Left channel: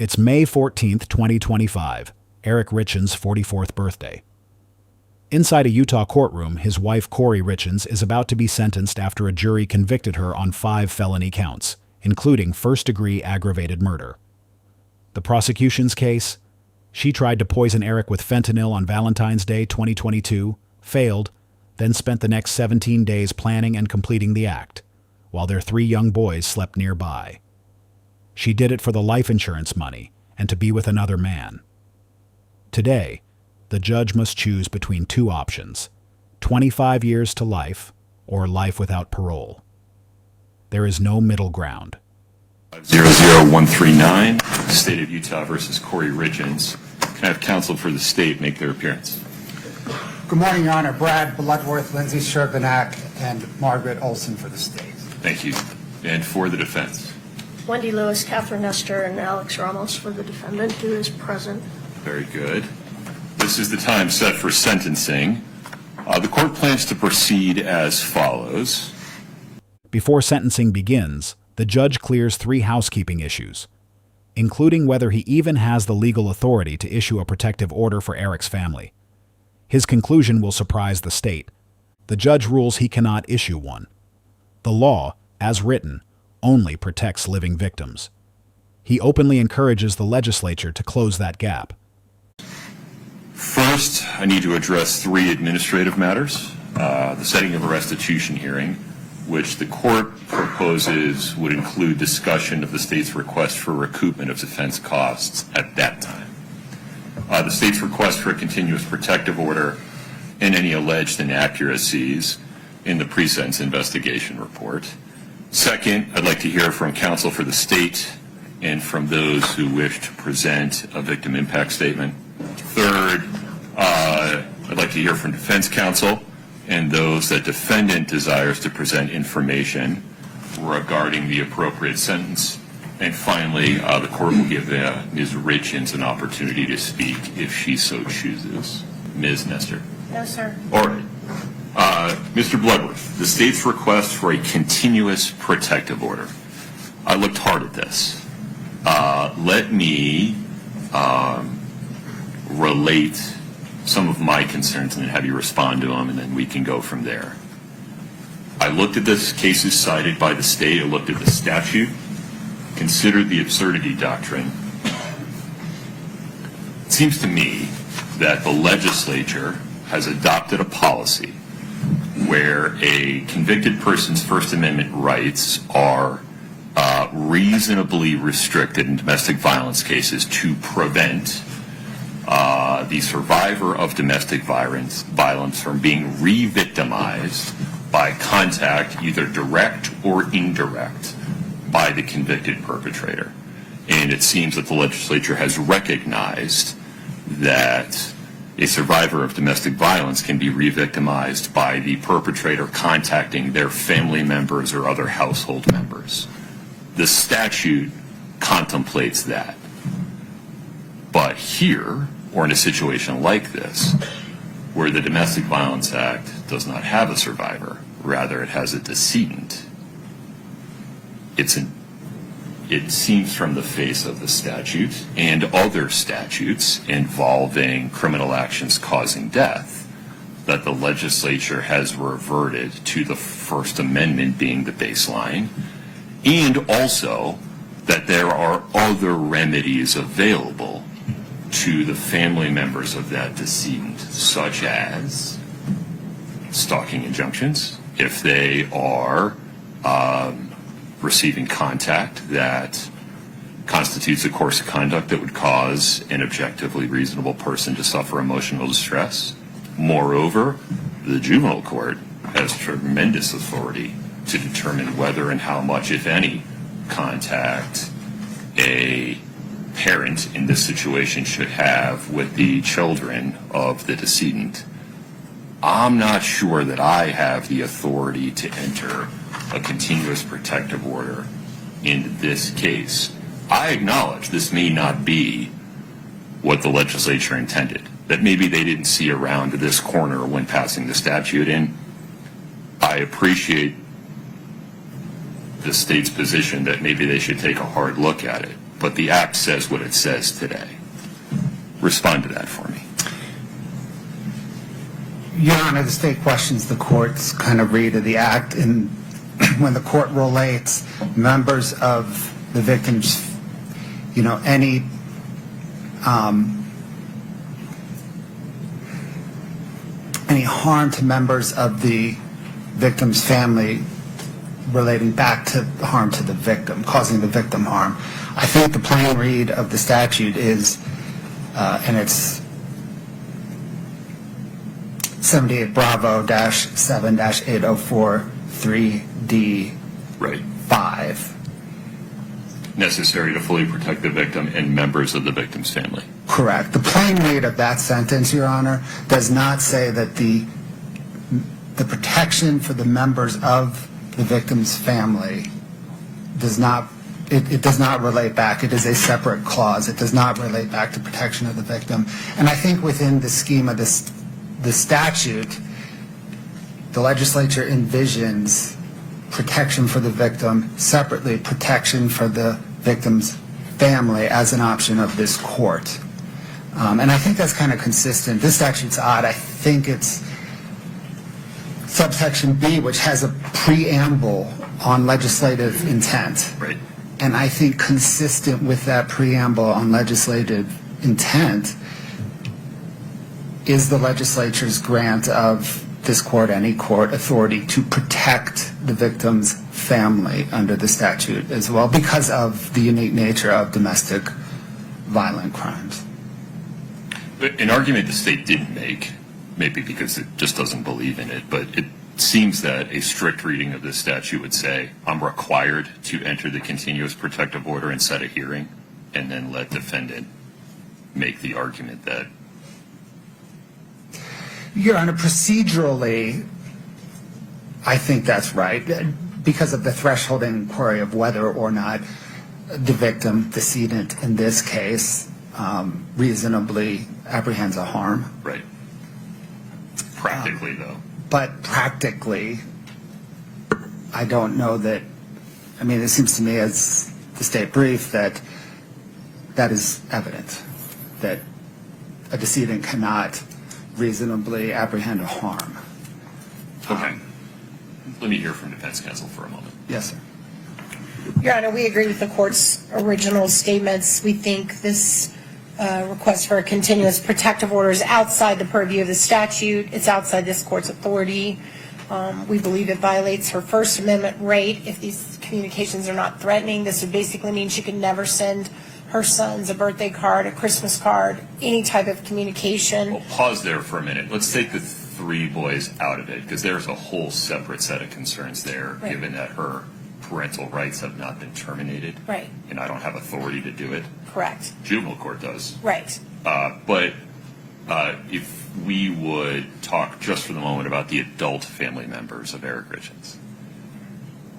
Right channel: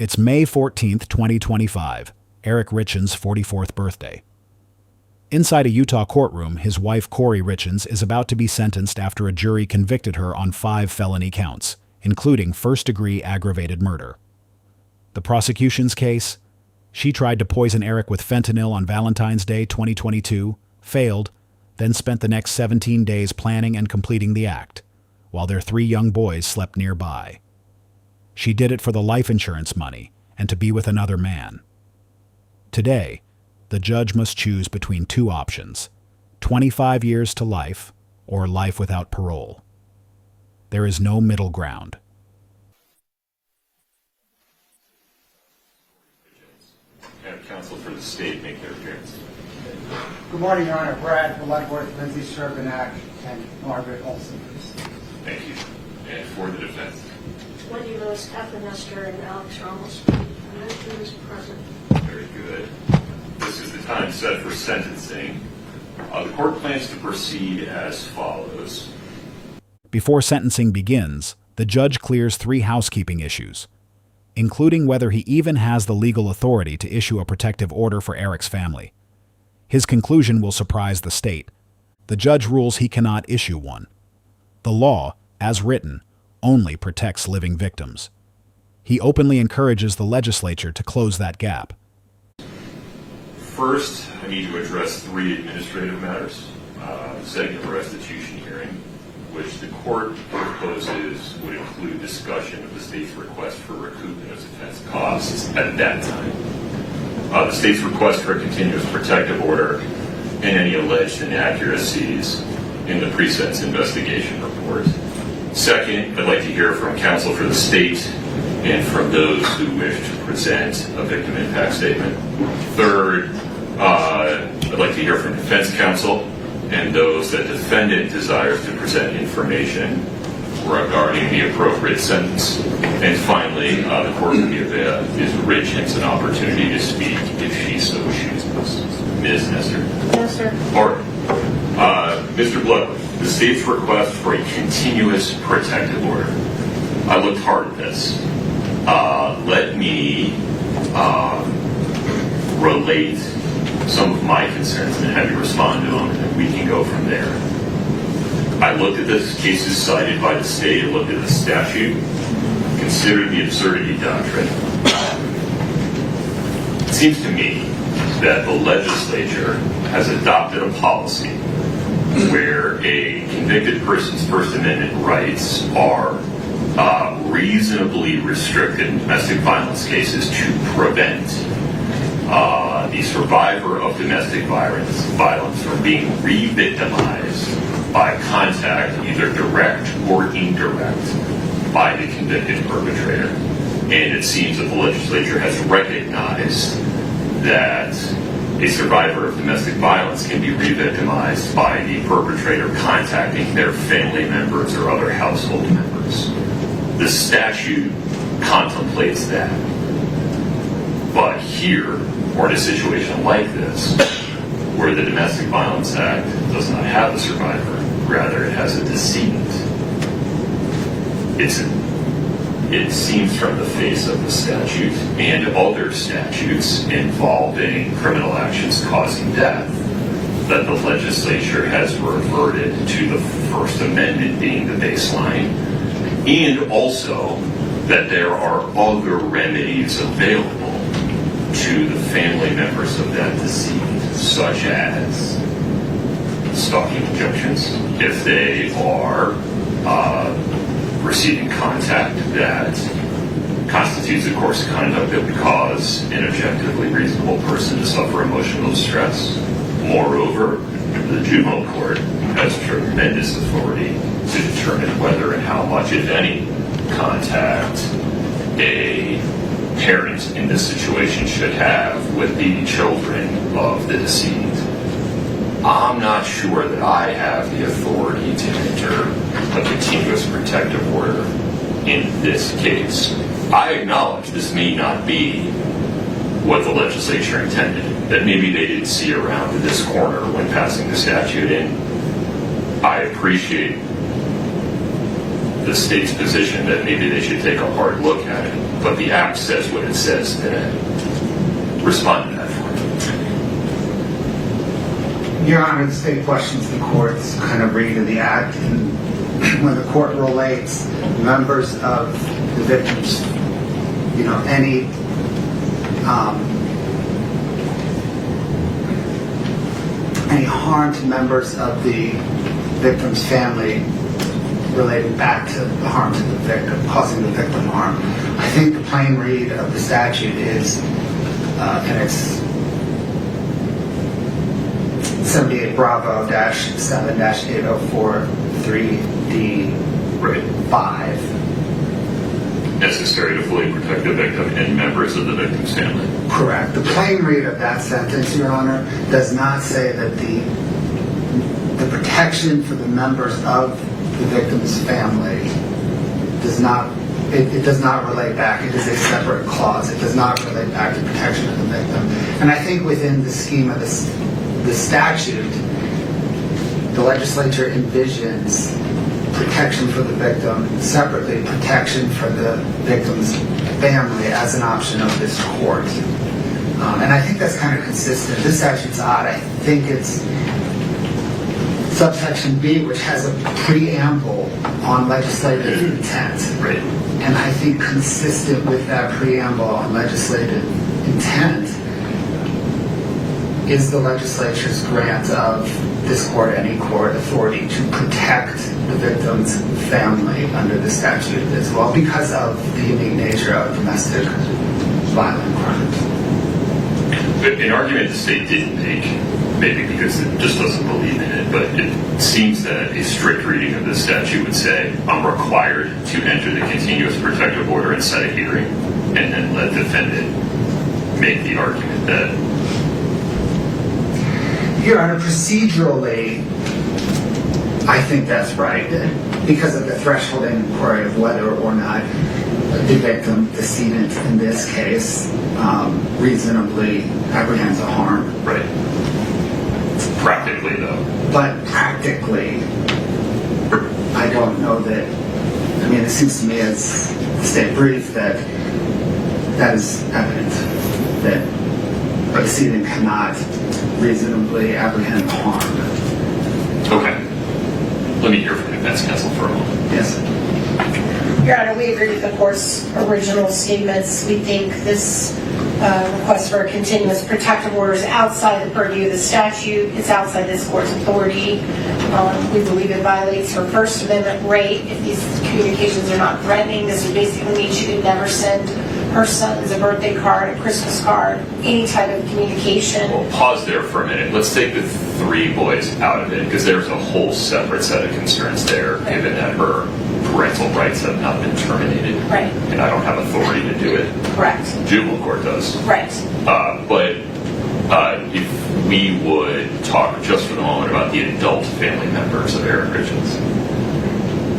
It's May 14th, 2025, Eric Richins' 44th birthday. Inside a Utah courtroom, his wife Kouri Richins is about to be sentenced after a jury convicted her on 5 felony counts, including first-degree aggravated murder. The prosecution's case? She tried to poison Eric with fentanyl on Valentine's Day 2022, failed, then spent the next 17 days planning and completing the act, while their 3 young boys slept nearby. She did it for the life insurance money and to be with another man. Today, the judge must choose between 2 options: 25 years to life or life without parole. There is no middle ground. 00139, State of Utah versus Kouri Richins. Can I have counsel for the state make their appearance? Good morning, Your Honor. Brad Bloodworth, Lindsay Sherbanak, and Margaret Olson for the state. Thank you. And for the defense? Wendy Lewis, Catherine Nestor, and Alex Ramos for the defendant, who is present. Very good. This is the time set for sentencing. The court plans to proceed as follows. Before sentencing begins, the judge clears 3 housekeeping issues, including whether he even has the legal authority to issue a protective order for Eric's family. His conclusion will surprise the state. The judge rules he cannot issue one. The law, as written, only protects living victims. He openly encourages the legislature to close that gap. First, I need to address 3 administrative matters. The setting of a restitution hearing, which the court proposes would include discussion of the state's request for recoupment of defense costs at that time. The state's request for a continuous protective order and any alleged inaccuracies in the pre-sentence investigation report. Second, I'd like to hear from counsel for the state and from those who wish to present a victim impact statement. Third, I'd like to hear from defense counsel and those that defendant desires to present information regarding the appropriate sentence. And finally, the court will give Ms. Richins an opportunity to speak if she so chooses. Ms. Nestor? Yes, sir. Or, Mr. Bloodworth, the state's request for a continuous protective order. I looked hard at this. Let me relate some of my concerns and have you respond to them, and then we can go from there. I looked at the cases cited by the state, I looked at the statute, considered the absurdity doctrine. It seems to me that the legislature has adopted a policy where a convicted person's First Amendment rights are reasonably restricted in domestic violence cases to prevent the survivor of domestic violence from being re-victimized by contact, either direct or indirect, by the convicted perpetrator. And it seems that the legislature has recognized that a survivor of domestic violence can be re-victimized by the perpetrator contacting their family members or other household members. The statute contemplates that. But here, or in a situation like this, where the Domestic Violence Act does not have a survivor, rather it has a decedent, it seems from the face of the statute and other statutes involving criminal actions causing death that the legislature has reverted to the First Amendment being the baseline, and also that there are other remedies available to the family members of that decedent, such as stalking injunctions, if they are receiving contact that constitutes a course of conduct that would cause an objectively reasonable person to suffer emotional distress. Moreover, the juvenile court has tremendous authority to determine whether and how much, if any, contact a parent in this situation should have with the children of the decedent. I'm not sure that I have the authority to enter a continuous protective order in this case. I acknowledge this may not be what the legislature intended, that maybe they didn't see around to this corner when passing the statute, and I appreciate the state's position that maybe they should take a hard look at it. but the act says what it says today. Respond to that for me. Your Honor, the state questions the court's kind of read of the act, and when the court relates members of the victims, any harm to members of the victim's family relating back to the harm to the victim, causing the victim harm. I think the plain read of the statute is, and it's 78 Bravo-7-804 3D Right. 5. Necessary to fully protect the victim and members of the victim's family. Correct. The plain read of that sentence, Your Honor, does not say that the protection for the members of the victim's family does not, it does not relate back. It is a separate clause. It does not relate back to protection of the victim. And I think within the scheme of the statute, the legislature envisions protection for the victim, separately protection for the victim's family as an option of this court. And I think that's kind of consistent. This statute's odd. I think it's subsection B, which has a preamble on legislative intent. Right. And I think consistent with that preamble on legislative intent is the legislature's grant of this court, any court, authority to protect the victim's family under the statute as well because of the unique nature of domestic violent crimes. But an argument the state didn't make, maybe because it just doesn't believe in it, but it seems that a strict reading of the statute would say, I'm required to enter the continuous protective order and set a hearing, and then let the defendant make the argument that... Your Honor, procedurally, I think that's right, because of the threshold inquiry of whether or not the victim, decedent in this case, reasonably apprehends a harm. Right. Practically, though. But practically, I don't know that, I mean, it seems to me as the state brief that is evident, that a decedent cannot reasonably apprehend harm. Okay. Let me hear from the defense counsel for a moment. Yes. Your Honor, we agree with the court's original statements. We think this request for a continuous protective order is outside the purview of the statute. It's outside this court's authority. We believe it violates her First Amendment right. If these communications are not threatening, this would basically mean she could never send her sons a birthday card, a Christmas card, any type of communication. Well, pause there for a minute. Let's take the three boys out of it, because there's a whole separate set of concerns there, Right. given that her parental rights have not been terminated. Right. And I don't have authority to do it. Correct. Juvenile court does. Right. But if we would talk just for the moment about the adult family members of Eric Richins,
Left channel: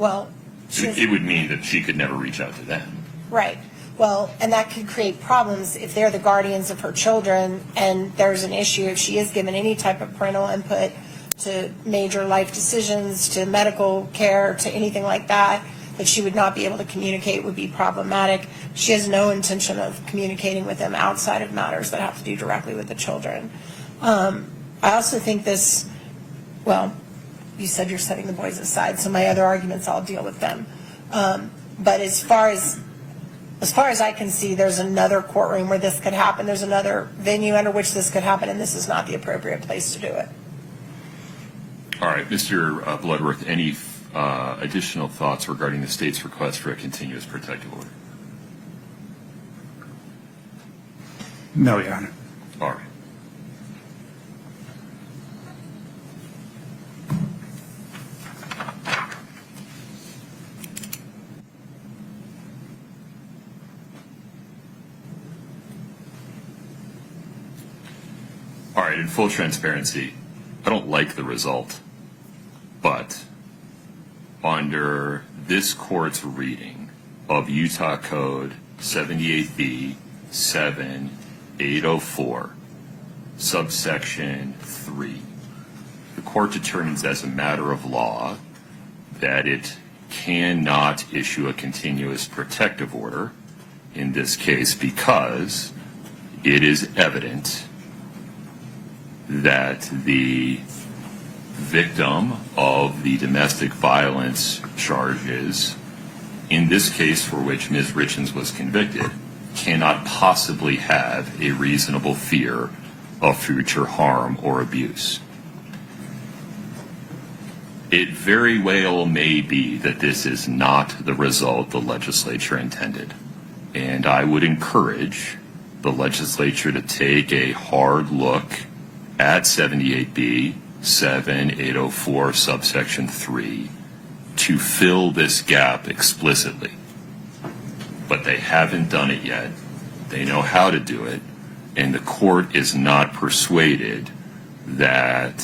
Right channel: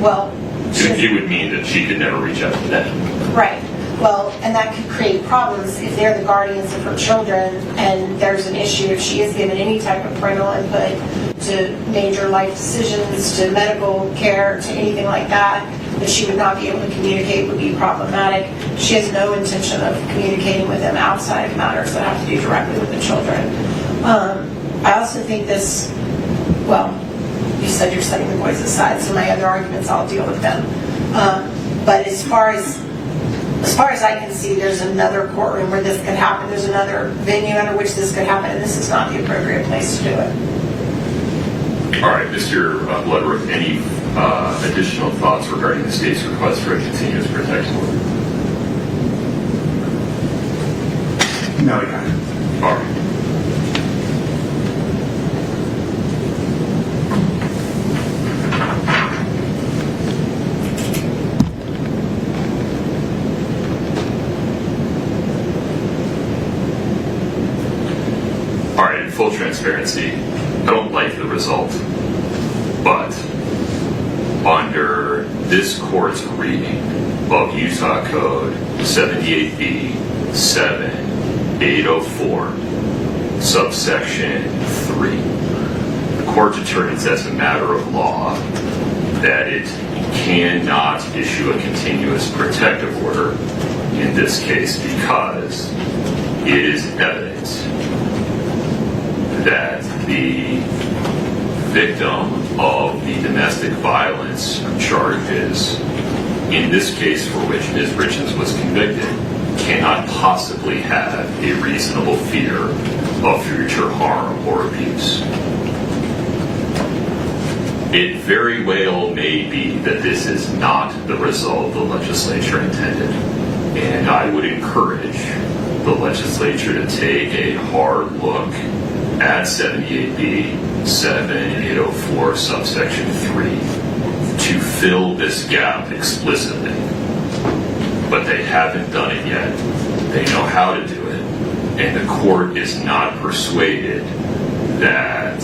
Well, it would mean that she could never reach out to them. right. Well, and that could create problems if they're the guardians of her children and there's an issue if she is given any type of parental input to major life decisions, to medical care, to anything like that she would not be able to communicate would be problematic. She has no intention of communicating with them outside of matters that have to do directly with the children. I also think this, well, you said you're setting the boys aside, so my other arguments, I'll deal with them. But as far as I can see, there's another courtroom where this could happen. There's another venue under which this could happen, and this is not the appropriate place to do it. All right, Mr. Bloodworth, any additional thoughts regarding the state's request for a continuous protection order? No, Your Honor. All right. All right, in full transparency, I don't like the result, but under this court's reading of Utah Code 78B 7804, subsection 3, the court determines as a matter of law that it cannot issue a continuous protective order in this case because it is evident that the victim of the domestic violence charges, in this case for which Ms. Richins was convicted, cannot possibly have a reasonable fear of future harm or abuse. It very well may be that this is not the result the legislature intended, and I would encourage the legislature to take a hard look at 78B 7804 subsection 3 to fill this gap explicitly. But they haven't done it yet. They know how to do it, and the court is not persuaded that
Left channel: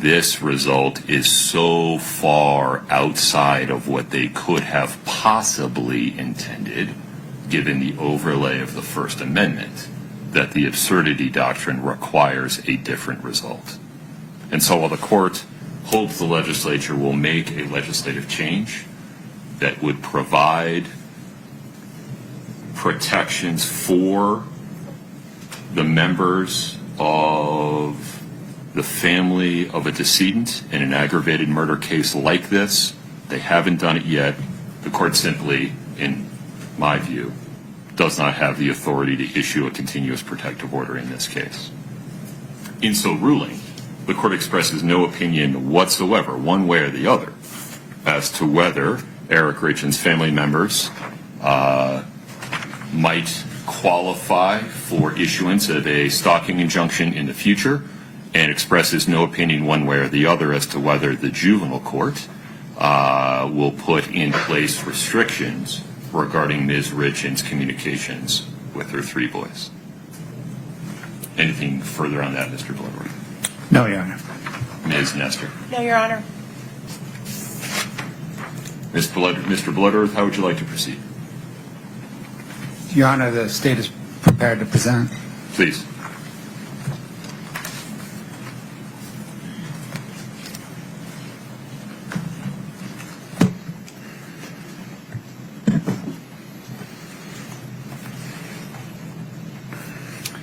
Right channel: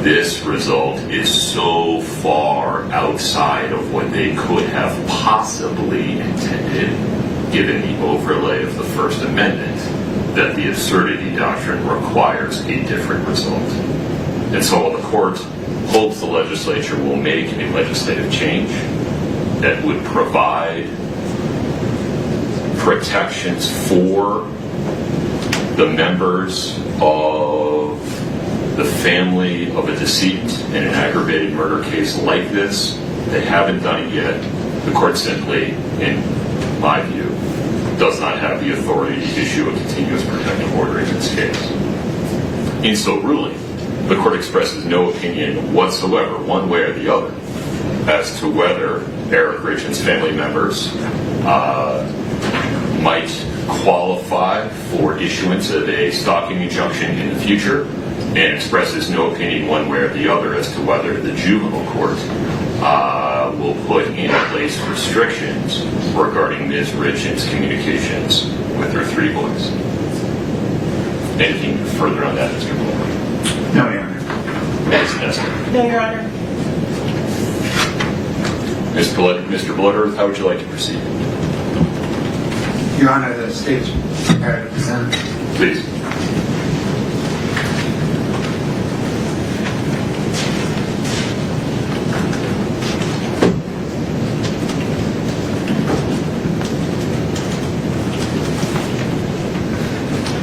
this result is so far outside of what they could have possibly intended, given the overlay of the First Amendment, that the absurdity doctrine requires a different result. And so while the court hopes the legislature will make a legislative change that would provide protections for the members of the family of a decedent in an aggravated murder case like this, they haven't done it yet. The court simply, in my view, does not have the authority to issue a continuous protective order in this case. In so ruling, the court expresses no opinion whatsoever, one way or the other, as to whether Eric Richins' family members might qualify for issuance of a stalking injunction in the future, and expresses no opinion one way or the other as to whether the juvenile court will put in place restrictions regarding Ms. Richins' communications with her 3 boys. Anything further on that, Mr. Blower? No, Your Honor. Ms. Nestor? No, Your Honor. Mr. Bloodworth, how would you like to proceed? Your Honor, the state is prepared to present. Please.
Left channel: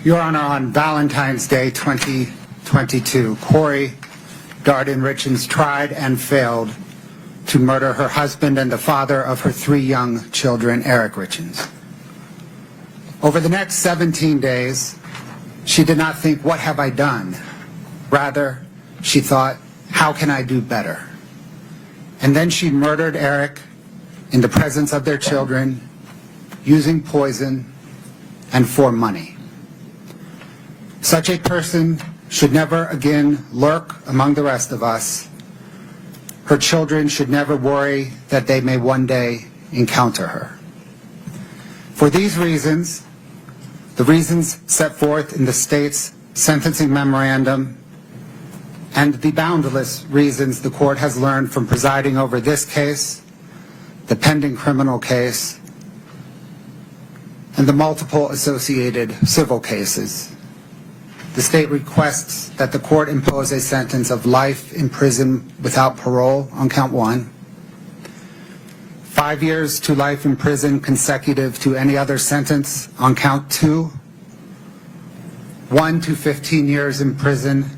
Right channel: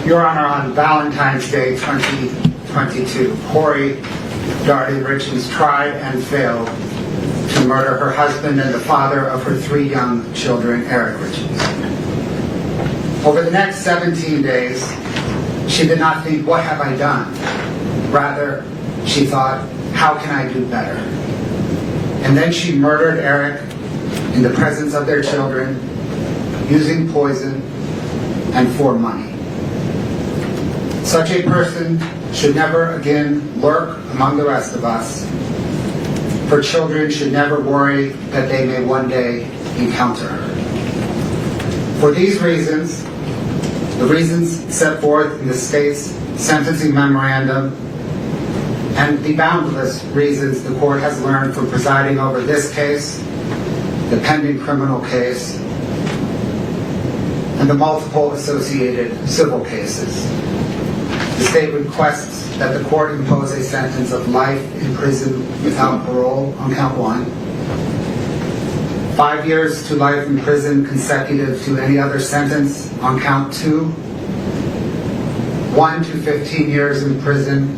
Your Honor, on Valentine's Day 2022, Kouri Richins tried and failed to murder her husband and the father of her 3 young children, Eric Richins. Over the next 17 days, she did not think, what have I done? Rather, she thought, how can I do better? And then she murdered Eric in the presence of their children, using poison and for money. Such a person should never again lurk among the rest of us. Her children should never worry that they may one day encounter her. For these reasons, the reasons set forth in the state's sentencing memorandum, and the boundless reasons the court has learned from presiding over this case, the pending criminal case, and the multiple associated civil cases, the state requests that the court impose a sentence of life in prison without parole on count 1, 5 years to life in prison consecutive to any other sentence on count 2, 1 to 15 years in prison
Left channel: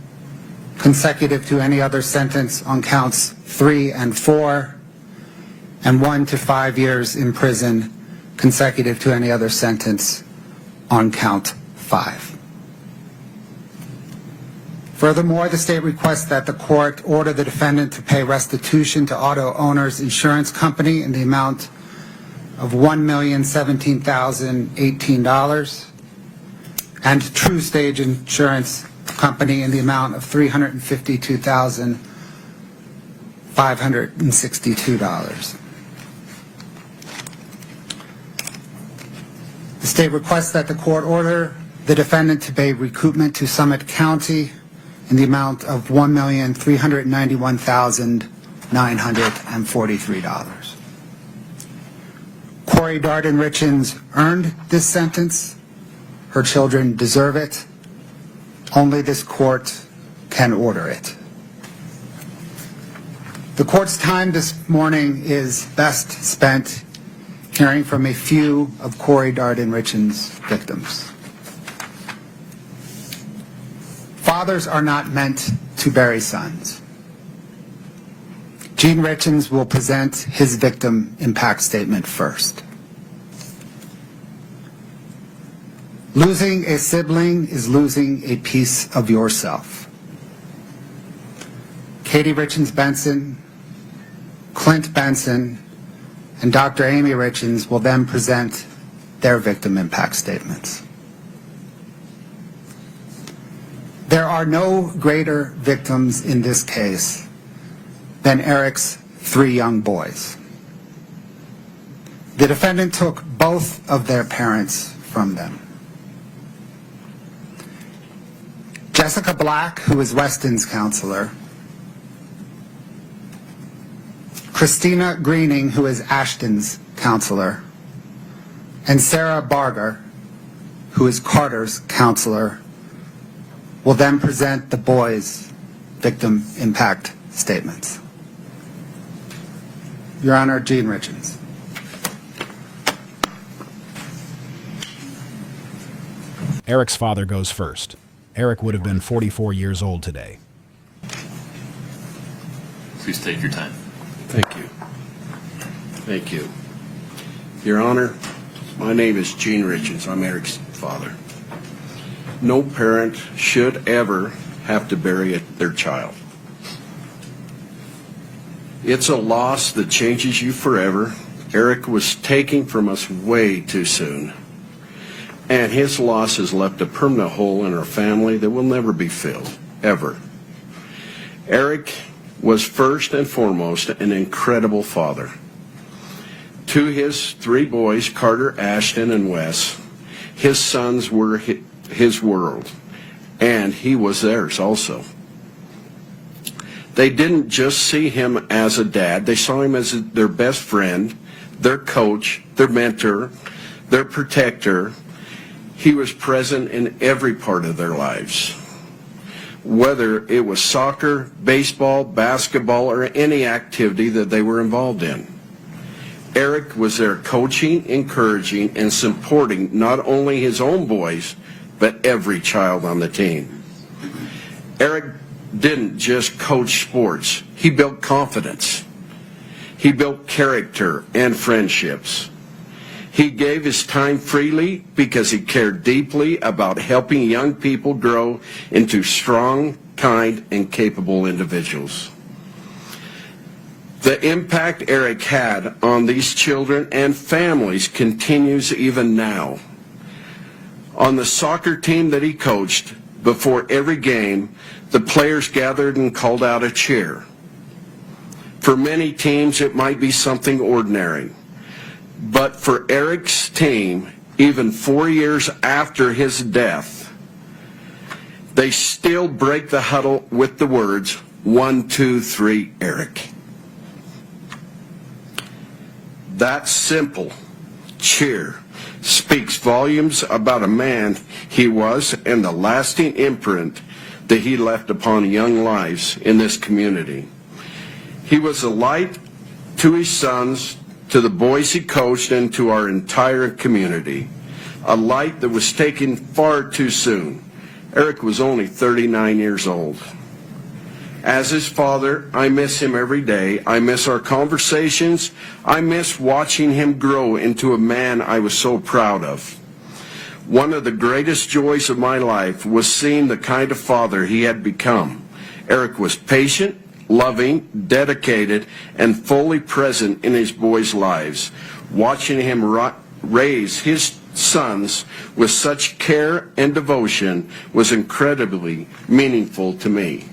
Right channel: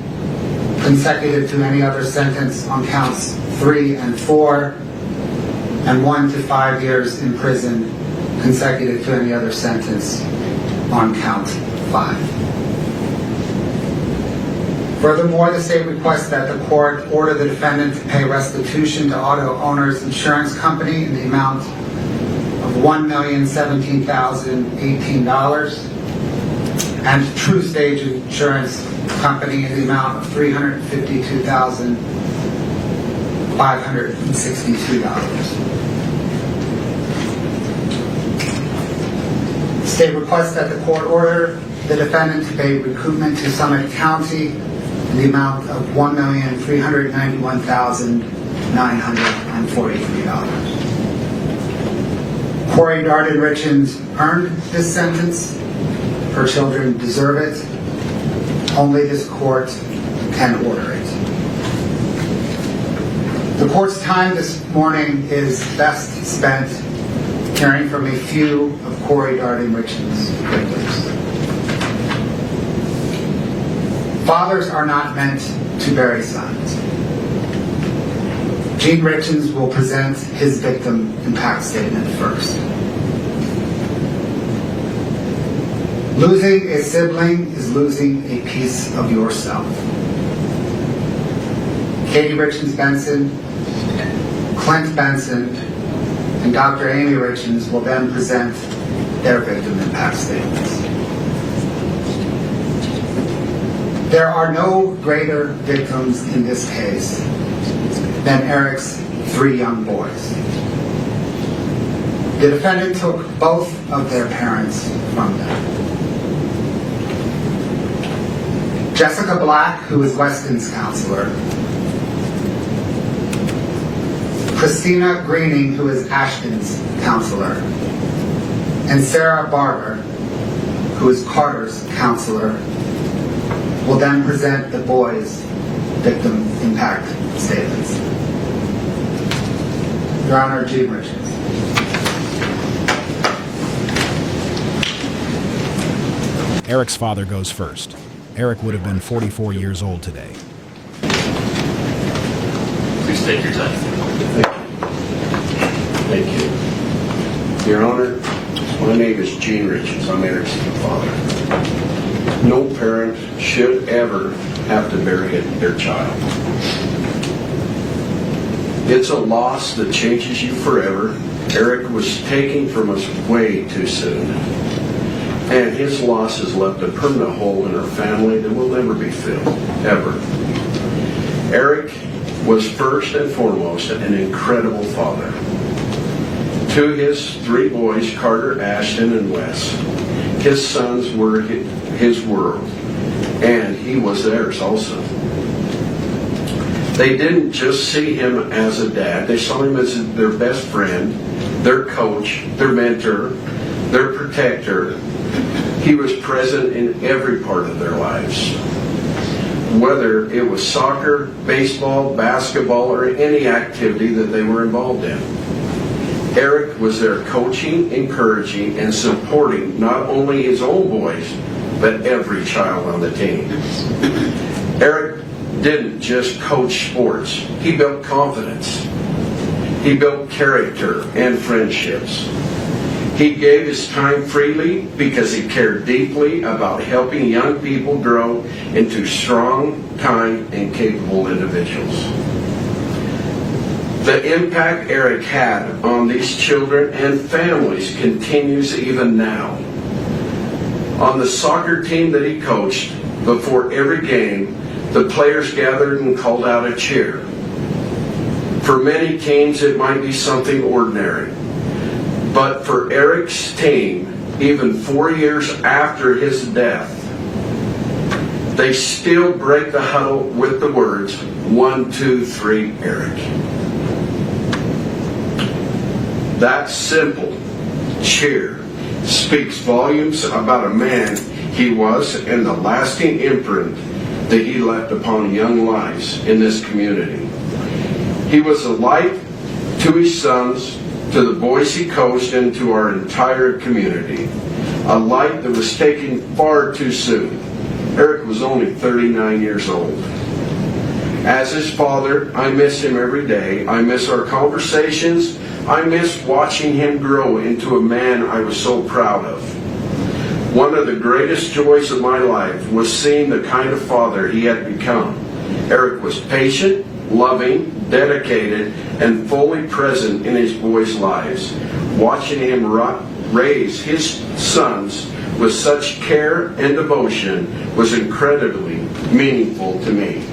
consecutive to any other sentence on counts 3 and 4, and 1 to 5 years in prison consecutive to any other sentence on count 5. Furthermore, the state requests that the court order the defendant to pay restitution to Auto Owners Insurance Company in the amount of $1,017,018 and True Stage Insurance Company in the amount of $352,562. The state requests that the court order the defendant to pay recoupment to Summit County in the amount of $1,391,943. Kouri Richins earned this sentence. Her children deserve it. Only this court can order it. The court's time this morning is best spent caring for a few of Kouri Richins' victims. Fathers are not meant to bury sons. Gene Richins will present his victim impact statement first. Losing a sibling is losing a piece of yourself. Katie Richins Benson, Clint Benson, and Dr. Amy Richins will then present their victim impact statements. There are no greater victims in this case than Eric's 3 young boys. The defendant took both of their parents from them. Jessica Black, who is Weston's counselor, Christina Greening, who is Ashton's counselor, and Sarah Barber, who is Carter's counselor, will then present the boys' victim impact statements. Your Honor, Gene Richins. Eric's father goes first. Eric would have been 44 years old today. Please take your time. Thank you. Your Honor, my name is Gene Richins. I'm Eric's father. No parent should ever have to bury their child. It's a loss that changes you forever. Eric was taken from us way too soon, and his loss has left a permanent hole in our family that will never be filled, ever. Eric was first and foremost an incredible father. To his 3 boys, Carter, Ashton, and Wes, his sons were his world, and he was theirs also. They didn't just see him as a dad, they saw him as their best friend, their coach, their mentor, their protector. He was present in every part of their lives. Whether it was soccer, baseball, basketball, or any activity that they were involved in. Eric was there coaching, encouraging, and supporting not only his own boys, but every child on the team. Eric didn't just coach sports, he built confidence. He built character and friendships. He gave his time freely because he cared deeply about helping young people grow into strong, kind, and capable individuals. The impact Eric had on these children and families continues even now. On the soccer team that he coached, before every game, the players gathered and called out a cheer. For many teams, it might be something ordinary. But for Eric's team, even 4 years after his death, they still break the huddle with the words, 1, 2, 3, Eric. That simple cheer speaks volumes about a man he was and the lasting imprint that he left upon young lives in this community. He was a light to his sons, to the boys he coached, and to our entire community. A light that was taken far too soon. Eric was only 39 years old. As his father, I miss him every day. I miss our conversations. I miss watching him grow into a man I was so proud of. One of the greatest joys of my life was seeing the kind of father he had become. Eric was patient, loving, dedicated, and fully present in his boys' lives. Watching him raise his sons with such care and devotion was incredibly meaningful to me.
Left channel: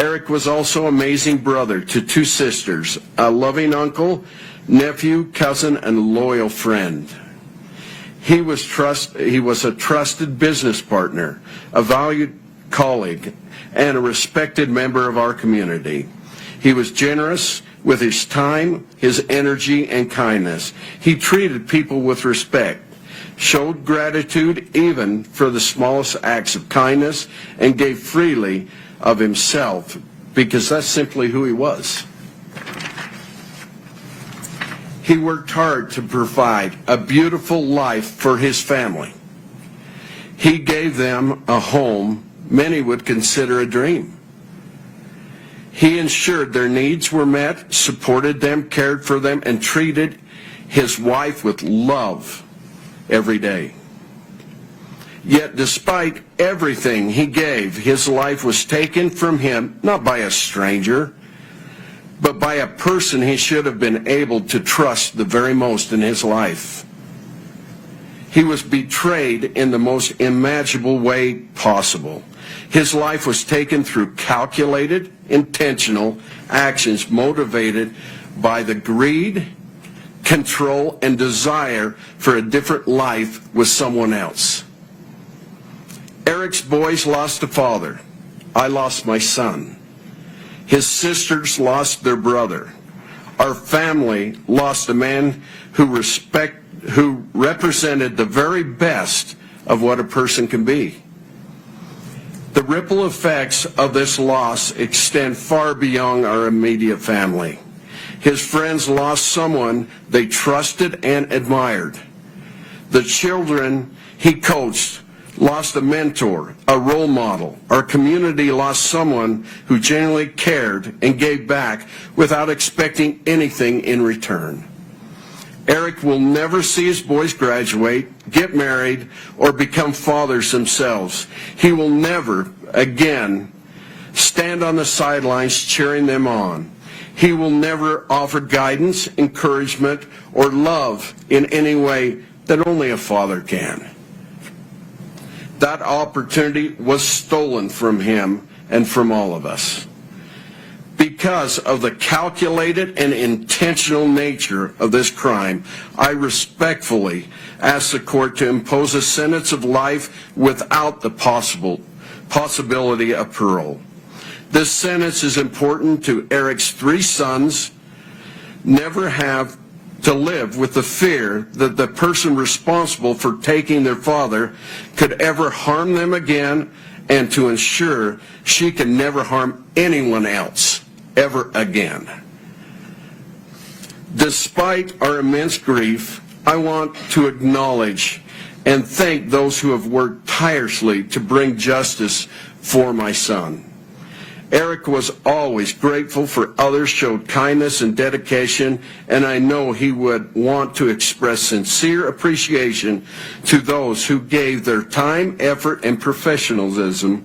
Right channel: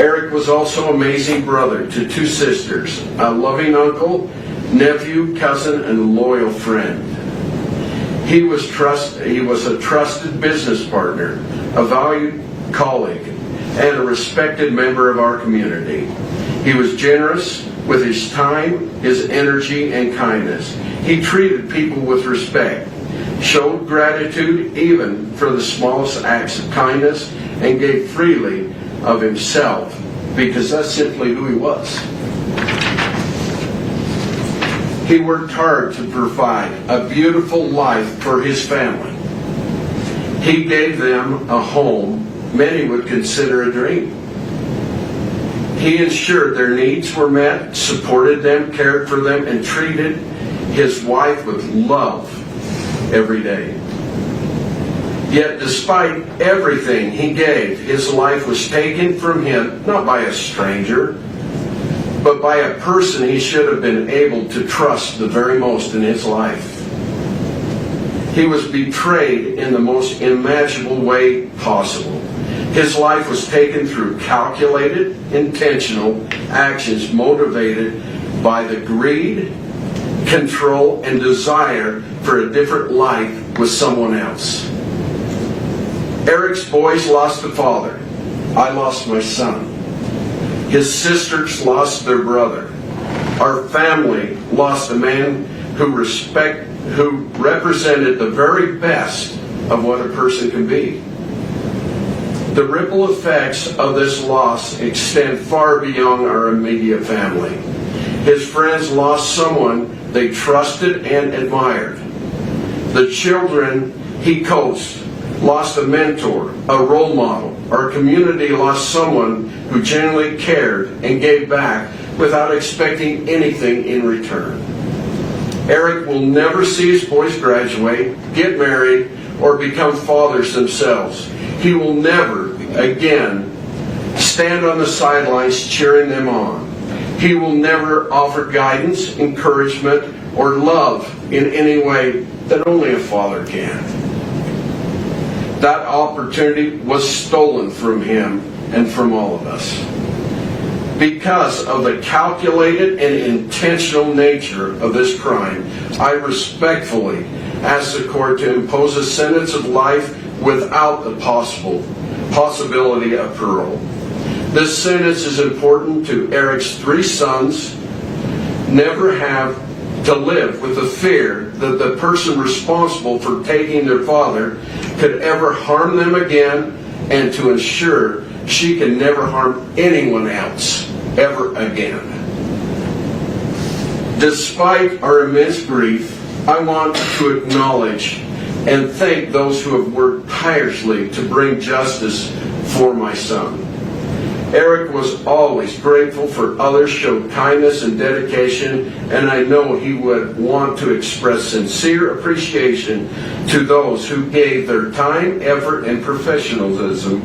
Eric was also an amazing brother to 2 sisters, a loving uncle, nephew, cousin, and loyal friend. He was a trusted business partner, a valued colleague, and a respected member of our community. He was generous with his time, his energy, and kindness. He treated people with respect, showed gratitude even for the smallest acts of kindness, and gave freely of himself because that's simply who he was. He worked hard to provide a beautiful life for his family. He gave them a home many would consider a dream. He ensured their needs were met, supported them, cared for them, and treated his wife with love every day. Yet despite everything he gave, his life was taken from him, not by a stranger, but by a person he should have been able to trust the very most in his life. He was betrayed in the most imaginable way possible. His life was taken through calculated, intentional actions motivated by the greed, control, and desire for a different life with someone else. Eric's boys lost a father. I lost my son. His sisters lost their brother. Our family lost a man who represented the very best of what a person can be. The ripple effects of this loss extend far beyond our immediate family. His friends lost someone they trusted and admired. The children he coached lost a mentor, a role model. Our community lost someone who genuinely cared and gave back without expecting anything in return. Eric will never see his boys graduate, get married, or become fathers themselves. He will never again stand on the sidelines cheering them on. He will never offer guidance, encouragement, or love in any way that only a father can. That opportunity was stolen from him and from all of us. Because of the calculated and intentional nature of this crime, I respectfully ask the court to impose a sentence of life without the possibility of parole. This sentence is important to Eric's 3 sons never have to live with the fear that the person responsible for taking their father could ever harm them again, and to ensure she can never harm anyone else ever again. Despite our immense grief, I want to acknowledge and thank those who have worked tirelessly to bring justice for my son. Eric was always grateful for others, showed kindness and dedication, and I know he would want to express sincere appreciation to those who gave their time, effort, and professionalism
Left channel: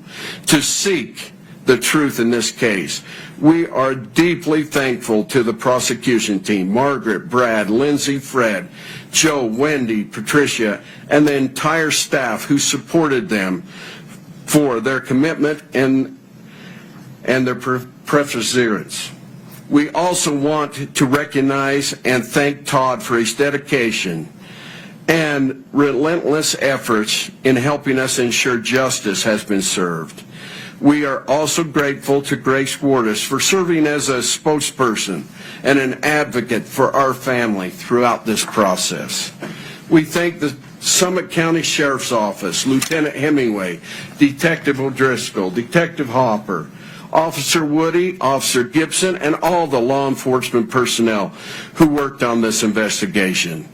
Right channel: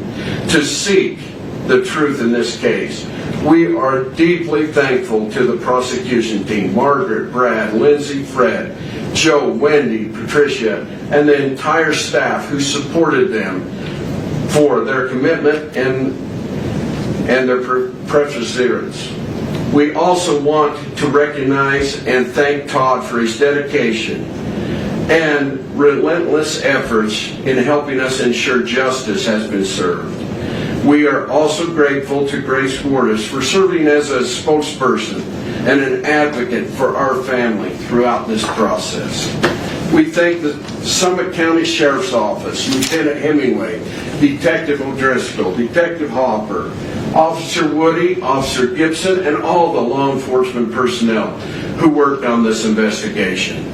to seek the truth in this case. We are deeply thankful to the prosecution team, Margaret, Brad, Lindsay, Fred, Joe, Wendy, Patricia, and the entire staff who supported them for their commitment and their perseverance. We also want to recognize and thank Todd for his dedication and relentless efforts in helping us ensure justice has been served. We are also grateful to Grace Wardis for serving as a spokesperson and an advocate for our family throughout this process. We thank the Summit County Sheriff's Office, Lieutenant Hemingway, Detective O'Driscoll, Detective Hopper, Officer Woody, Officer Gibson, and all the law enforcement personnel who worked on this investigation.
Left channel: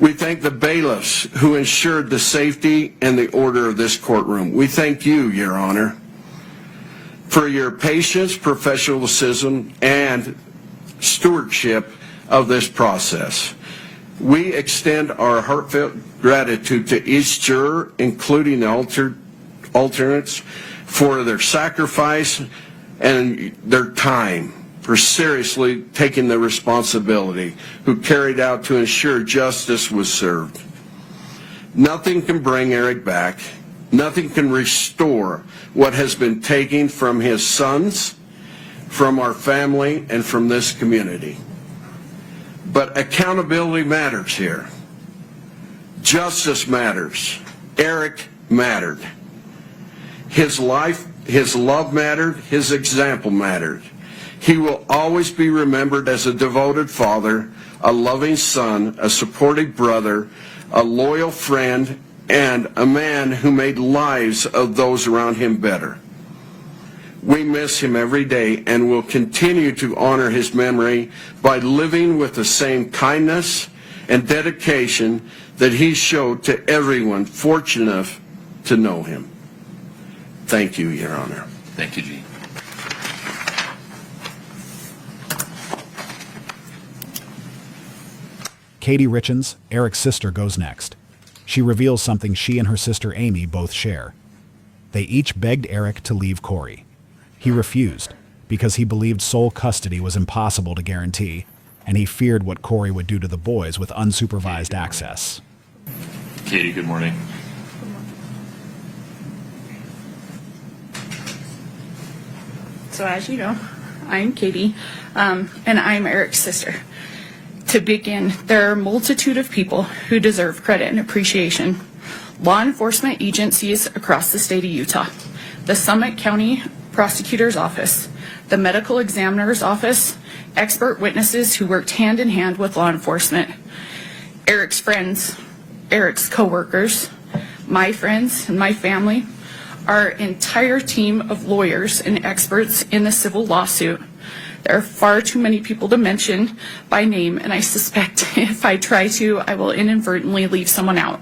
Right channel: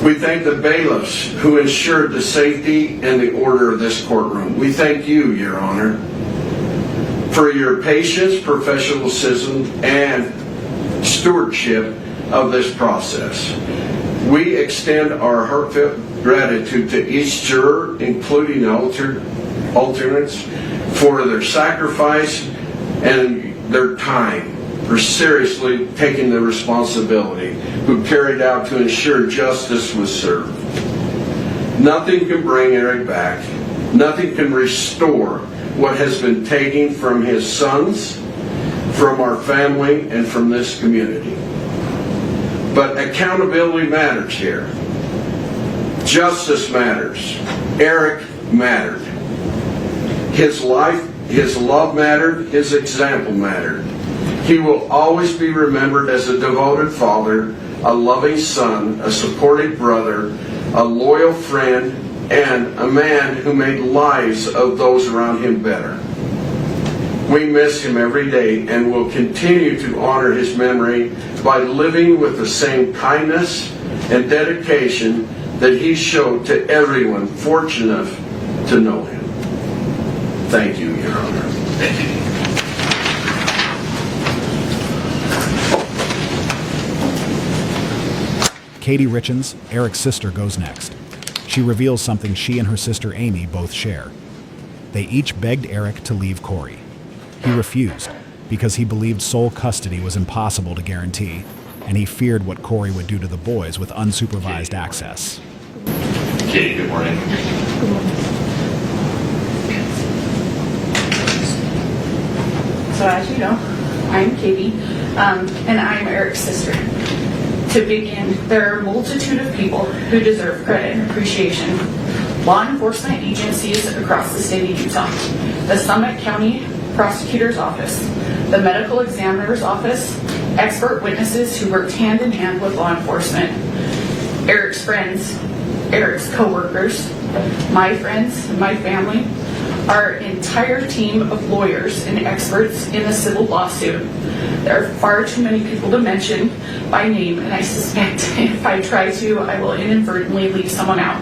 We thank the bailiffs who ensured the safety and the order of this courtroom. We thank you, Your Honor, for your patience, professionalism, and stewardship of this process. We extend our heartfelt gratitude to each juror, including the alternates, for their sacrifice and their time, for seriously taking the responsibility, who carried out to ensure justice was served. Nothing can bring Eric back. Nothing can restore what has been taken from his sons, from our family, and from this community. But accountability matters here. Justice matters. Eric mattered. His life, his love mattered, his example mattered. He will always be remembered as a devoted father, a loving son, a supportive brother, a loyal friend, and a man who made lives of those around him better. We miss him every day and will continue to honor his memory by living with the same kindness and dedication that he showed to everyone fortunate enough to know him. Thank you, Your Honor. Thank you. Kouri Richins, Eric's sister, goes next. She reveals something she and her sister Amy both share. They each begged Eric to leave Kouri. He refused because he believed sole custody was impossible to guarantee, and he feared what Kouri would do to the boys with unsupervised access. Katie, good morning. So as you know, I'm Katie, and I'm Eric's sister. To begin, there are a multitude of people who deserve credit and appreciation. Law enforcement agencies across the state of Utah, the Summit County Prosecutor's Office, the Medical Examiner's Office, expert witnesses who worked hand in hand with law enforcement, Eric's friends, Eric's co-workers, my friends, and my family, our entire team of lawyers and experts in the civil lawsuit. There are far too many people to mention by name, and I suspect if I try to, I will inadvertently leave someone out.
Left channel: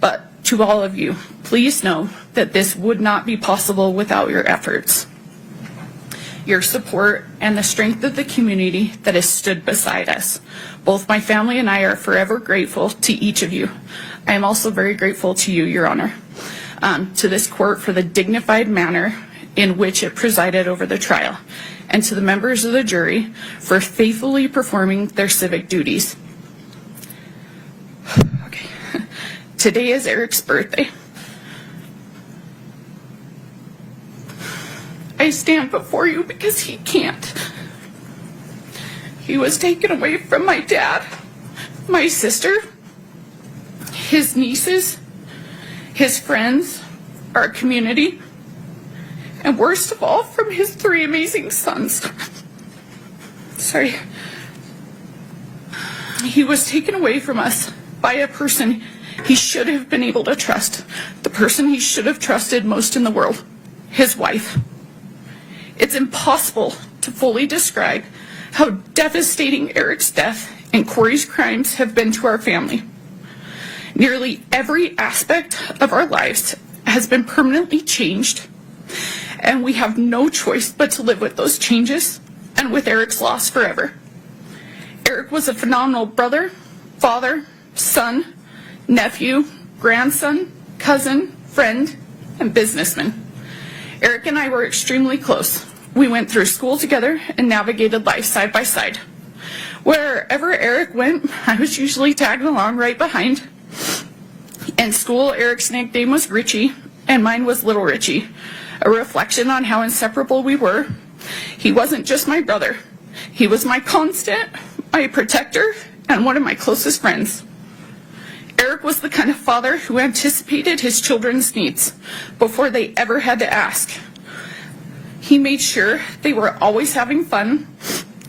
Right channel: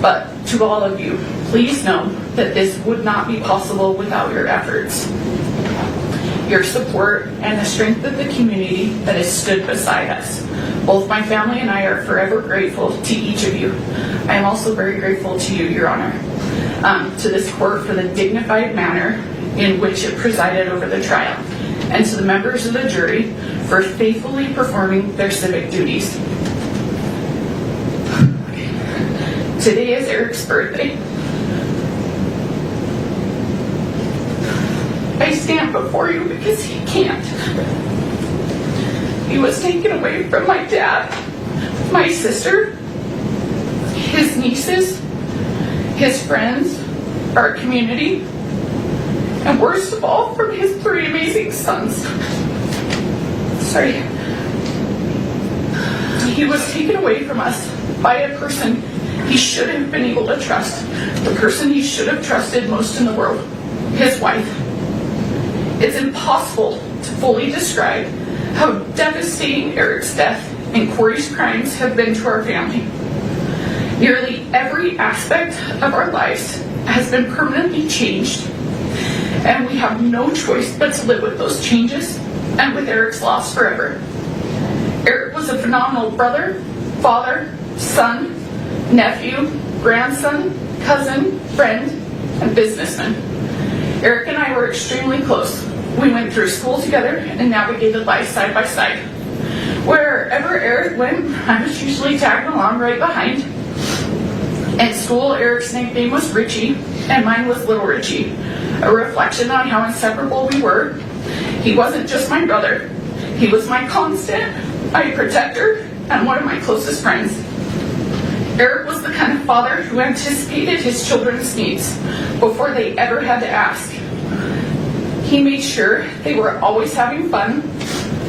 But to all of you, please know that this would not be possible without your efforts, your support, and the strength of the community that has stood beside us. Both my family and I are forever grateful to each of you. I am also very grateful to you, Your Honor, to this court for the dignified manner in which it presided over the trial, and to the members of the jury for faithfully performing their civic duties. Today is Eric's birthday. I stand before you because he can't. He was taken away from my dad, my sister, his nieces, his friends, our community, and worst of all, from his 3 amazing sons. Sorry. He was taken away from us by a person he should have been able to trust, the person he should have trusted most in the world, his wife. It's impossible to fully describe how devastating Eric's death and Kouri's crimes have been to our family. Nearly every aspect of our lives has been permanently changed, and we have no choice but to live with those changes and with Eric's loss forever. Eric was a phenomenal brother, father, son, nephew, grandson, cousin, friend, and businessman. Eric and I were extremely close. We went through school together and navigated life side by side. Wherever Eric went, I was usually tagging along right behind. At school, Eric's nickname was Richie, and mine was Little Richie, a reflection on how inseparable we were. He wasn't just my brother. He was my constant, my protector, and one of my closest friends. Eric was the kind of father who anticipated his children's needs before they ever had to ask. He made sure they were always having fun,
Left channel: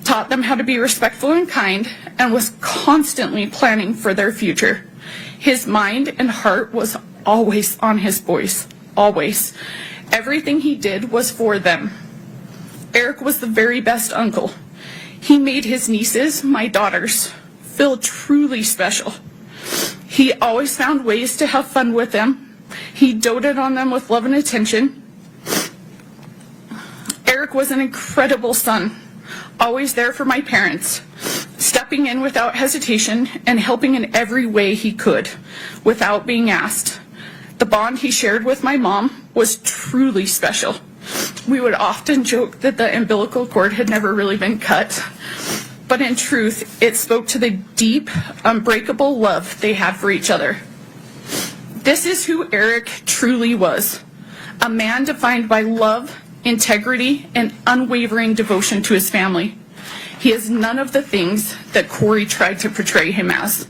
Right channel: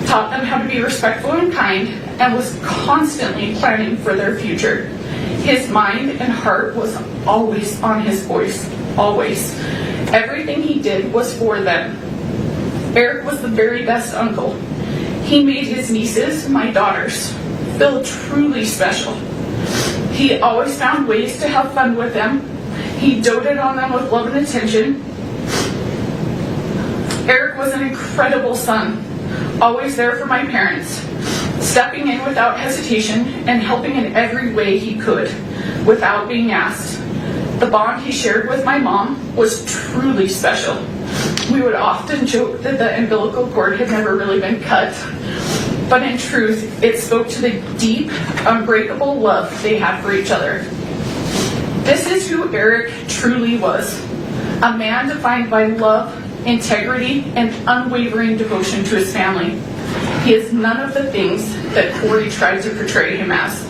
taught them how to be respectful and kind, and was constantly planning for their future. His mind and heart was always on his boys, always. Everything he did was for them. Eric was the very best uncle. He made his nieces, my daughters, feel truly special. He always found ways to have fun with them. He doted on them with love and attention. Eric was an incredible son, always there for my parents, stepping in without hesitation and helping in every way he could, without being asked. The bond he shared with my mom was truly special. We would often joke that the umbilical cord had never really been cut, but in truth, it spoke to the deep, unbreakable love they have for each other. This is who Eric truly was, a man defined by love, integrity, and unwavering devotion to his family. He is none of the things that Kouri tried to portray him as.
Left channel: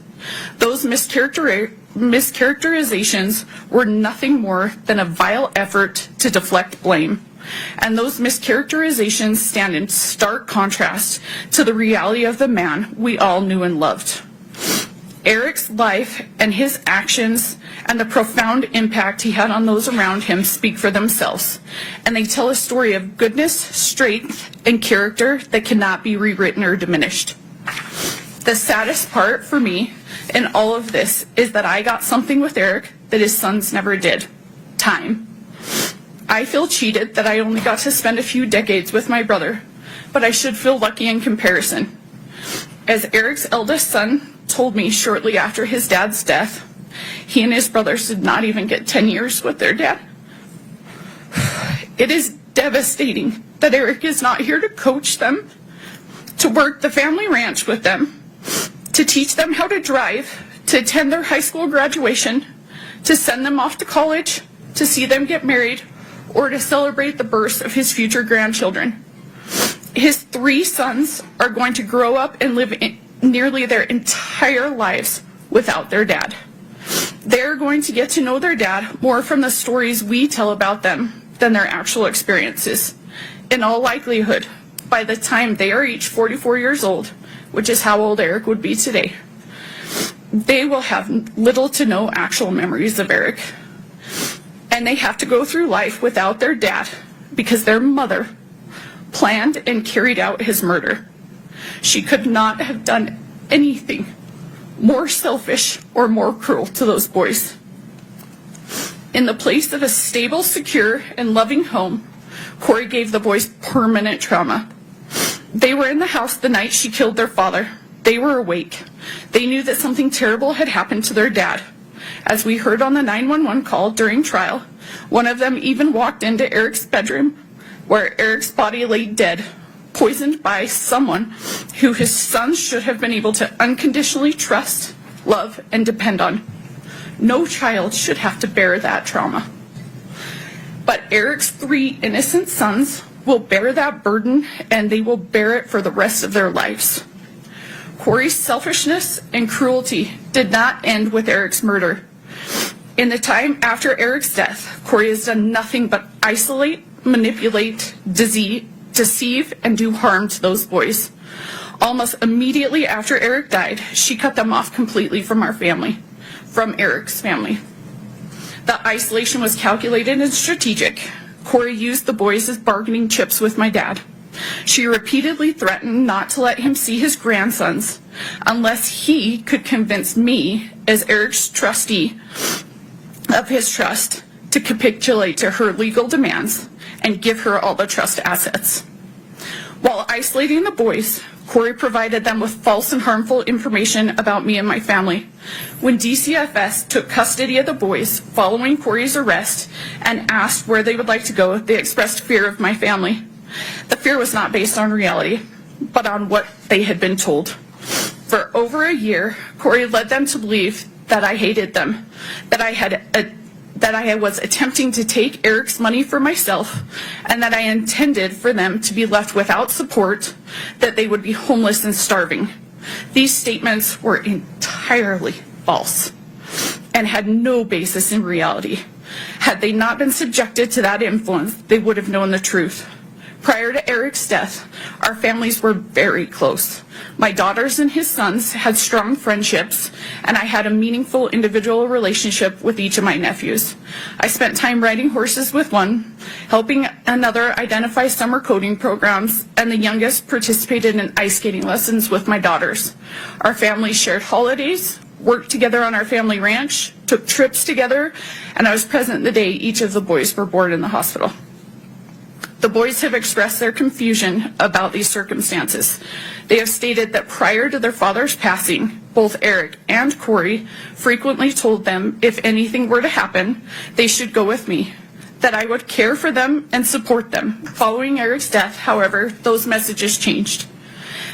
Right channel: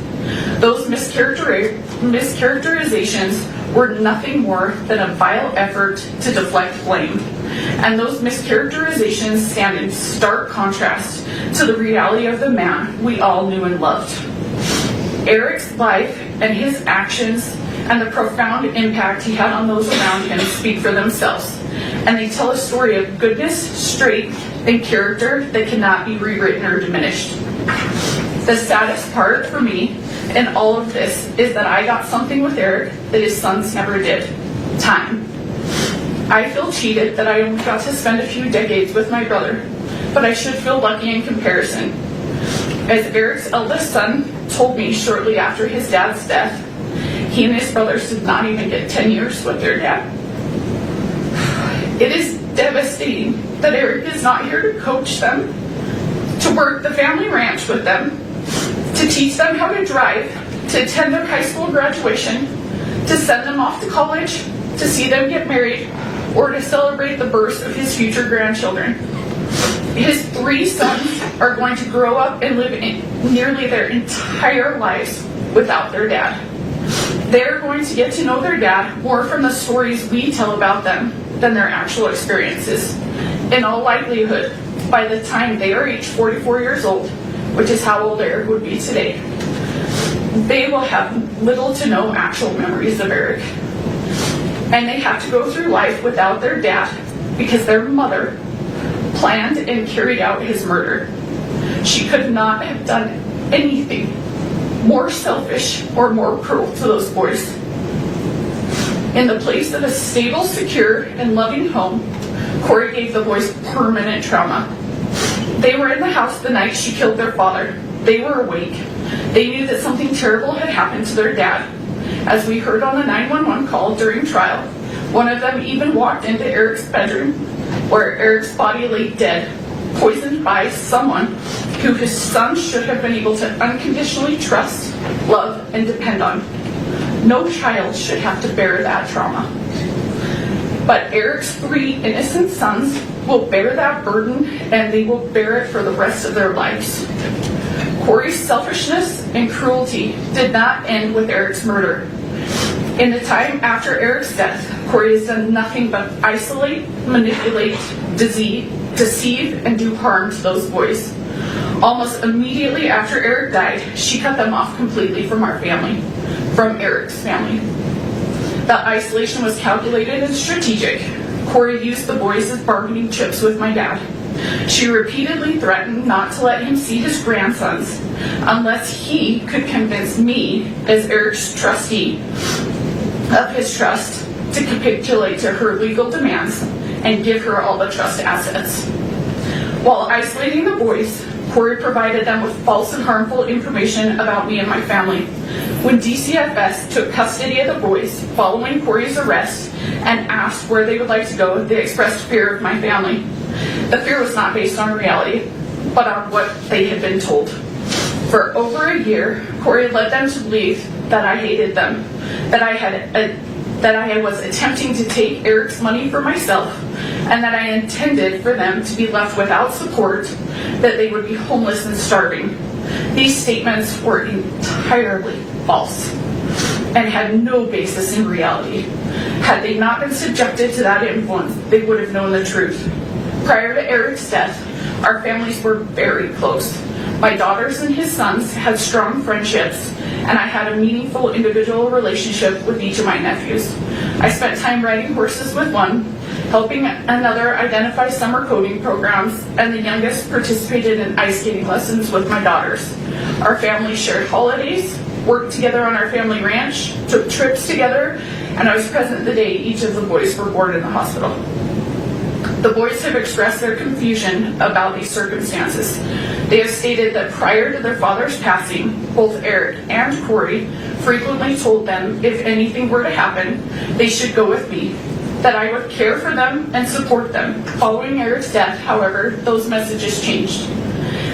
Those mischaracterizations were nothing more than a vile effort to deflect blame. And those mischaracterizations stand in stark contrast to the reality of the man we all knew and loved. Eric's life and his actions and the profound impact he had on those around him speak for themselves, and they tell a story of goodness, strength, and character that cannot be rewritten or diminished. The saddest part for me in all of this is that I got something with Eric that his sons never did: time. I feel cheated that I only got to spend a few decades with my brother, but I should feel lucky in comparison. As Eric's eldest son told me shortly after his dad's death, he and his brothers did not even get 10 years with their dad. It is devastating that Eric is not here to coach them, to work the family ranch with them, to teach them how to drive, to attend their high school graduation, to send them off to college, to see them get married, or to celebrate the birth of his future grandchildren. His 3 sons are going to grow up and live nearly their entire lives without their dad. They're going to get to know their dad more from the stories we tell about them than their actual experiences. In all likelihood, by the time they are age 44 years old, which is how old Eric would be today, they will have little to no actual memories of Eric. And they have to go through life without their dad because their mother planned and carried out his murder. She could not have done anything more selfish or more cruel to those boys. In the place of a stable, secure, and loving home, Kouri gave the boys permanent trauma. They were in the house the night she killed their father. They were awake. They knew that something terrible had happened to their dad. As we heard on the 911 call during trial, one of them even walked into Eric's bedroom, where Eric's body lay dead, poisoned by someone who his son should have been able to unconditionally trust, love, and depend on. No child should have to bear that trauma. But Eric's 3 innocent sons will bear that burden, and they will bear it for the rest of their lives. Kouri's selfishness and cruelty did not end with Eric's murder. In the time after Eric's death, Kouri has done nothing but isolate, manipulate, deceive, and do harm to those boys. Almost immediately after Eric died, she cut them off completely from our family, from Eric's family. The isolation was calculated and strategic. Kouri used the boys as bargaining chips with my dad. She repeatedly threatened not to let him see his grandsons unless he could convince me, as Eric's trustee of his trust, to capitulate to her legal demands and give her all the trust assets. While isolating the boys, Kouri provided them with false and harmful information about me and my family. When DCFS took custody of the boys following Kouri's arrest and asked where they would like to go, they expressed fear of my family. The fear was not based on reality, but on what they had been told. For over a year, Kouri led them to believe that I hated them, that I was attempting to take Eric's money for myself, and that I intended for them to be left without support, that they would be homeless and starving. These statements were entirely false and had no basis in reality. Had they not been subjected to that influence, they would have known the truth. Prior to Eric's death, our families were very close. My daughters and his sons had strong friendships, and I had a meaningful individual relationship with each of my nephews. I spent time riding horses with one, helping another identify summer coding programs, and the youngest participated in ice skating lessons with my daughters. Our families shared holidays, worked together on our family ranch, took trips together, and I was present the day each of the boys were born in the hospital. The boys have expressed their confusion about these circumstances. They have stated that prior to their father's passing, both Eric and Kouri frequently told them if anything were to happen, they should go with me, that I would care for them and support them. Following Eric's death, however, those messages changed.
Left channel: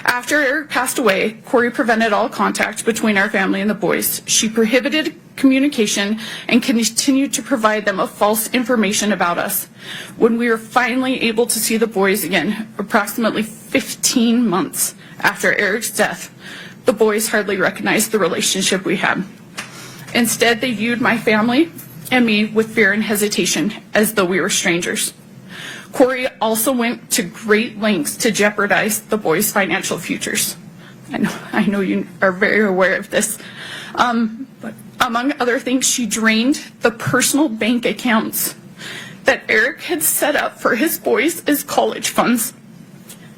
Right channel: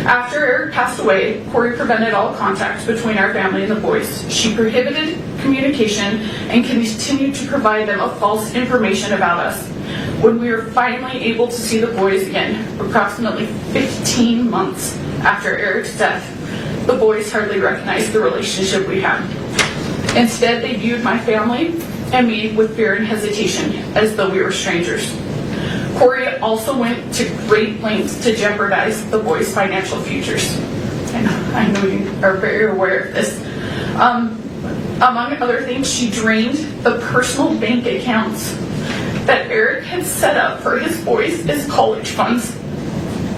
After Eric passed away, Kouri prevented all contact between our family and the boys. She prohibited communication and continued to provide them of false information about us. When we were finally able to see the boys again, approximately 15 months after Eric's death, the boys hardly recognized the relationship we had. Instead, they viewed my family and me with fear and hesitation, as though we were strangers. Kouri also went to great lengths to jeopardize the boys' financial futures. I know you are very aware of this. Among other things, she drained the personal bank accounts that Eric had set up for his boys as college funds.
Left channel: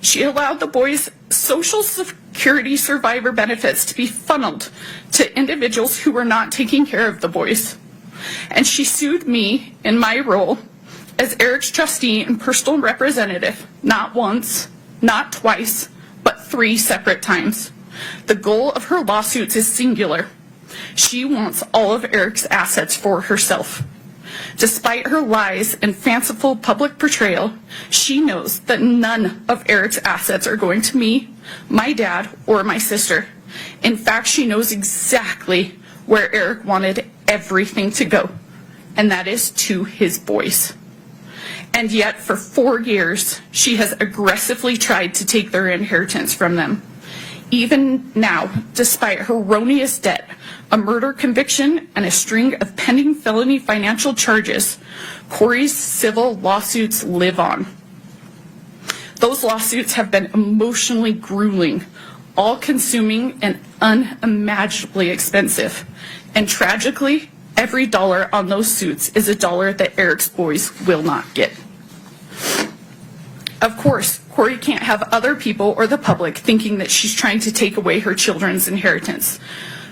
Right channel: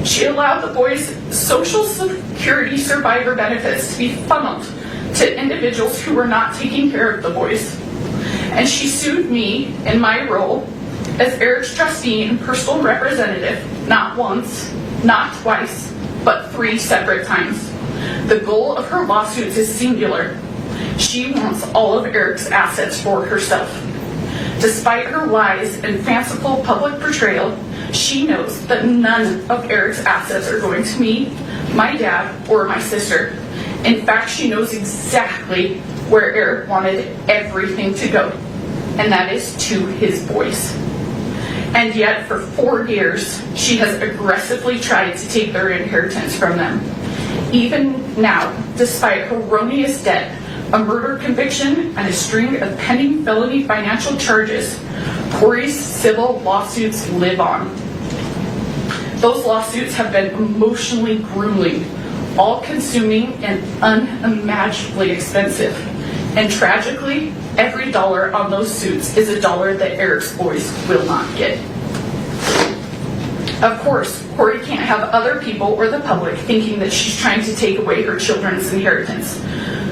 She allowed the boys' Social Security survivor benefits to be funneled to individuals who were not taking care of the boys. And she sued me in my role as Eric's trustee and personal representative, not once, not twice, but 3 separate times. The goal of her lawsuits is singular. She wants all of Eric's assets for herself. Despite her lies and fanciful public portrayal, she knows that none of Eric's assets are going to me, my dad, or my sister. In fact, she knows exactly where Eric wanted everything to go, and that is to his boys. And yet, for 4 years, she has aggressively tried to take their inheritance from them. Even now, despite her erroneous debt, a murder conviction, and a string of pending felony financial charges, Kouri's civil lawsuits live on. Those lawsuits have been emotionally grueling, all-consuming, and unimaginably expensive. And tragically, every dollar on those suits is a dollar that Eric's boys will not get. Of course, Kouri can't have other people or the public thinking that she's trying to take away her children's inheritance.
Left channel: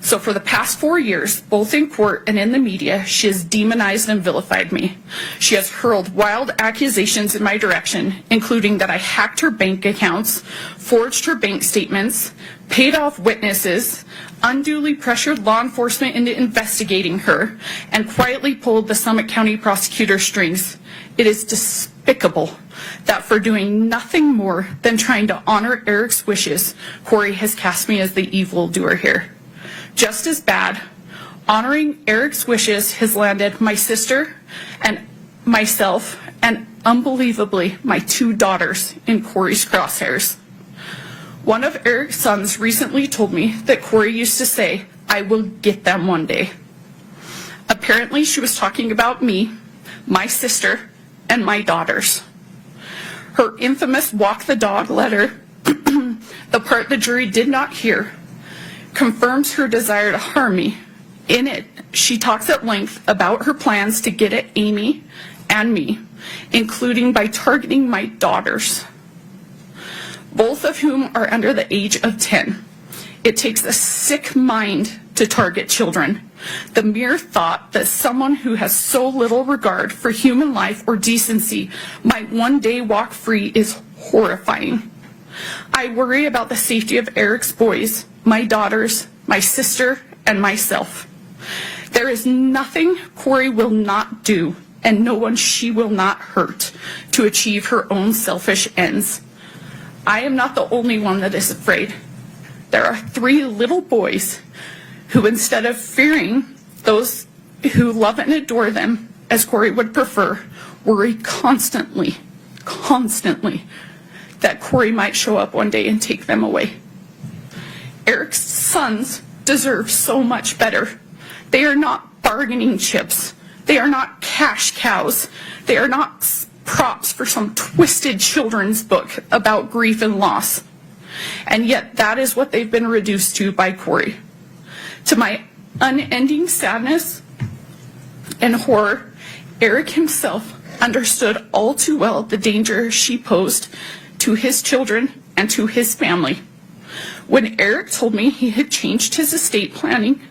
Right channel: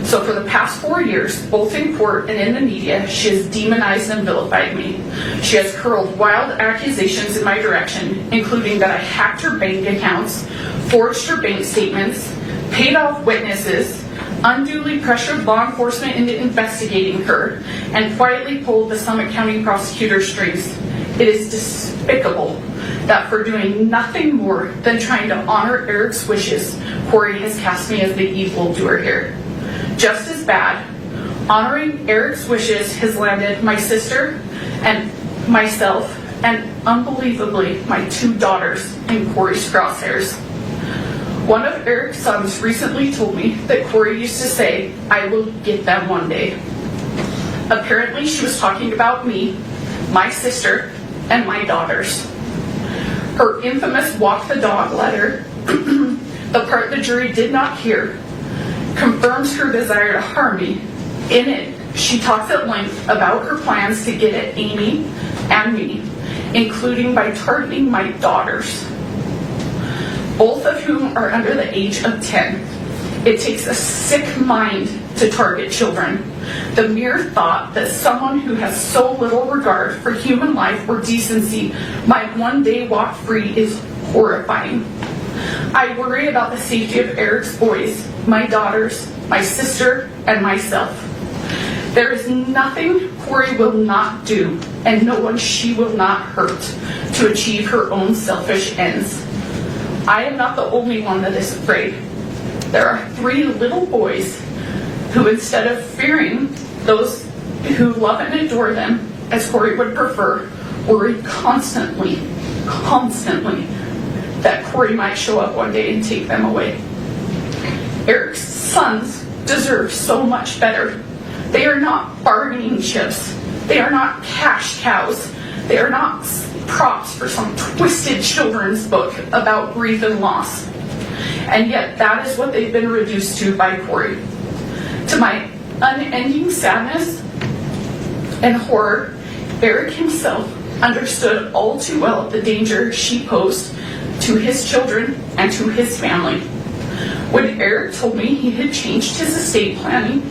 So for the past 4 years, both in court and in the media, she has demonized and vilified me. She has hurled wild accusations in my direction, including that I hacked her bank accounts, forged her bank statements, paid off witnesses, unduly pressured law enforcement into investigating her, and quietly pulled the Summit County prosecutor's strings. It is despicable that for doing nothing more than trying to honor Eric's wishes, Kouri has cast me as the evildoer here. Just as bad, honoring Eric's wishes has landed my sister and myself, and unbelievably, my 2 daughters in Kouri's crosshairs. One of Eric's sons recently told me that Kouri used to say, "I will get them one day." Apparently, she was talking about me, my sister, and my daughters. Her infamous walk the dog letter, the part the jury did not hear, confirms her desire to harm me. In it, she talks at length about her plans to get at Amy and me, including by targeting my daughters, both of whom are under the age of 10. It takes a sick mind to target children. The mere thought that someone who has so little regard for human life or decency might one day walk free is horrifying. I worry about the safety of Eric's boys, my daughters, my sister, and myself. There is nothing Kouri will not do, and no one she will not hurt, to achieve her own selfish ends. I am not the only one that is afraid. There are 3 little boys who, instead of fearing those who love and adore them, as Kouri would prefer, worry constantly that Kouri might show up one day and take them away. Eric's sons deserve so much better. They are not bargaining chips. They are not cash cows. They are not props for some twisted children's book about grief and loss. And yet that is what they've been reduced to by Kouri. To my unending sadness and horror, Eric himself understood all too well the danger she posed to his children and to his family. When Eric told me he had changed his estate planning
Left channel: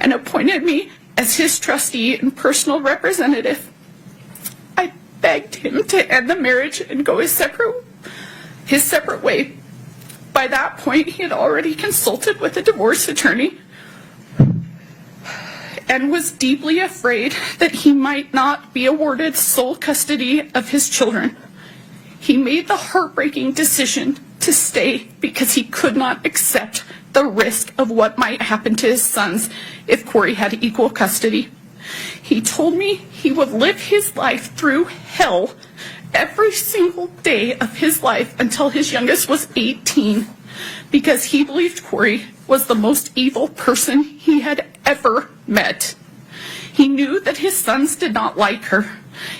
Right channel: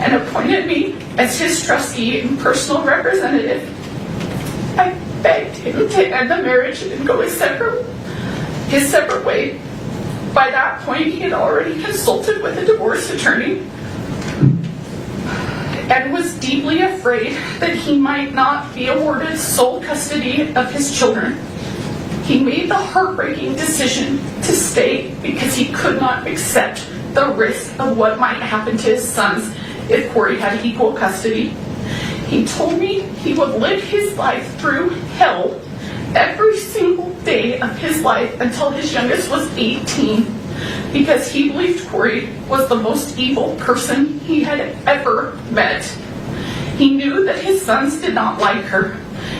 and appointed me as his trustee and personal representative, I begged him to end the marriage and go his separate way. By that point, he had already consulted with a divorce attorney and was deeply afraid that he might not be awarded sole custody of his children. He made the heartbreaking decision to stay because he could not accept the risk of what might happen to his sons if Kouri had equal custody. He told me he would live his life through hell every single day of his life until his youngest was 18, because he believed Kouri was the most evil person he had ever met. He knew that his sons did not like her.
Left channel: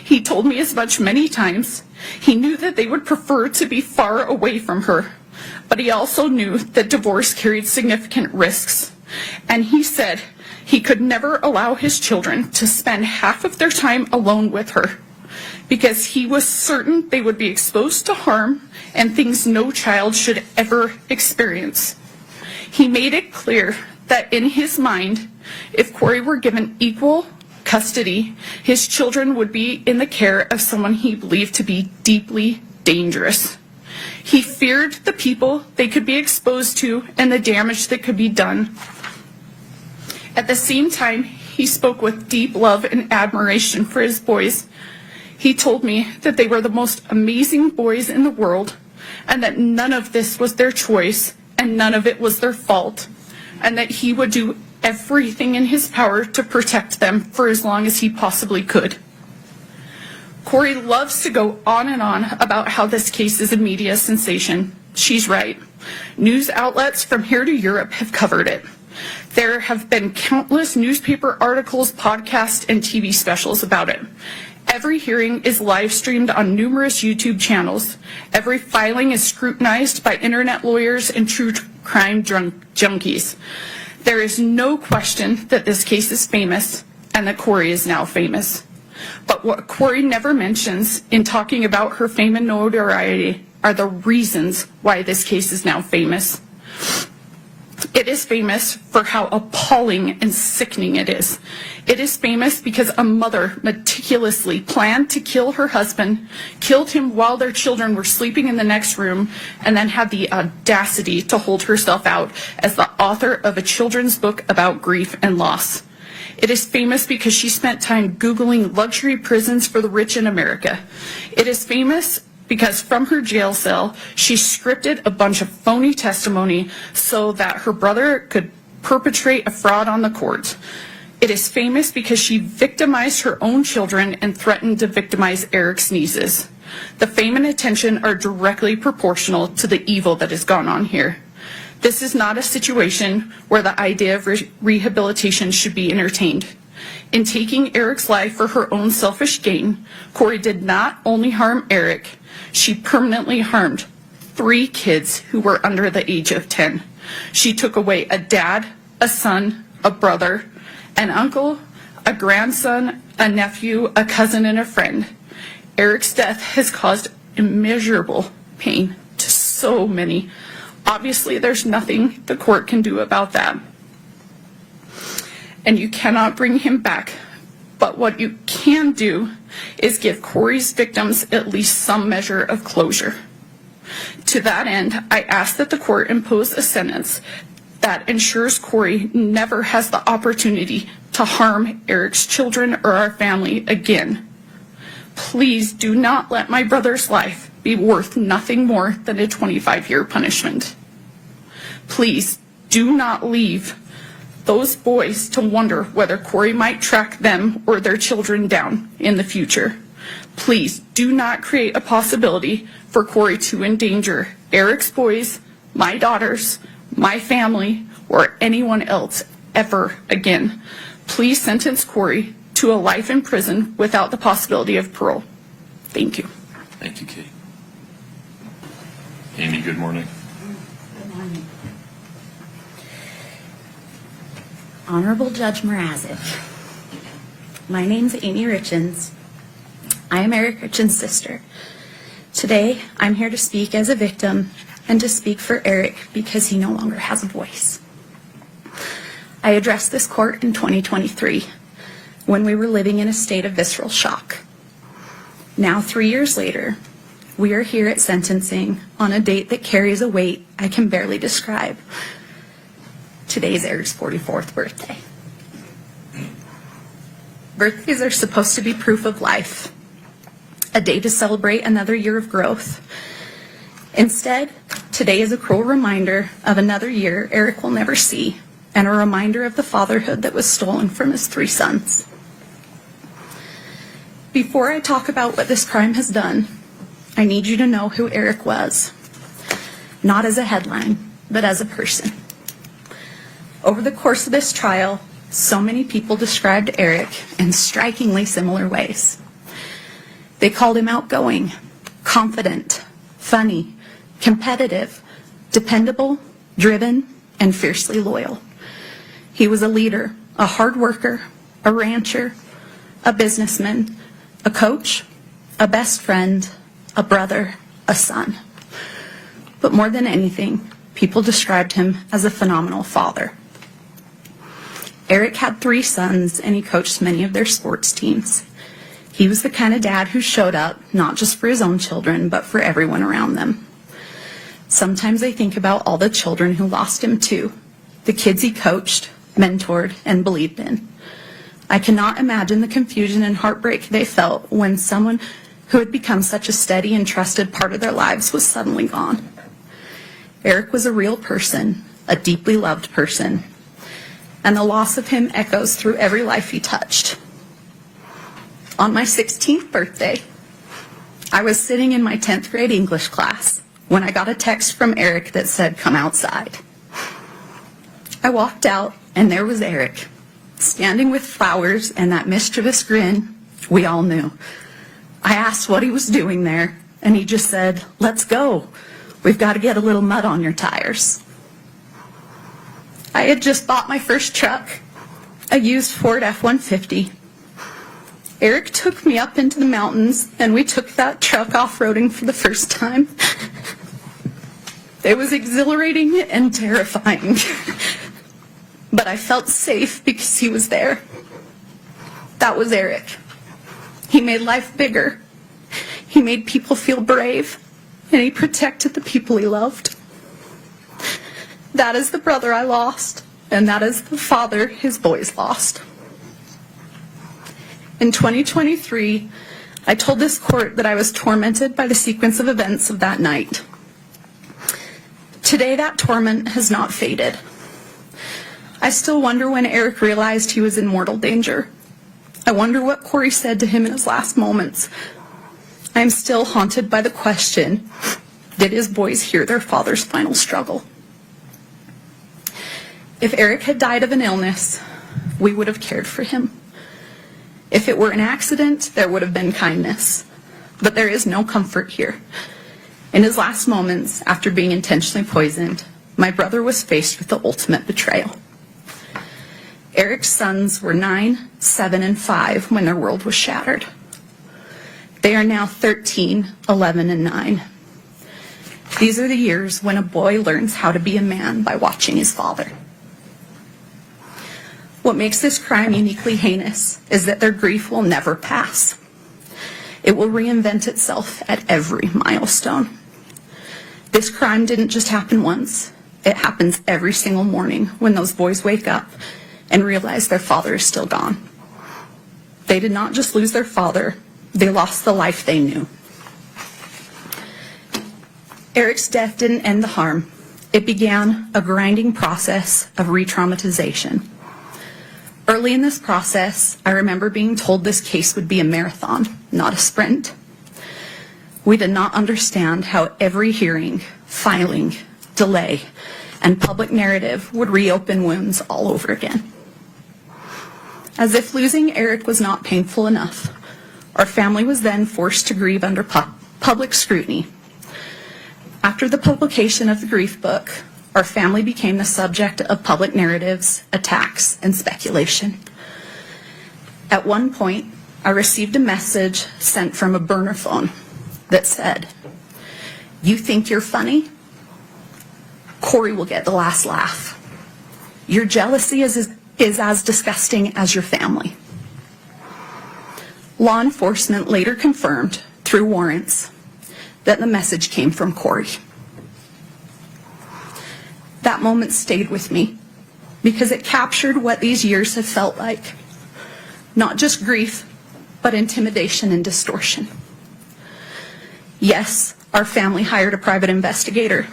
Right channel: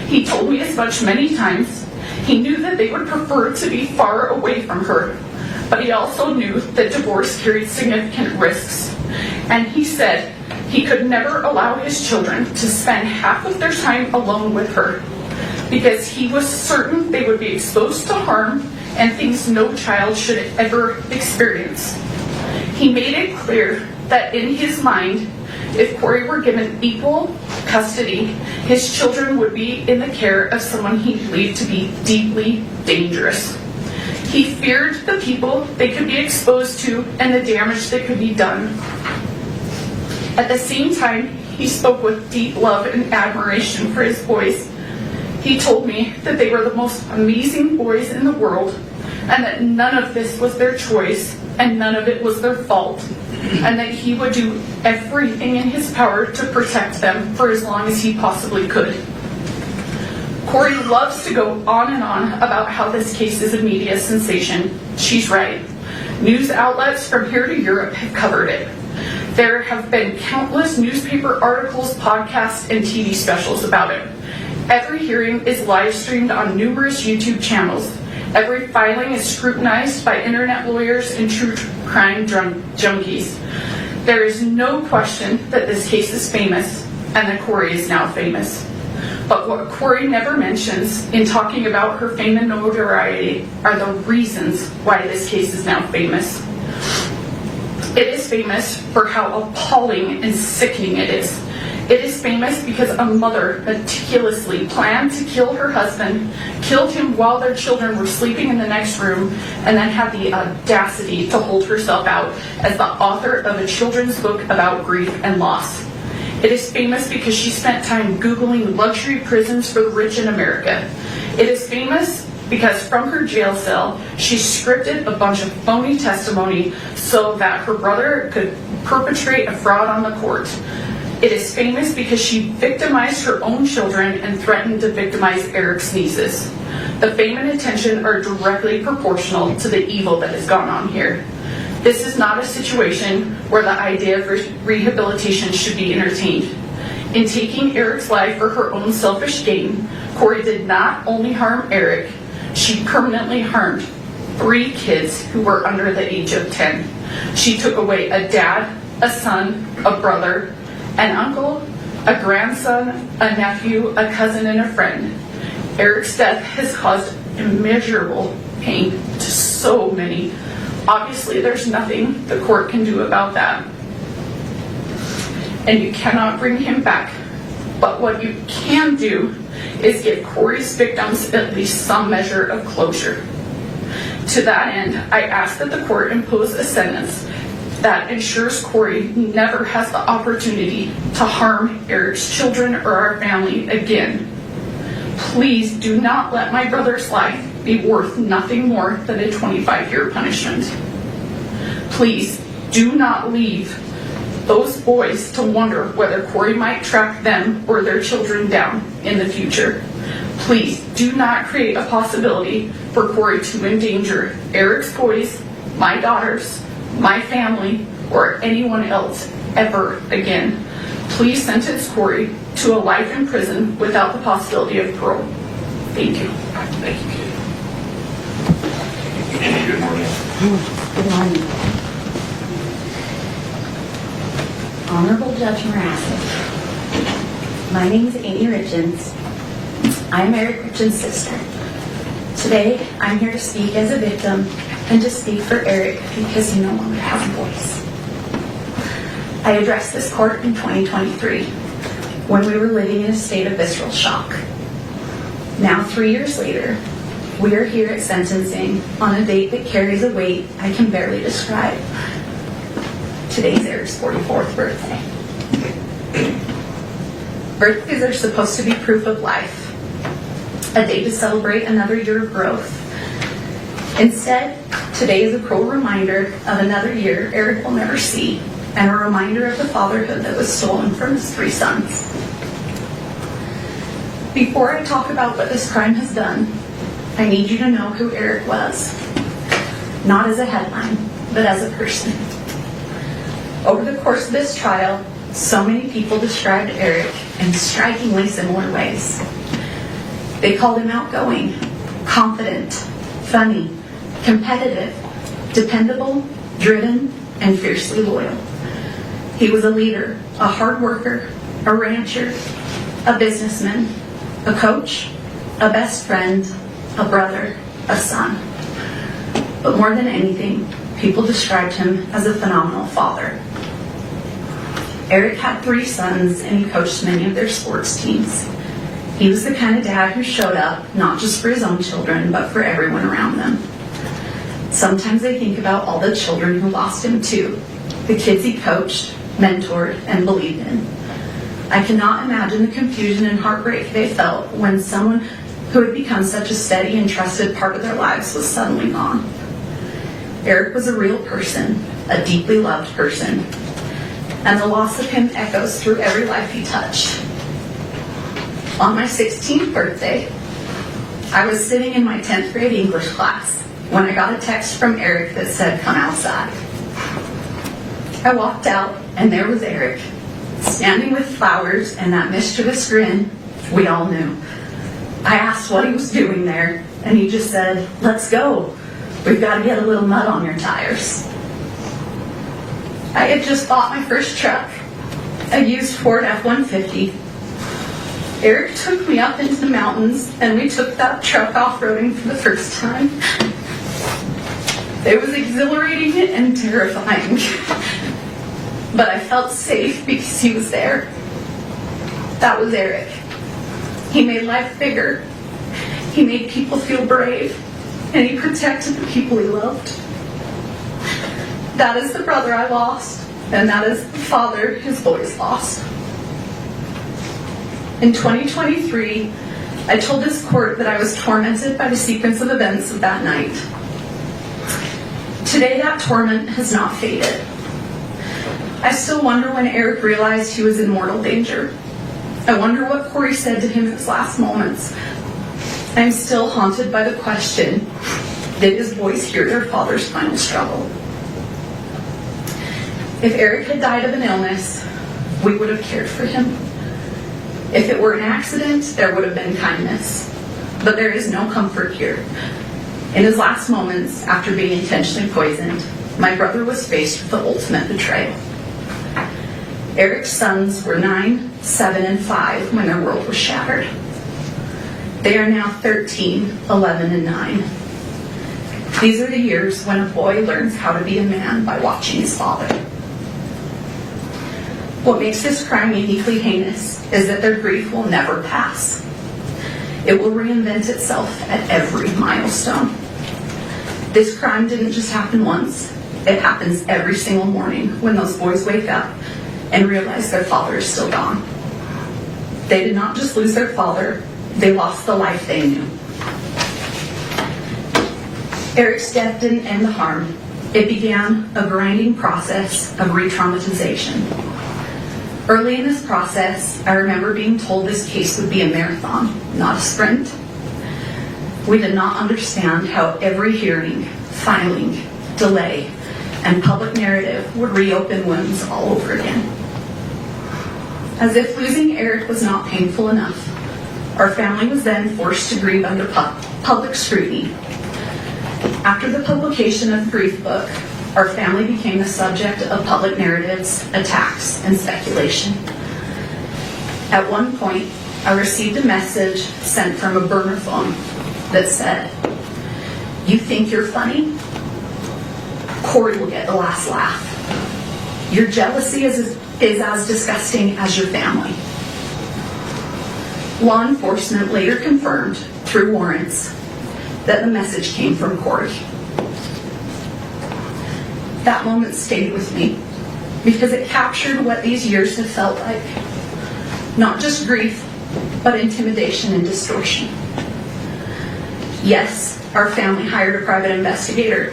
He told me as much many times. He knew that they would prefer to be far away from her, but he also knew that divorce carried significant risks. and he said he could never allow his children to spend half of their time alone with her because he was certain they would be exposed to harm and things no child should ever experience. He made it clear that in his mind, if Kouri were given equal custody, his children would be in the care of someone he believed to be deeply dangerous. He feared the people they could be exposed to and the damage that could be done. At the same time, he spoke with deep love and admiration for his boys. He told me that they were the most amazing boys in the world and that none of this was their choice and none of it was their fault, and that he would do everything in his power to protect them for as long as he possibly could. Kouri loves to go on and on about how this case is a media sensation. She's right. News outlets from here to Europe have covered it. There have been countless newspaper articles, podcasts, and TV specials about it. Every hearing is live streamed on numerous YouTube channels. Every filing is scrutinized by internet lawyers and true crime junkies. There is no question that this case is famous and that Kouri is now famous. But what Kouri never mentions in talking about her fame and notoriety are the reasons why this case is now famous. It is famous for how appalling and sickening it is. It is famous because a mother meticulously planned to kill her husband, killed him while their children were sleeping in the next room, and then had the audacity to hold herself out as the author of a children's book about grief and loss. It is famous because she spent time Googling luxury prisons for the rich in America. It is famous because from her jail cell, she scripted a bunch of phony testimony so that her brother could perpetrate a fraud on the court. It is famous because she victimized her own children and threatened to victimize Eric's nieces. The fame and attention are directly proportional to the evil that has gone on here. This is not a situation where the idea of rehabilitation should be entertained. In taking Eric's life for her own selfish gain, Kouri did not only harm Eric, she permanently harmed 3 kids who were under the age of 10. She took away a dad, a son, a brother, an uncle, a grandson, a nephew, a cousin, and a friend. Eric's death has caused immeasurable pain to so many. Obviously, there's nothing the court can do about that. And you cannot bring him back. But what you can do is give Kouri's victims at least some measure of closure. To that end, I ask that the court impose a sentence that ensures Kouri never has the opportunity to harm Eric's children or our family again. Please do not let my brother's life be worth nothing more than a 25-year punishment. Please do not leave those boys to wonder whether Kouri might track them or their children down in the future. Please do not create a possibility for Kouri to endanger Eric's boys, my daughters, my family, or anyone else ever again. Please sentence Kouri to a life in prison without the possibility of parole. Thank you. Thank you, Katie. Andy, good morning. Good morning. Honorable Judge Mrazek, my name is Amy Richins. I am Eric Richins' sister. Today, I'm here to speak as a victim and to speak for Eric because he no longer has a voice. I addressed this court in 2023 when we were living in a state of visceral shock. Now, 3 years later, we are here at sentencing on a date that carries a weight I can barely describe. Today's Eric's 44th birthday. Birthdays are supposed to be proof of life, a day to celebrate another year of growth. Instead, today is a cruel reminder of another year Eric will never see, and a reminder of the fatherhood that was stolen from his 3 sons. Before I talk about what this crime has done, I need you to know who Eric was. Not as a headline, but as a person. Over the course of this trial, so many people described Eric in strikingly similar ways. They called him outgoing, confident, funny, competitive, dependable, driven, and fiercely loyal. He was a leader, a hard worker, a rancher, a businessman, a coach, a best friend, a brother, a son. But more than anything, people described him as a phenomenal father. Eric had 3 sons and he coached many of their sports teams. He was the kind of dad who showed up not just for his own children, but for everyone around them. Sometimes I think about all the children who lost him too, the kids he coached, mentored, and believed in. I cannot imagine the confusion and heartbreak they felt when someone who had become such a steady and trusted part of their lives was suddenly gone. Eric was a real person, a deeply loved person, and the loss of him echoes through every life he touched. On my 16th birthday, I was sitting in my 10th grade English class when I got a text from Eric that said, "Come outside." I walked out and there was Eric, standing with flowers and that mischievous grin we all knew. I asked what he was doing there, and he just said, "Let's go. We've got to get a little mud on your tires." I had just bought my first truck, a used Ford F-150. Eric took me up into the mountains, and we took that truck off-roading for the first time. It was exhilarating and terrifying, but I felt safe because he was there. That was Eric. He made life bigger. He made people feel brave, and he protected the people he loved. That is the brother I lost, and that is the father his boys lost. In 2023, I told this court that I was tormented by the sequence of events of that night. Today, that torment has not faded. I still wonder when Eric realized he was in mortal danger. I wonder what Kouri said to him in his last moments. I'm still haunted by the question, did his boys hear their father's final struggle? If Eric had died of an illness, we would have cared for him. If it were an accident, there would have been kindness. But there is no comfort here. In his last moments, after being intentionally poisoned, my brother was faced with the ultimate betrayal. Eric's sons were 9, 7, and 5 when their world was shattered. They are now 13, 11, and 9. These are the years when a boy learns how to be a man by watching his father. What makes this crime uniquely heinous is that their grief will never pass. It will reinvent itself at every milestone. This crime didn't just happen once. It happens every single morning when those boys wake up and realize their father is still gone. They did not just lose their father, they lost the life they knew. Eric's death didn't end the harm. It began a grinding process of re-traumatization. Early in this process, I remember being told this case would be a marathon, not a sprint. We did not understand how every hearing, filing, delay, and public narrative would reopen wounds all over again. As if losing Eric was not painful enough, our family was then forced to grieve under public scrutiny. After the publication of the grief book, our family became the subject of public narratives, attacks, and speculation. At one point, I received a message sent from a burner phone that said, "You think you're funny? Kouri will get the last laugh. Your jealousy is as disgusting as your family." Law enforcement later confirmed, through warrants, that the message came from Kouri. That moment stayed with me because it captured what these years have felt like. Not just grief, but intimidation and distortion. Yes, our family hired a private investigator.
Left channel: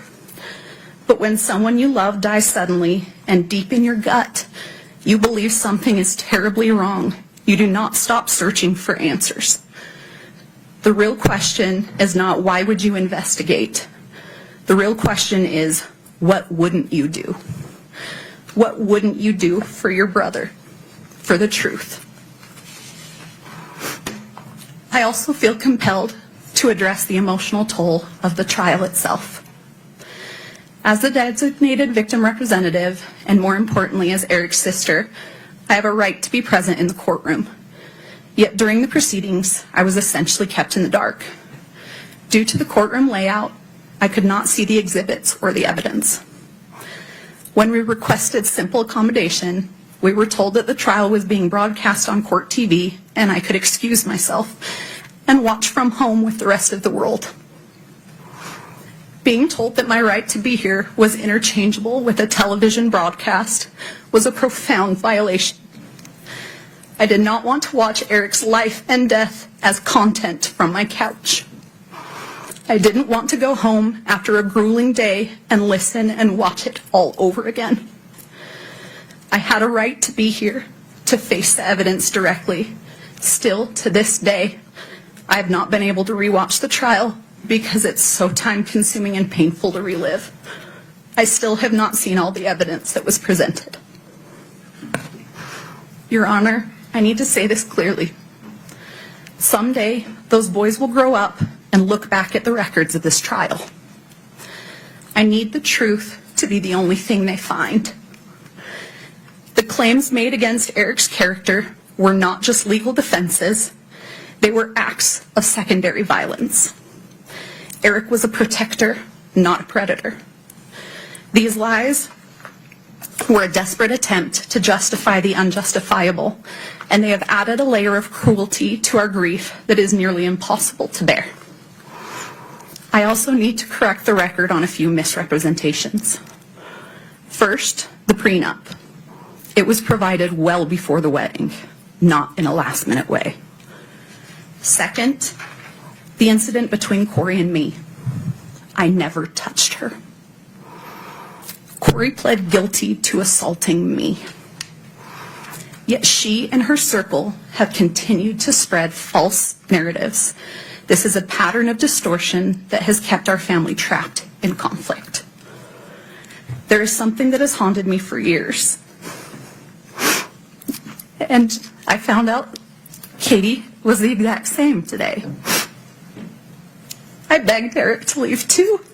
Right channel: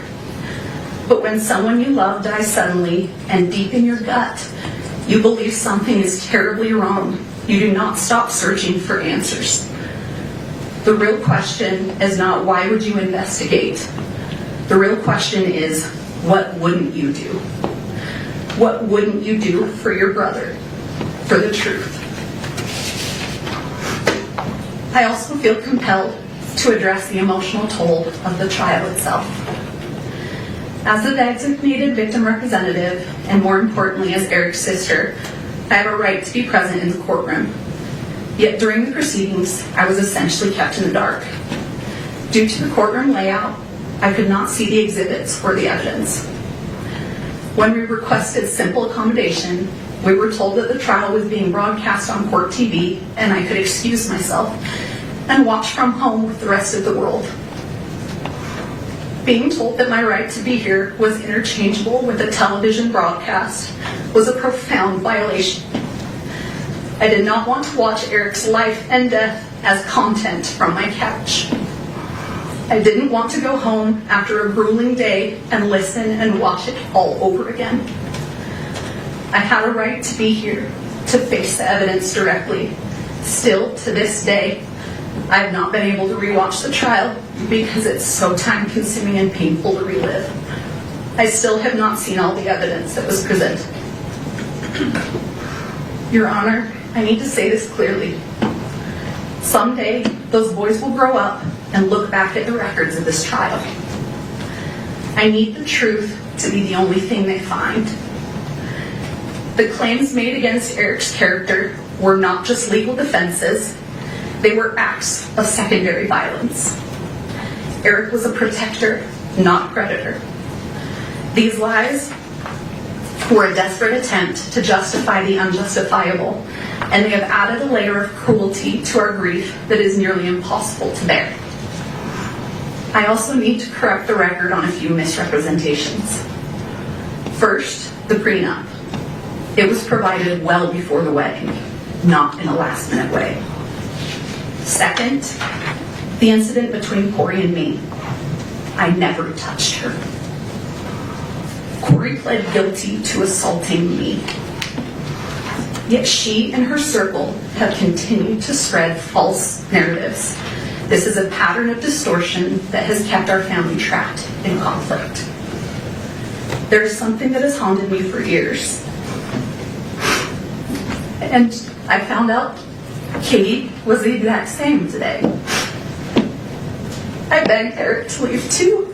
But when someone you love dies suddenly and deep in your gut, you believe something is terribly wrong, you do not stop searching for answers. The real question is not why would you investigate? The real question is, what wouldn't you do? What wouldn't you do for your brother, for the truth? I also feel compelled to address the emotional toll of the trial itself. As the designated victim representative and more importantly, as Eric's sister, I have a right to be present in the courtroom. Yet during the proceedings, I was essentially kept in the dark. Due to the courtroom layout, I could not see the exhibits or the evidence. When we requested simple accommodation, we were told that the trial was being broadcast on court TV and I could excuse myself and watch from home with the rest of the world. Being told that my right to be here was interchangeable with a television broadcast was a profound violation. I did not want to watch Eric's life and death as content from my couch. I didn't want to go home after a grueling day and listen and watch it all over again. I had a right to be here, to face the evidence directly. Still, to this day, I have not been able to rewatch the trial because it's so time-consuming and painful to relive. I still have not seen all the evidence that was presented. Your Honor, I need to say this clearly. Someday, those boys will grow up and look back at the records of this trial. I need the truth to be the only thing they find. The claims made against Eric's character were not just legal defenses, they were acts of secondary violence. Eric was a protector, not a predator. These lies were a desperate attempt to justify the unjustifiable, and they have added a layer of cruelty to our grief that is nearly impossible to bear. I also need to correct the record on a few misrepresentations. First, the prenup. It was provided well before the wedding, not in a last-minute way. Second, the incident between Kouri and me. I never touched her. Kouri pled guilty to assaulting me. Yet she and her circle have continued to spread false narratives. This is a pattern of distortion that has kept our family trapped in conflict. There is something that has haunted me for years. And I found out Katie was the exact same today. I begged Eric to leave too.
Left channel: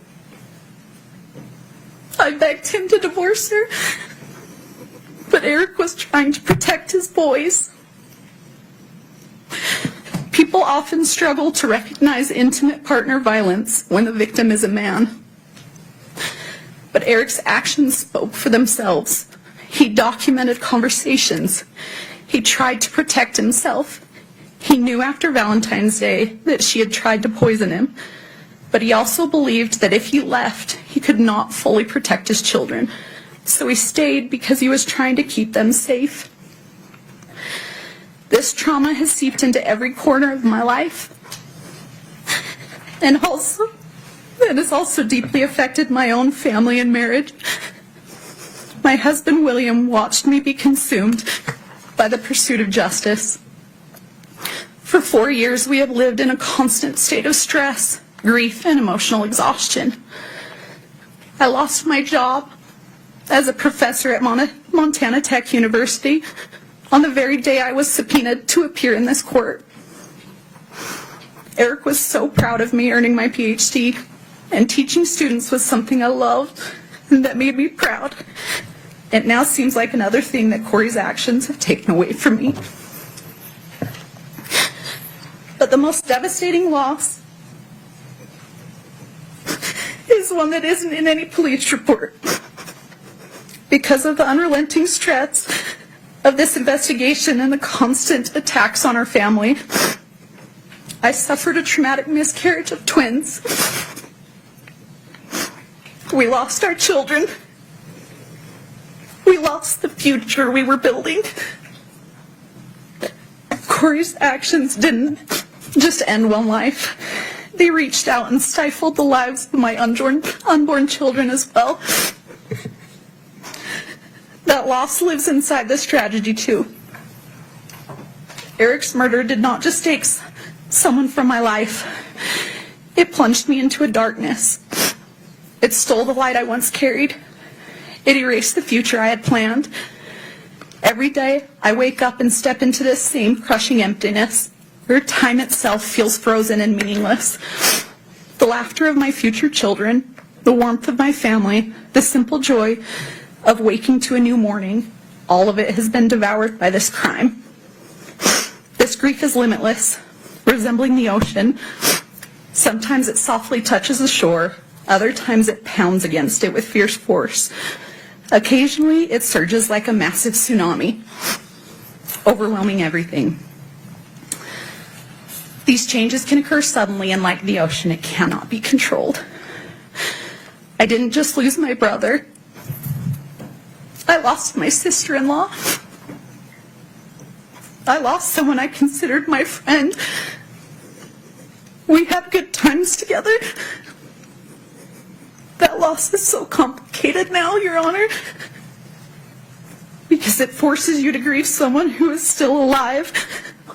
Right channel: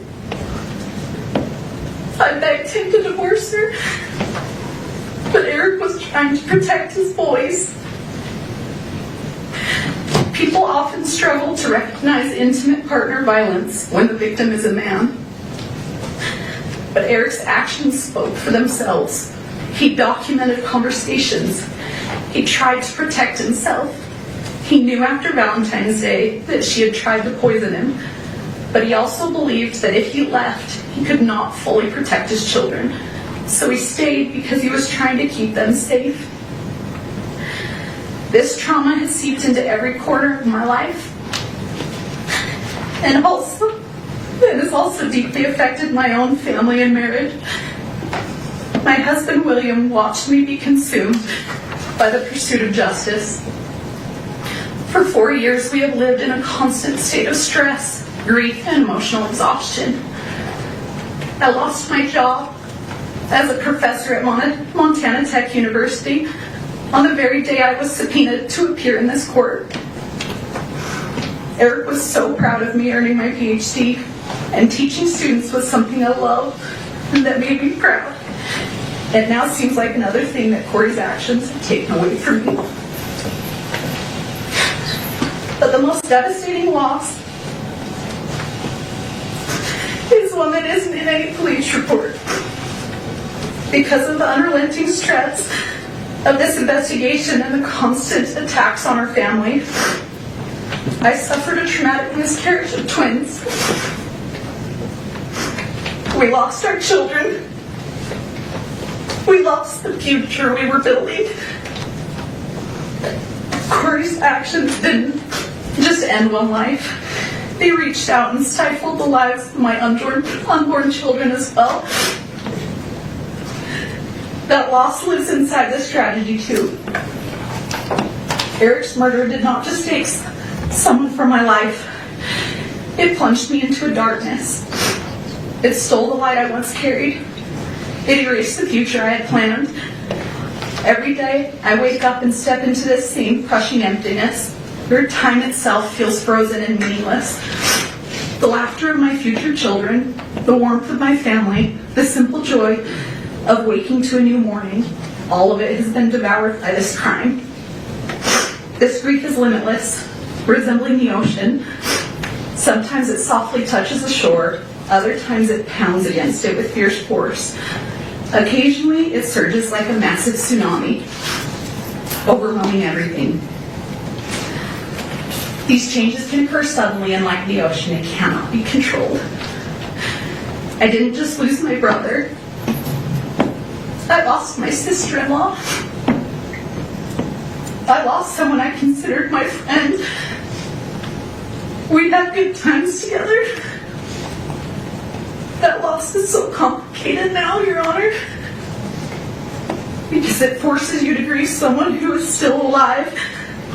I begged him to divorce her. But Eric was trying to protect his boys. People often struggle to recognize intimate partner violence when the victim is a man. But Eric's actions spoke for themselves. He documented conversations. He tried to protect himself. He knew after Valentine's Day that she had tried to poison him, but he also believed that if he left, he could not fully protect his children. So he stayed because he was trying to keep them safe. This trauma has seeped into every corner of my life. And also, it has also deeply affected my own family and marriage. My husband, William, watched me be consumed by the pursuit of justice. For 4 years, we have lived in a constant state of stress, grief, and emotional exhaustion. I lost my job as a professor at Montana Tech University on the very day I was subpoenaed to appear in this court. Eric was so proud of me earning my PhD, and teaching students was something I loved and that made me proud. It now seems like another thing that Kouri's actions have taken away from me. But the most devastating loss is one that isn't in any police report. Because of the unrelenting stress of this investigation and the constant attacks on our family, I suffered a traumatic miscarriage of twins. We lost our children. We lost the future we were building. Kouri's actions didn't just end one life. They reached out and stifled the lives of my unborn children as well. That loss lives inside this tragedy too. Eric's murder did not just take someone from my life. It plunged me into a darkness. It stole the light I once carried. It erased the future I had planned. Every day, I wake up and step into this same crushing emptiness, where time itself feels frozen and meaningless. The laughter of my future children, the warmth of my family, the simple joy of waking to a new morning, all of it has been devoured by this crime. This grief is limitless, resembling the ocean. Sometimes it softly touches the shore, other times it pounds against it with fierce force. Occasionally it surges like a massive tsunami, overwhelming everything. These changes can occur suddenly, and like the ocean, it cannot be controlled. I didn't just lose my brother. I lost my sister-in-law. I lost someone I considered my friend. We had good times together. That loss is so complicated now, Your Honor, because it forces you to grieve someone who is still alive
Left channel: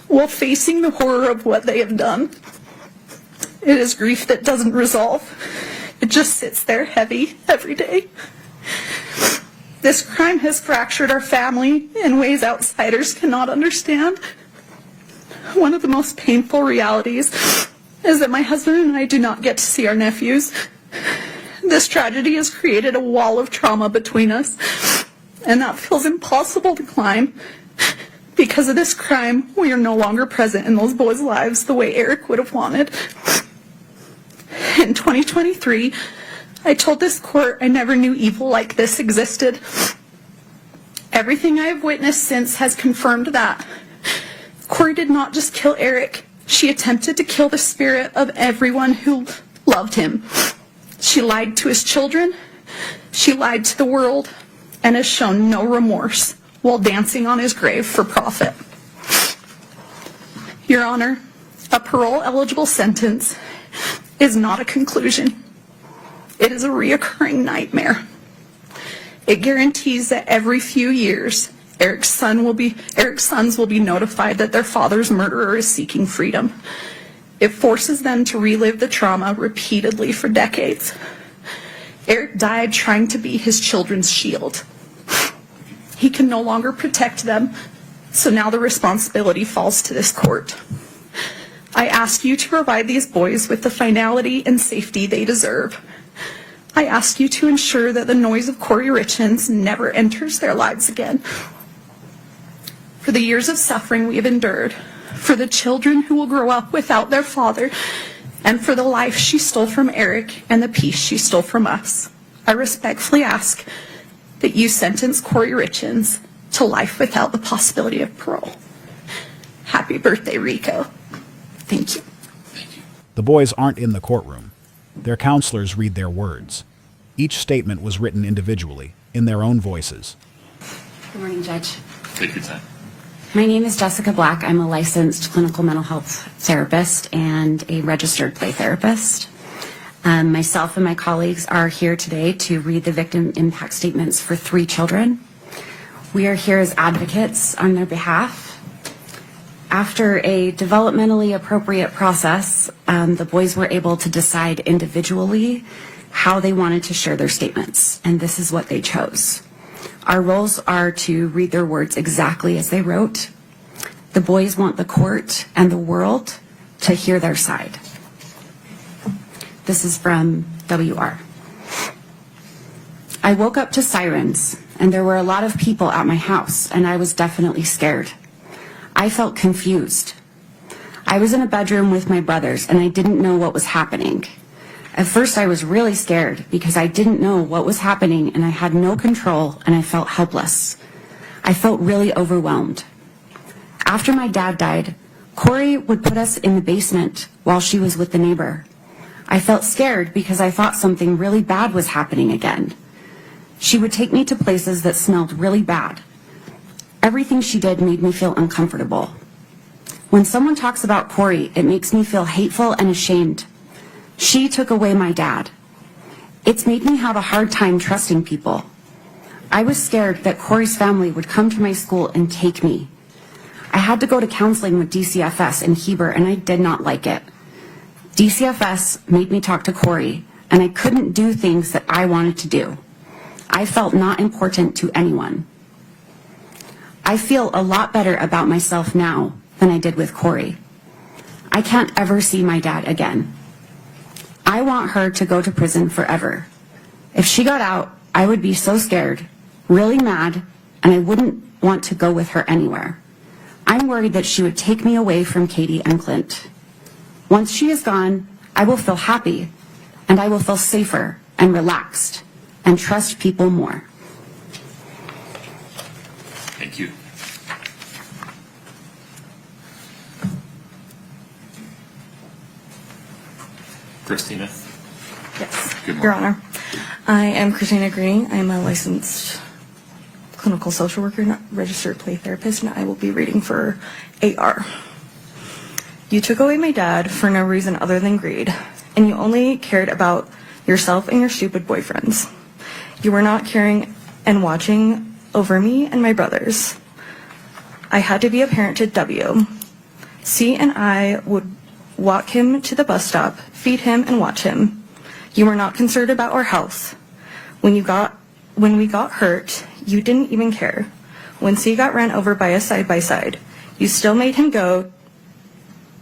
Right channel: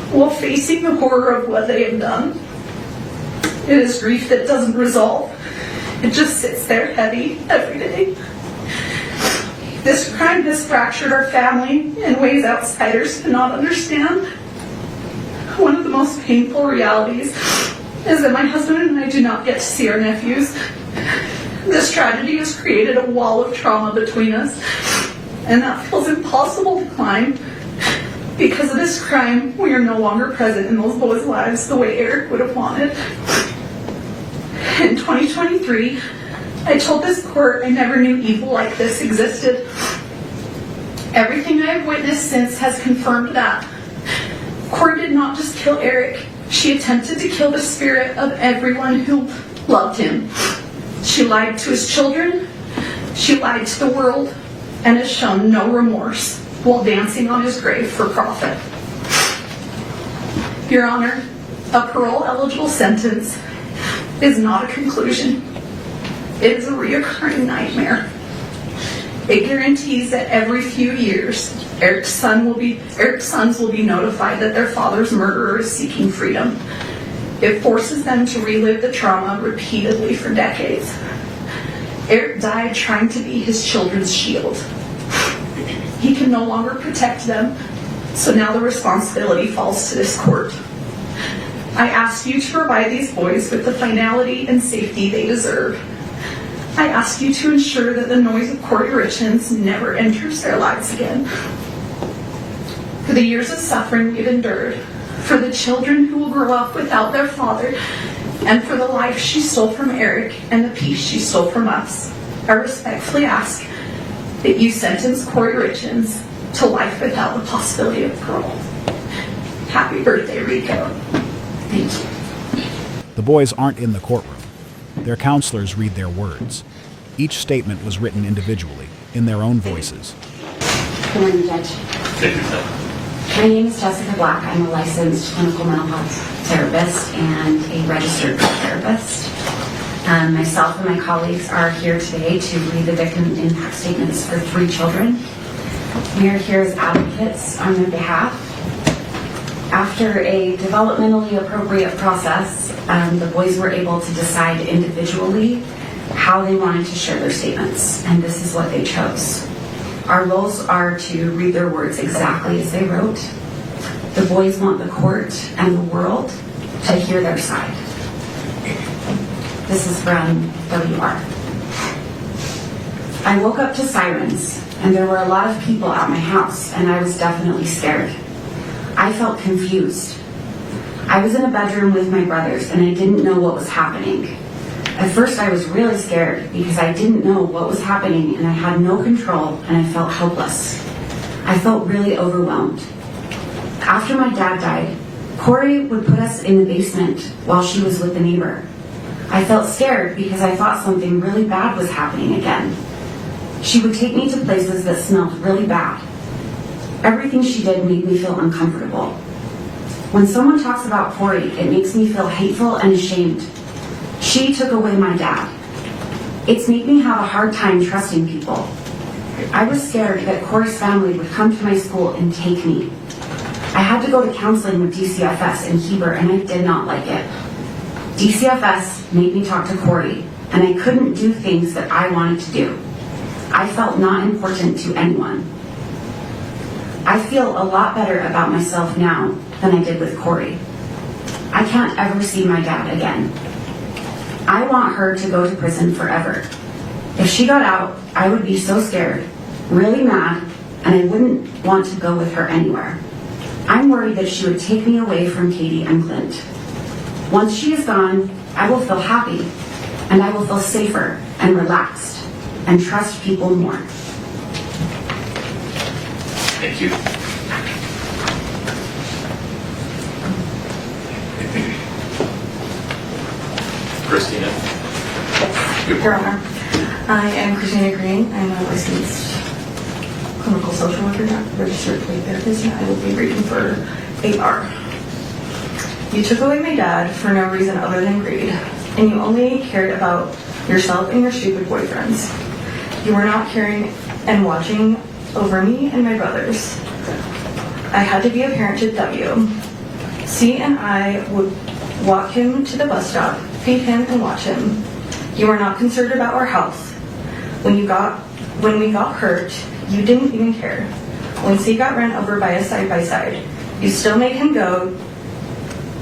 while facing the horror of what they have done. It is grief that doesn't resolve. It just sits there heavy every day. This crime has fractured our family in ways outsiders cannot understand. One of the most painful realities is that my husband and I do not get to see our nephews. This tragedy has created a wall of trauma between us, and that feels impossible to climb. Because of this crime, we are no longer present in those boys' lives the way Eric would have wanted. In 2023, I told this court I never knew evil like this existed. Everything I have witnessed since has confirmed that. Kouri did not just kill Eric. She attempted to kill the spirit of everyone who loved him. She lied to his children, she lied to the world, and has shown no remorse while dancing on his grave for profit. Your Honor, a parole-eligible sentence is not a conclusion. It is a reoccurring nightmare. It guarantees that every few years, Eric's sons will be notified that their father's murderer is seeking freedom. It forces them to relive the trauma repeatedly for decades. Eric died trying to be his children's shield. He can no longer protect them, so now the responsibility falls to this court. I ask you to provide these boys with the finality and safety they deserve. I ask you to ensure that the noise of Kouri Richins never enters their lives again. For the years of suffering we have endured, for the children who will grow up without their father, and for the life she stole from Eric and the peace she stole from us, I respectfully ask that you sentence Kouri Richins to life without the possibility of parole. Happy birthday, Rico. Thank you. The boys aren't in the courtroom. Their counselors read their words. Each statement was written individually, in their own voices. Good morning, Judge. Take your time. My name is Jessica Black. I'm a licensed clinical mental health therapist and a registered therapist. Myself and my colleagues are here today to read the victim impact statements for 3 children. We are here as advocates on their behalf. After a developmentally appropriate process, the boys were able to decide individually how they wanted to share their statements, and this is what they chose. Our roles are to read their words exactly as they wrote. The boys want the court and the world to hear their side. This is from WR. I woke up to sirens, and there were a lot of people at my house, and I was definitely scared. I felt confused. I was in a bedroom with my brothers, and I didn't know what was happening. At first, I was really scared because I didn't know what was happening, and I had no control, and I felt helpless. I felt really overwhelmed. After my dad died, Kouri would put us in the basement while she was with the neighbor. I felt scared because I thought something really bad was happening again. She would take me to places that smelled really bad. Everything she did made me feel uncomfortable. When someone talks about Kouri, it makes me feel hateful and ashamed. She took away my dad. It's made me have a hard time trusting people. I was scared that Kouri's family would come to my school and take me. I had to go to counseling with DCFS in Heber, and I did not like it. DCFS made me talk to Kouri, and I couldn't do things that I wanted to do. I felt not important to anyone. I feel a lot better about myself now than I did with Kouri. I can't ever see my dad again. I want her to go to prison forever. If she got out, I would be so scared. really mad, and I wouldn't want to go with her anywhere. I'm worried that she would take me away from Katie and Clint. Once she is gone, I will feel happy, and I will feel safer and relaxed, and trust people more. Thank you. Christina. Your Honor, I am Christina Green. I am a licensed clinical social worker, not registered play therapist, and I will be reading for AR. You took away my dad for no reason other than greed, and you only cared about yourself and your stupid boyfriends. You were not caring and watching over me and my brothers. I had to be a parent to W. C and I would walk him to the bus stop, feed him, and watch him. You were not concerned about our health. When we got hurt, you didn't even care. When C got run over by a side-by-side, you still made him go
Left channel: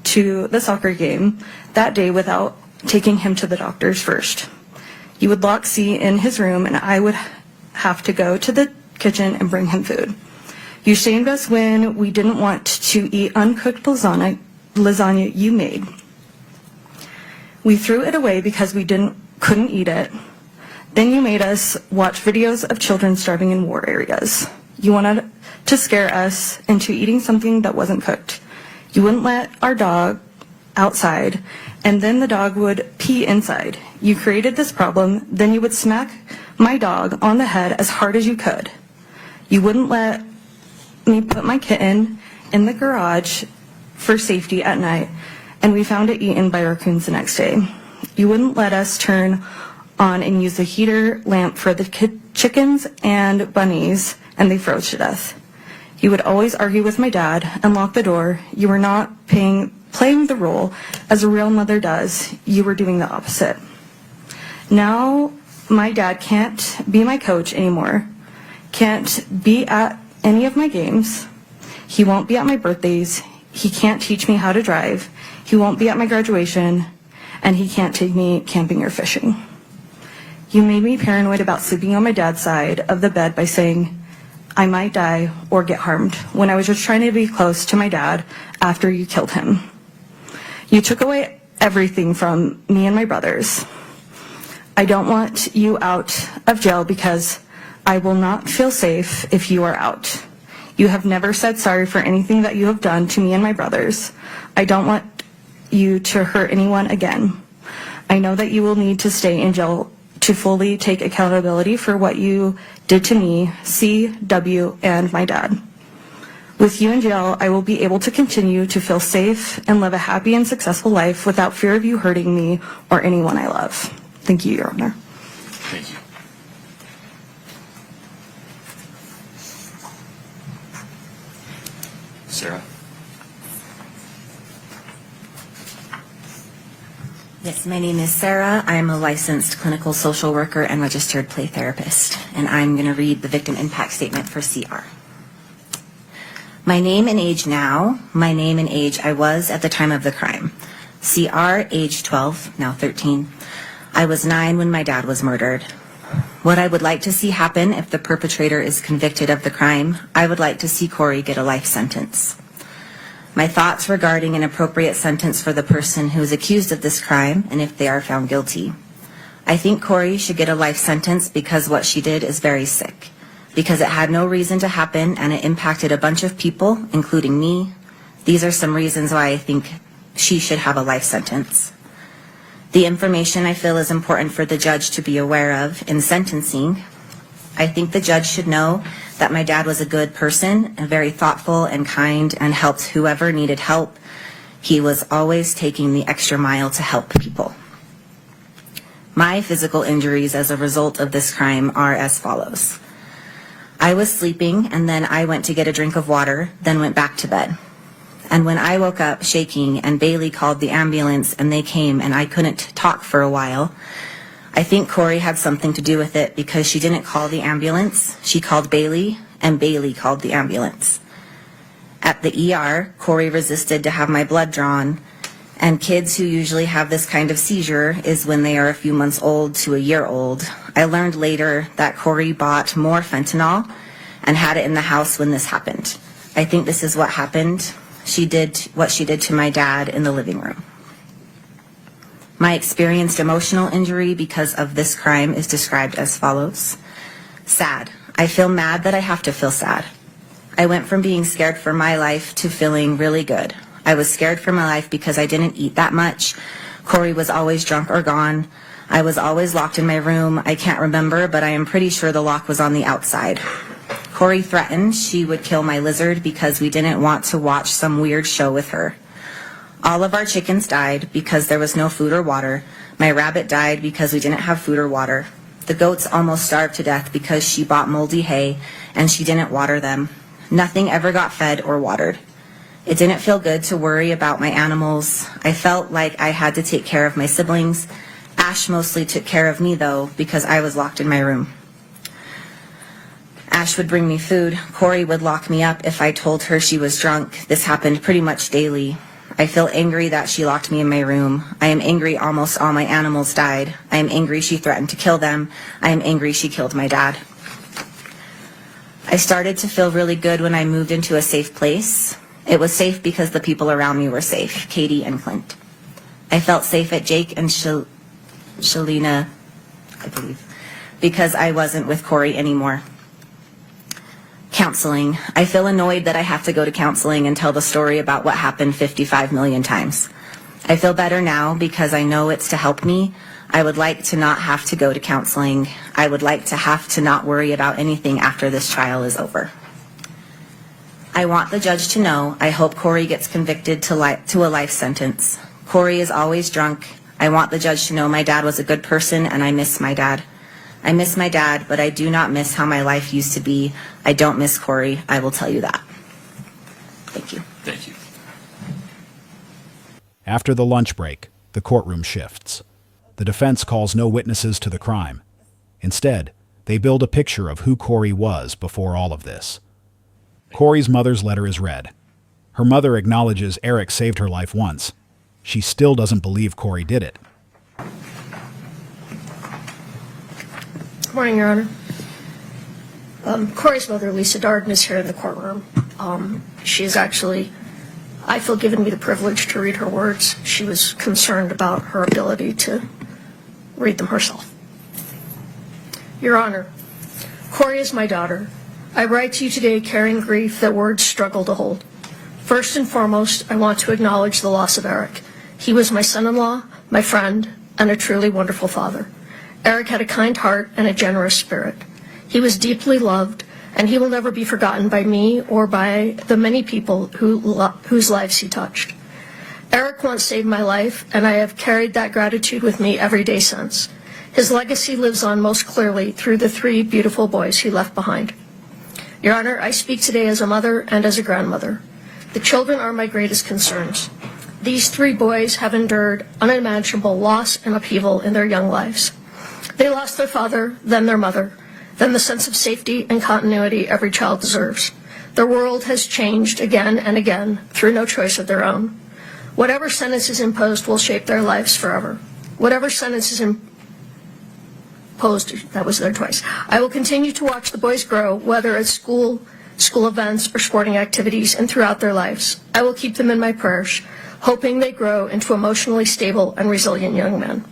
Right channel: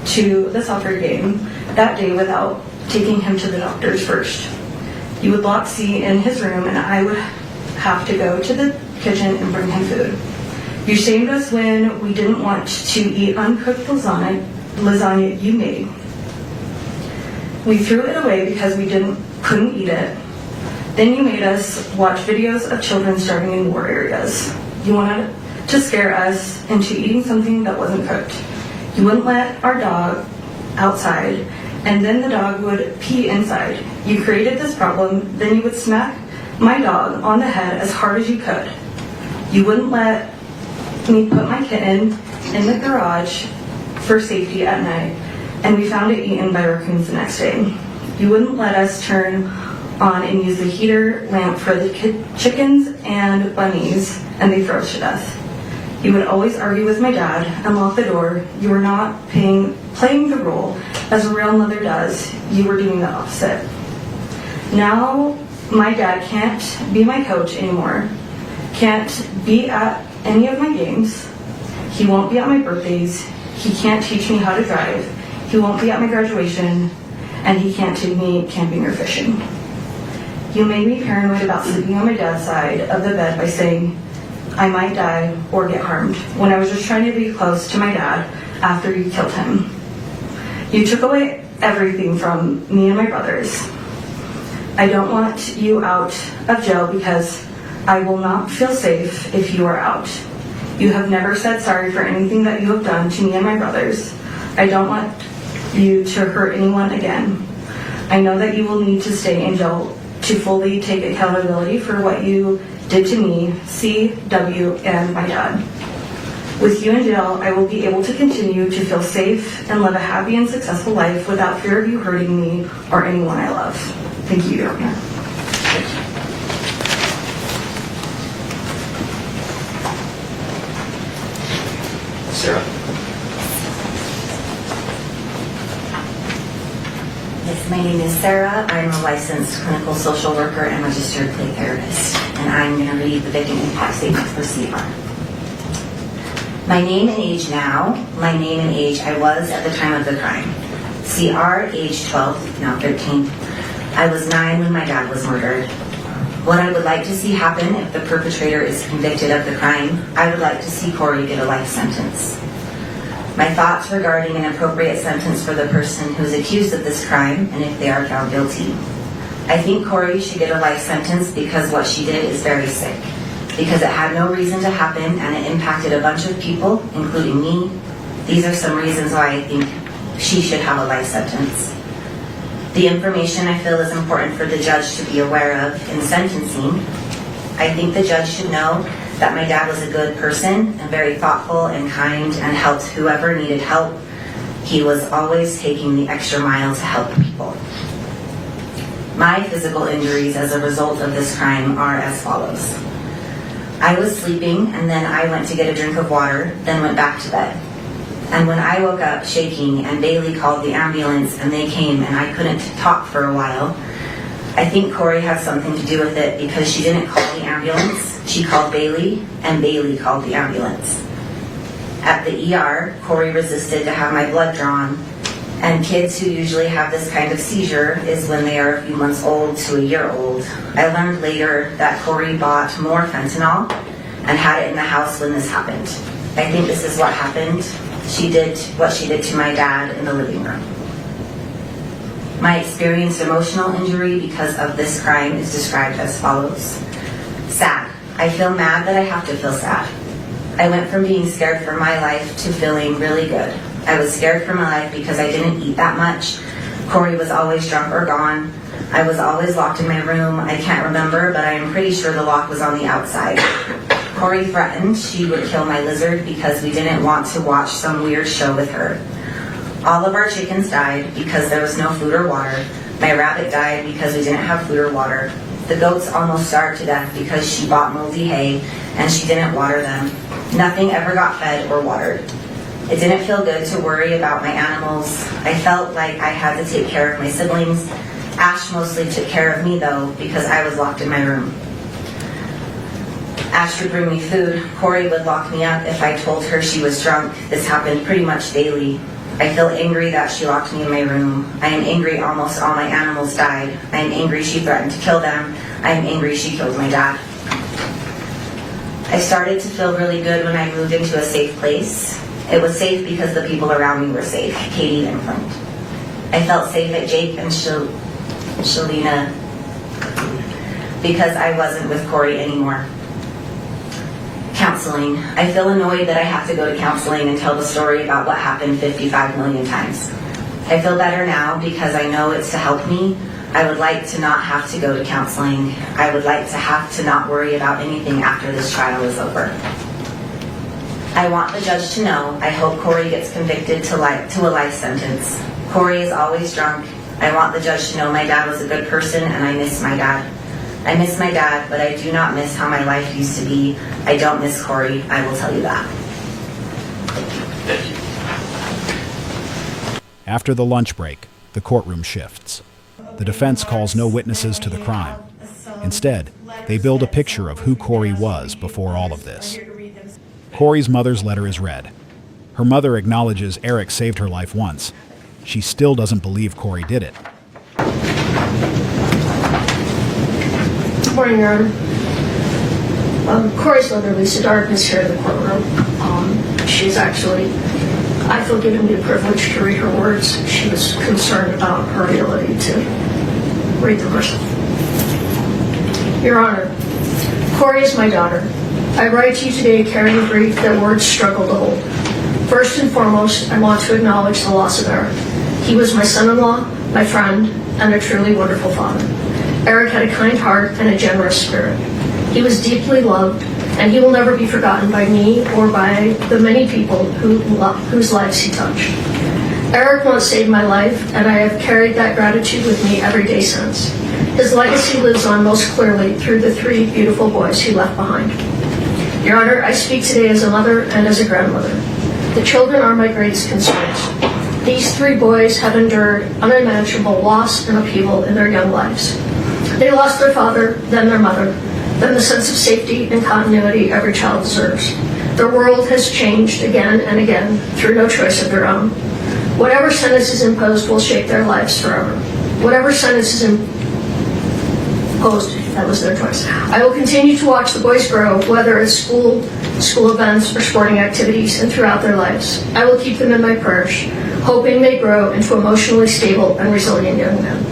to the soccer game that day without taking him to the doctors first. You would lock C in his room, and I would have to go to the kitchen and bring him food. You shamed us when we didn't want to eat uncooked lasagna you made. We threw it away because we couldn't eat it. Then you made us watch videos of children starving in war areas. You wanted to scare us into eating something that wasn't cooked. You wouldn't let our dog outside, and then the dog would pee inside. You created this problem, then you would smack my dog on the head as hard as you could. You wouldn't let me put my kitten in the garage for safety at night, and we found it eaten by raccoons the next day. You wouldn't let us turn on and use the heater lamp for the chickens and bunnies, and they froze to death. You would always argue with my dad and lock the door. You were not playing the role as a real mother does. You were doing the opposite. Now my dad can't be my coach anymore, can't be at any of my games. He won't be at my birthdays. He can't teach me how to drive. He won't be at my graduation, and he can't take me camping or fishing. You made me paranoid about sleeping on my dad's side of the bed by saying I might die or get harmed when I was just trying to be close to my dad after you killed him. You took away everything from me and my brothers. I don't want you out of jail because I will not feel safe if you are out. You have never said sorry for anything that you have done to me and my brothers. I don't want you to hurt anyone again. I know that you will need to stay in jail to fully take accountability for what you did to me, C, W, and my dad. With you in jail, I will be able to continue to feel safe and live a happy and successful life without fear of you hurting me or anyone I love. Thank you, Your Honor. Thank you. Sarah. Yes, my name is Sarah. I'm a licensed clinical social worker and registered play therapist, and I'm going to read the victim impact statement for CR. My name and age now, my name and age I was at the time of the crime. CR, age 12, now 13. I was 9 when my dad was murdered. What I would like to see happen if the perpetrator is convicted of the crime, I would like to see Kouri get a life sentence. My thoughts regarding an appropriate sentence for the person who is accused of this crime and if they are found guilty. I think Kouri should get a life sentence because what she did is very sick, because it had no reason to happen and it impacted a bunch of people, including me. These are some reasons why I think she should have a life sentence. The information I feel is important for the judge to be aware of in sentencing. I think the judge should know that my dad was a good person and very thoughtful and kind and helped whoever needed help. He was always taking the extra mile to help people. My physical injuries as a result of this crime are as follows. I was sleeping and then I went to get a drink of water, then went back to bed. And when I woke up shaking and Bailey called the ambulance and they came and I couldn't talk for a while, I think Kouri had something to do with it because she didn't call the ambulance. She called Bailey and Bailey called the ambulance. At the ER, Kouri resisted to have my blood drawn And kids who usually have this kind of seizure is when they are a few months old to a year old. I learned later that Kouri bought more fentanyl and had it in the house when this happened. I think this is what happened. She did what she did to my dad in the living room. My experienced emotional injury because of this crime is described as follows. Sad. I feel mad that I have to feel sad. I went from being scared for my life to feeling really good. I was scared for my life because I didn't eat that much. Kouri was always drunk or gone. I was always locked in my room. I can't remember, but I am pretty sure the lock was on the outside. Kouri threatened she would kill my lizard because we didn't want to watch some weird show with her. All of our chickens died because there was no food or water. My rabbit died because we didn't have food or water. The goats almost starved to death because she bought moldy hay and she didn't water them. Nothing ever got fed or watered. It didn't feel good to worry about my animals. I felt like I had to take care of my siblings. Ash mostly took care of me though because I was locked in my room. Ash would bring me food. Kouri would lock me up if I told her she was drunk. This happened pretty much daily. I feel angry that she locked me in my room. I am angry almost all my animals died. I am angry she threatened to kill them. I am angry she killed my dad. I started to feel really good when I moved into a safe place. It was safe because the people around me were safe, Katie and Clint. I felt safe at Jake and Shalina because I wasn't with Kouri anymore. Counseling. I feel annoyed that I have to go to counseling and tell the story about what happened 55 million times. I feel better now because I know it's to help me. I would like to not have to go to counseling. I would like to have to not worry about anything after this trial is over. I want the judge to know I hope Kouri gets convicted to a life sentence. Kouri is always drunk. I want the judge to know my dad was a good person and I miss my dad. I miss my dad, but I do not miss how my life used to be. I don't miss Kouri, I will tell you that. Thank you. After the lunch break, the courtroom shifts. The defense calls no witnesses to the crime. Instead, they build a picture of who Kouri was before all of this. Kouri's mother's letter is read. Her mother acknowledges Eric saved her life once. She still doesn't believe Kouri did it. Good morning, Your Honor. Kouri's mother, Lisa Darden, is here in the courtroom. She's actually, I feel, given me the privilege to read her words. She was concerned about her ability to read them herself. Your Honor, Kouri is my daughter. I write to you today carrying grief that words struggle to hold. First and foremost, I want to acknowledge the loss of Eric. He was my son-in-law, my friend, and a truly wonderful father. Eric had a kind heart and a generous spirit. He was deeply loved, and he will never be forgotten by me or by the many people whose lives he touched. Eric once saved my life, and I have carried that gratitude with me every day since. His legacy lives on most clearly through the 3 beautiful boys he left behind. Your Honor, I speak today as a mother and as a grandmother. The children are my greatest concerns. These 3 boys have endured unimaginable loss and upheaval in their young lives. They lost their father, then their mother, then the sense of safety and continuity every child deserves. Their world has changed again and again through no choice of their own. Whatever sentence is imposed will shape their lives forever. Whatever sentence is imposed, that was their choice. I will continue to watch the boys grow, whether at school events, or sporting activities, and throughout their lives. I will keep them in my prayers, hoping they grow into emotionally stable and resilient young men.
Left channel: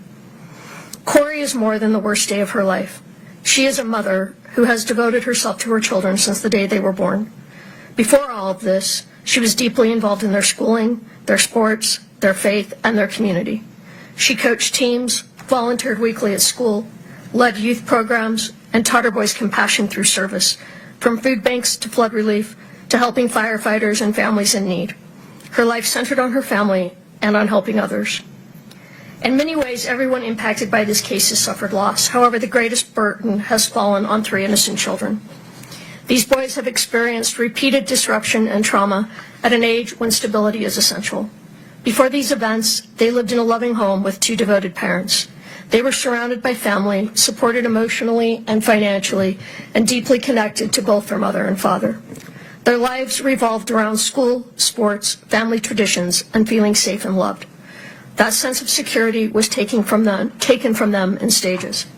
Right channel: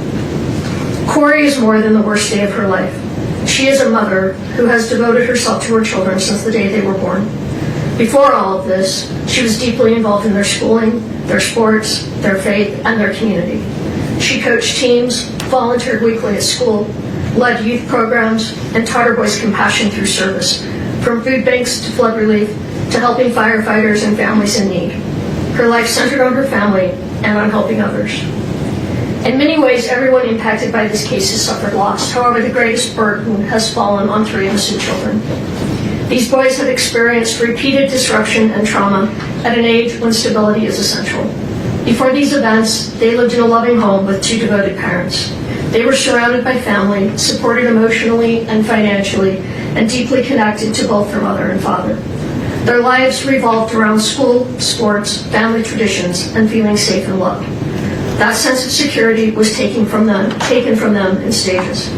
Kouri is more than the worst day of her life. She is a mother who has devoted herself to her children since the day they were born. Before all of this, she was deeply involved in their schooling, their sports, their faith, and their community. She coached teams, volunteered weekly at school, led youth programs, and taught her boys compassion through service, from food banks to flood relief to helping firefighters and families in need. Her life centered on her family and on helping others. In many ways, everyone impacted by this case has suffered loss. However, the greatest burden has fallen on 3 innocent children. These boys have experienced repeated disruption and trauma at an age when stability is essential. Before these events, they lived in a loving home with 2 devoted parents. They were surrounded by family, supported emotionally and financially, and deeply connected to both their mother and father. Their lives revolved around school, sports, family traditions, and feeling safe and loved. That sense of security was taken from them in stages.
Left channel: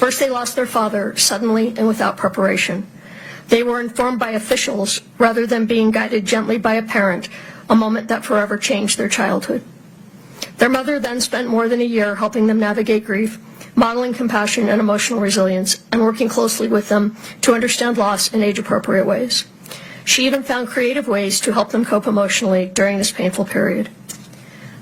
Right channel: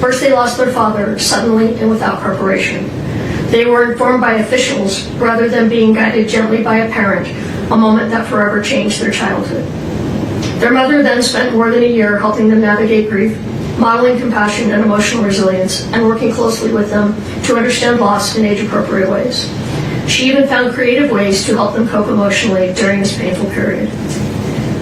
First, they lost their father suddenly and without preparation. They were informed by officials rather than being guided gently by a parent, a moment that forever changed their childhood. Their mother then spent more than a year helping them navigate grief, modeling compassion and emotional resilience, and working closely with them to understand loss in age-appropriate ways. She even found creative ways to help them cope emotionally during this painful period.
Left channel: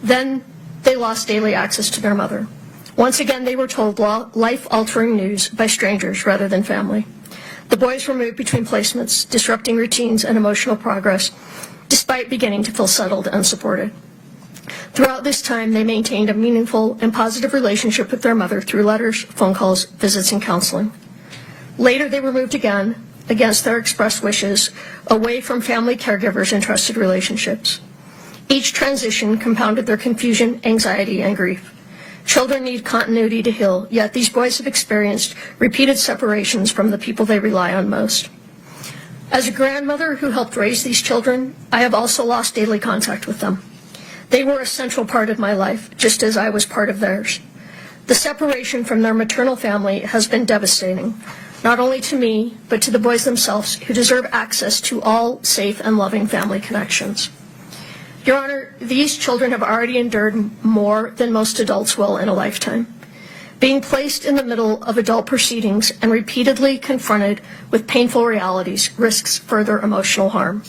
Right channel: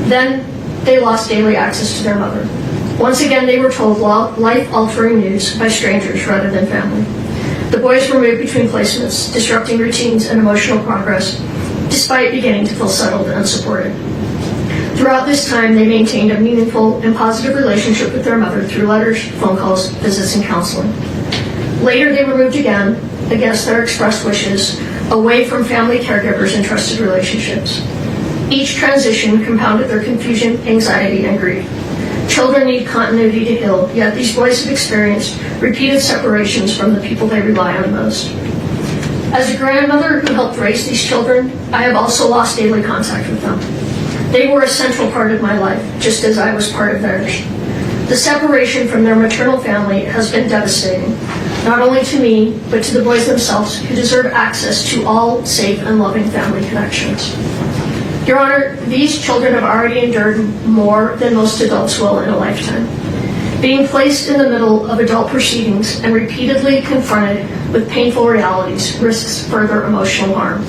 Then, they lost daily access to their mother. Once again, they were told life-altering news by strangers rather than family. The boys were moved between placements, disrupting routines and emotional progress, despite beginning to feel settled and unsupported. Throughout this time, they maintained a meaningful and positive relationship with their mother through letters, phone calls, visits, and counseling. Later, they were moved again, against their expressed wishes, away from family caregivers and trusted relationships. Each transition compounded their confusion, anxiety, and grief. Children need continuity to heal, yet these boys have experienced repeated separations from the people they rely on most. As a grandmother who helped raise these children, I have also lost daily contact with them. They were a central part of my life, just as I was part of theirs. The separation from their maternal family has been devastating, not only to me, but to the boys themselves, who deserve access to all safe and loving family connections. Your Honor, these children have already endured more than most adults will in a lifetime. Being placed in the middle of adult proceedings and repeatedly confronted with painful realities risks further emotional harm.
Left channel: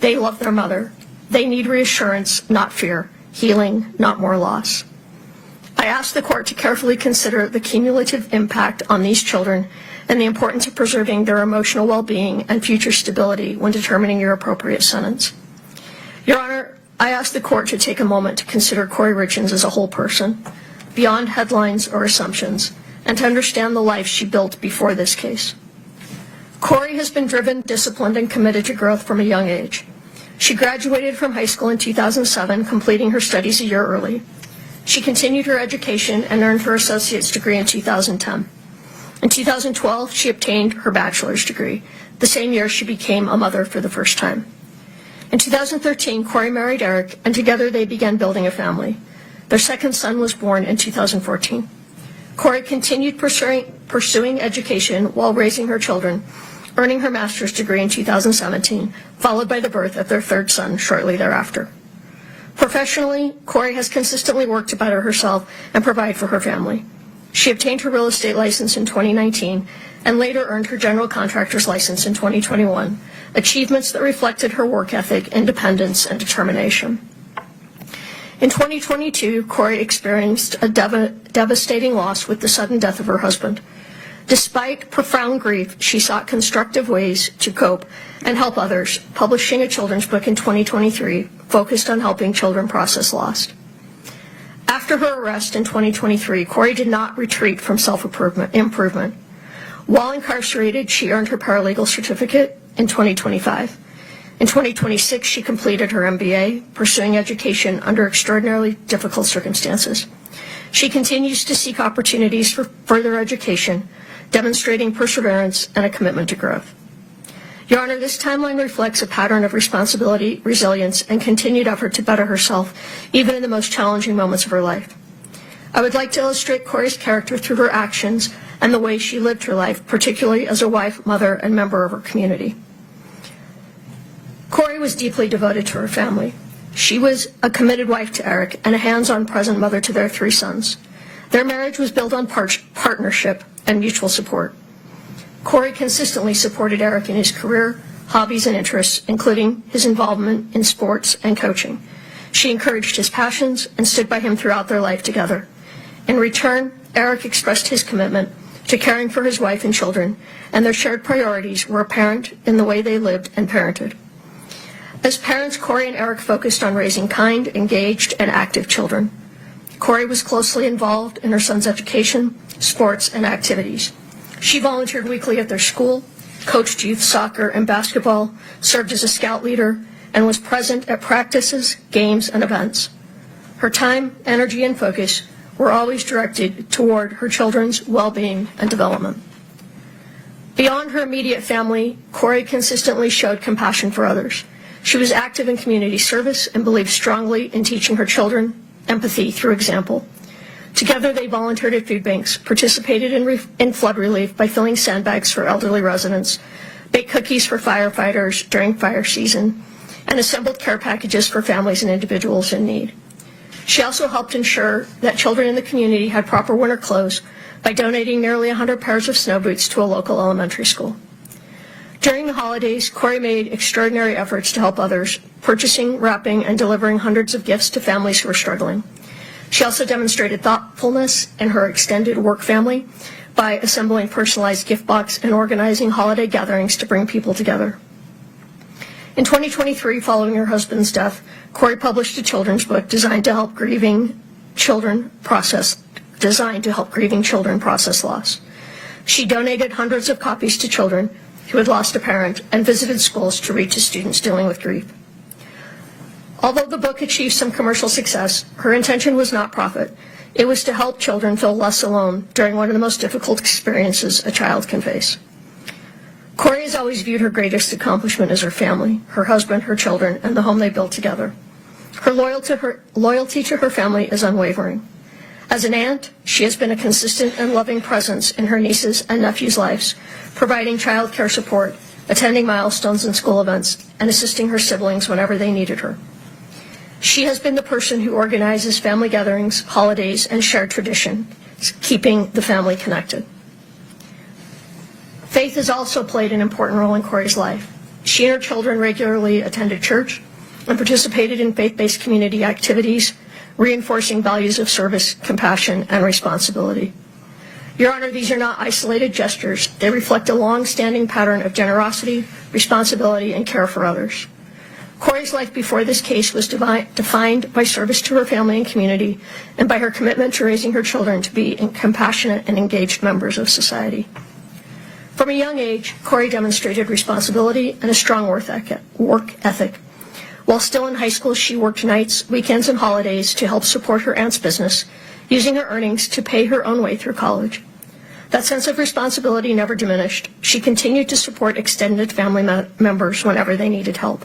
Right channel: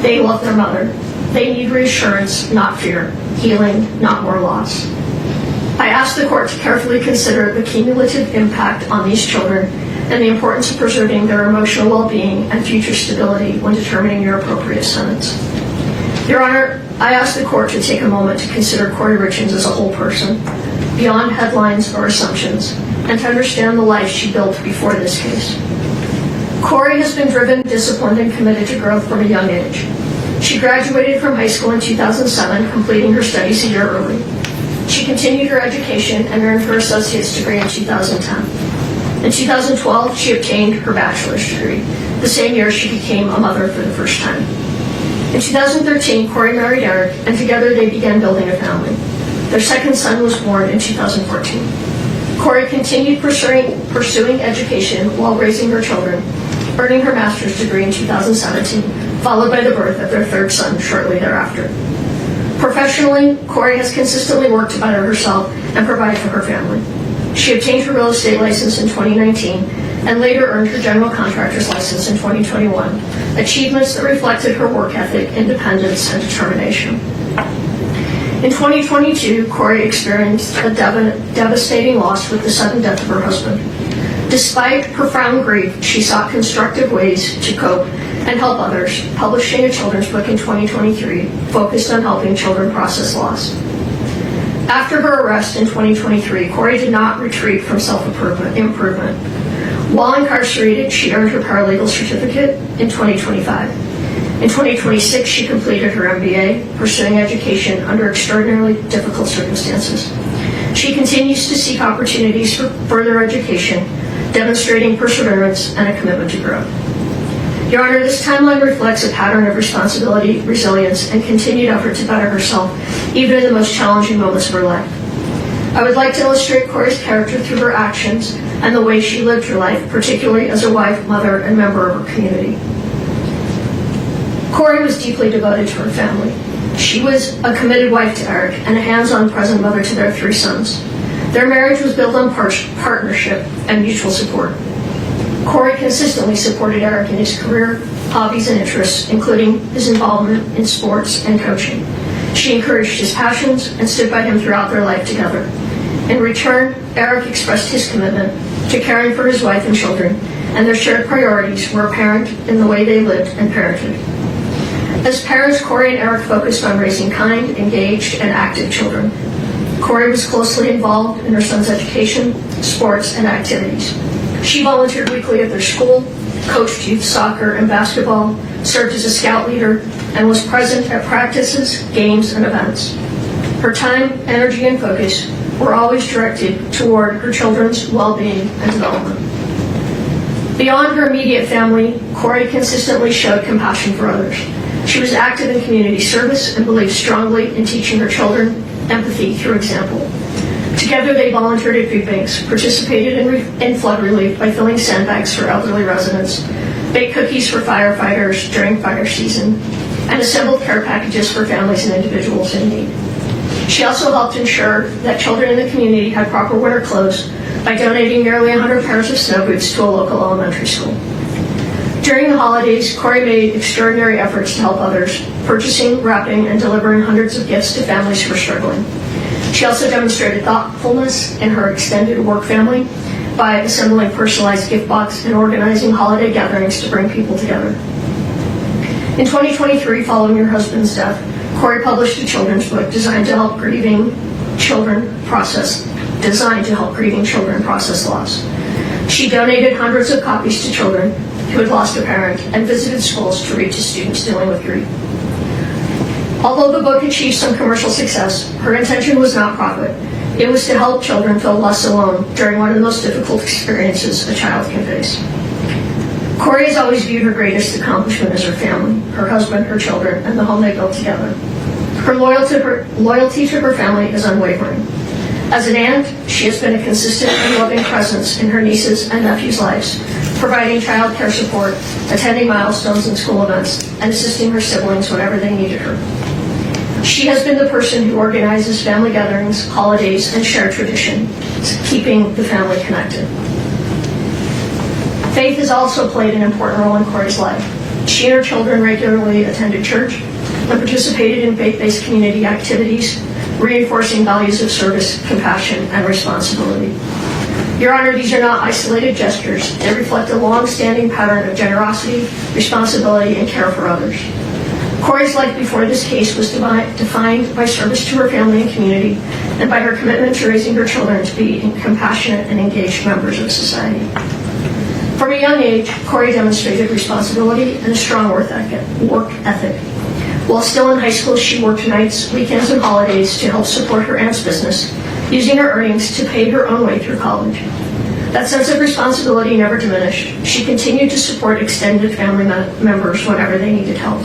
They love their mother. They need reassurance, not fear, healing, not more loss. I ask the court to carefully consider the cumulative impact on these children and the importance of preserving their emotional well-being and future stability when determining your appropriate sentence. Your Honor, I ask the court to take a moment to consider Kouri Richins as a whole person, beyond headlines or assumptions, and to understand the life she built before this case. Kouri has been driven, disciplined, and committed to growth from a young age. She graduated from high school in 2007, completing her studies a year early. She continued her education and earned her associate's degree in 2010. In 2012, she obtained her bachelor's degree, the same year she became a mother for the first time. In 2013, Kouri married Eric, and together they began building a family. Their second son was born in 2014. Kouri continued pursuing education while raising her children, earning her master's degree in 2017, followed by the birth of their third son shortly thereafter. Professionally, Kouri has consistently worked to better herself and provide for her family. She obtained her real estate license in 2019 and later earned her general contractor's license in 2021, achievements that reflected her work ethic, independence, and determination. In 2022, Kouri experienced a devastating loss with the sudden death of her husband. Despite profound grief, she sought constructive ways to cope and help others, publishing a children's book in 2023 focused on helping children process loss. After her arrest in 2023, Kouri did not retreat from self-improvement. While incarcerated, she earned her paralegal certificate in 2025. In 2026, she completed her MBA, pursuing education under extraordinarily difficult circumstances. She continues to seek opportunities for further education, demonstrating perseverance and a commitment to growth. Your Honor, this timeline reflects a pattern of responsibility, resilience, and continued effort to better herself, even in the most challenging moments of her life. I would like to illustrate Kouri's character through her actions and the way she lived her life, particularly as a wife, mother, and member of her community. Kouri was deeply devoted to her family. She was a committed wife to Eric and a hands-on present mother to their 3 sons. Their marriage was built on partnership and mutual support. Kouri consistently supported Eric in his career, hobbies, and interests, including his involvement in sports and coaching. She encouraged his passions and stood by him throughout their life together. In return, Eric expressed his commitment to caring for his wife and children, and their shared priorities were apparent in the way they lived and parented. As parents, Kouri and Eric focused on raising kind, engaged, and active children. Kouri was closely involved in her son's education, sports, and activities. She volunteered weekly at their school, coached youth soccer and basketball, served as a scout leader, and was present at practices, games, and events. Her time, energy, and focus were always directed toward her children's well-being and development. Beyond her immediate family, Kouri consistently showed compassion for others. She was active in community service and believed strongly in teaching her children empathy through example. Together, they volunteered at food banks, participated in flood relief by filling sandbags for elderly residents, baked cookies for firefighters during fire season, and assembled care packages for families and individuals in need. She also helped ensure that children in the community had proper winter clothes by donating nearly 100 pairs of snow boots to a local elementary school. During the holidays, Kouri made extraordinary efforts to help others, purchasing, wrapping, and delivering hundreds of gifts to families who were struggling. She also demonstrated thoughtfulness in her extended work family by assembling personalized gift boxes and organizing holiday gatherings to bring people together. In 2023, following her husband's death, Kouri published a children's book designed to help grieving children process loss. She donated hundreds of copies to children who had lost a parent and visited schools to reach students dealing with grief. Although the book achieved some commercial success, her intention was not profit. It was to help children feel less alone during one of the most difficult experiences a child can face. Kouri has always viewed her greatest accomplishment as her family, her husband, her children, and the home they built together. Her loyalty to her family is unwavering. As an aunt, she has been a consistent and loving presence in her nieces' and nephews' lives, providing child care support, attending milestones and school events, and assisting her siblings whenever they needed her. She has been the person who organizes family gatherings, holidays, and shared tradition, keeping the family connected. Faith has also played an important role in Kouri's life. She and her children regularly attended church and participated in faith-based community activities, reinforcing values of service, compassion, and responsibility. Your Honor, these are not isolated gestures. They reflect a long-standing pattern of generosity, responsibility, and care for others. Kouri's life before this case was defined by service to her family and community, and by her commitment to raising her children to be compassionate and engaged members of society. From a young age, Kouri demonstrated responsibility and a strong work ethic. While still in high school, she worked nights, weekends, and holidays to help support her aunt's business, using her earnings to pay her own way through college. That sense of responsibility never diminished. She continued to support extended family members whenever they needed help.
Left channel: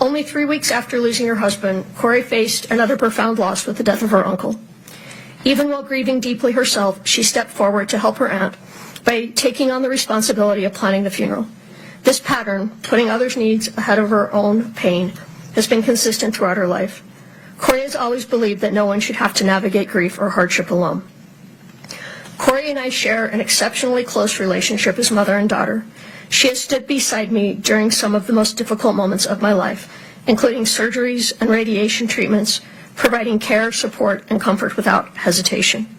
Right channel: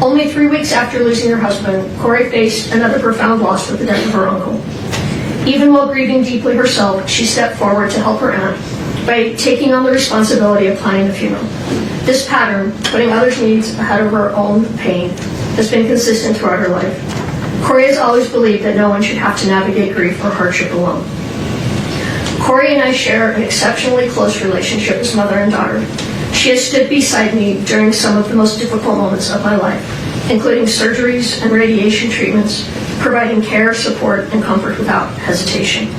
Only 3 weeks after losing her husband, Kouri faced another profound loss with the death of her uncle. Even while grieving deeply herself, she stepped forward to help her aunt by taking on the responsibility of planning the funeral. This pattern, putting others' needs ahead of her own pain, has been consistent throughout her life. Kouri has always believed that no one should have to navigate grief or hardship alone. Kouri and I share an exceptionally close relationship as mother and daughter. She has stood beside me during some of the most difficult moments of my life, including surgeries and radiation treatments, providing care, support, and comfort without hesitation.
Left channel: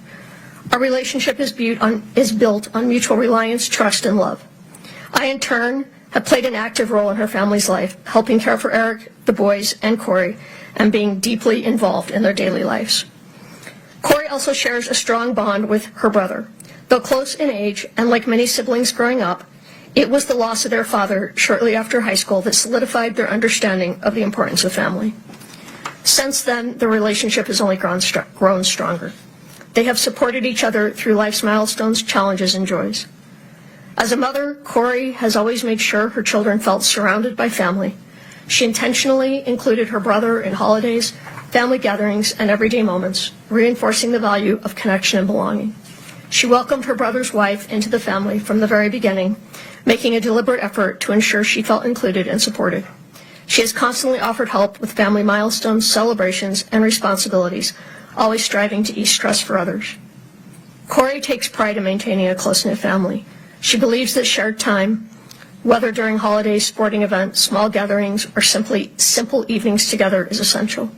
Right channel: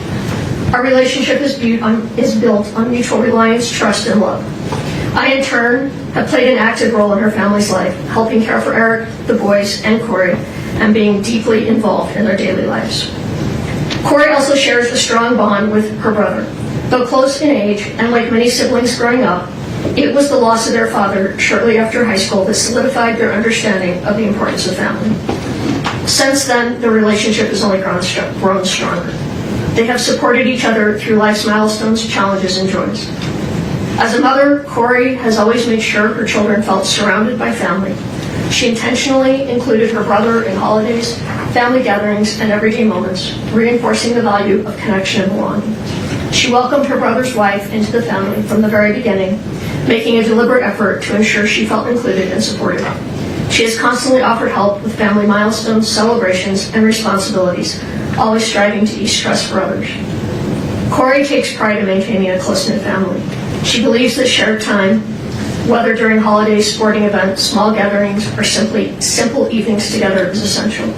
Our relationship is built on mutual reliance, trust, and love. I, in turn, have played an active role in her family's life, helping care for Eric, the boys, and Kouri, and being deeply involved in their daily lives. Kouri also shares a strong bond with her brother. Though close in age, and like many siblings growing up, it was the loss of their father shortly after high school that solidified their understanding of the importance of family. Since then, the relationship has only grown stronger. They have supported each other through life's milestones, challenges, and joys. As a mother, Kouri has always made sure her children felt surrounded by family. She intentionally included her brother in holidays, family gatherings, and everyday moments, reinforcing the value of connection and belonging. She welcomed her brother's wife into the family from the very beginning, making a deliberate effort to ensure she felt included and supported. She has constantly offered help with family milestones, celebrations, and responsibilities, always striving to ease stress for others. Kouri takes pride in maintaining a close-knit family. She believes that shared time, whether during holidays, sporting events, small gatherings, or simply simple evenings together, is essential.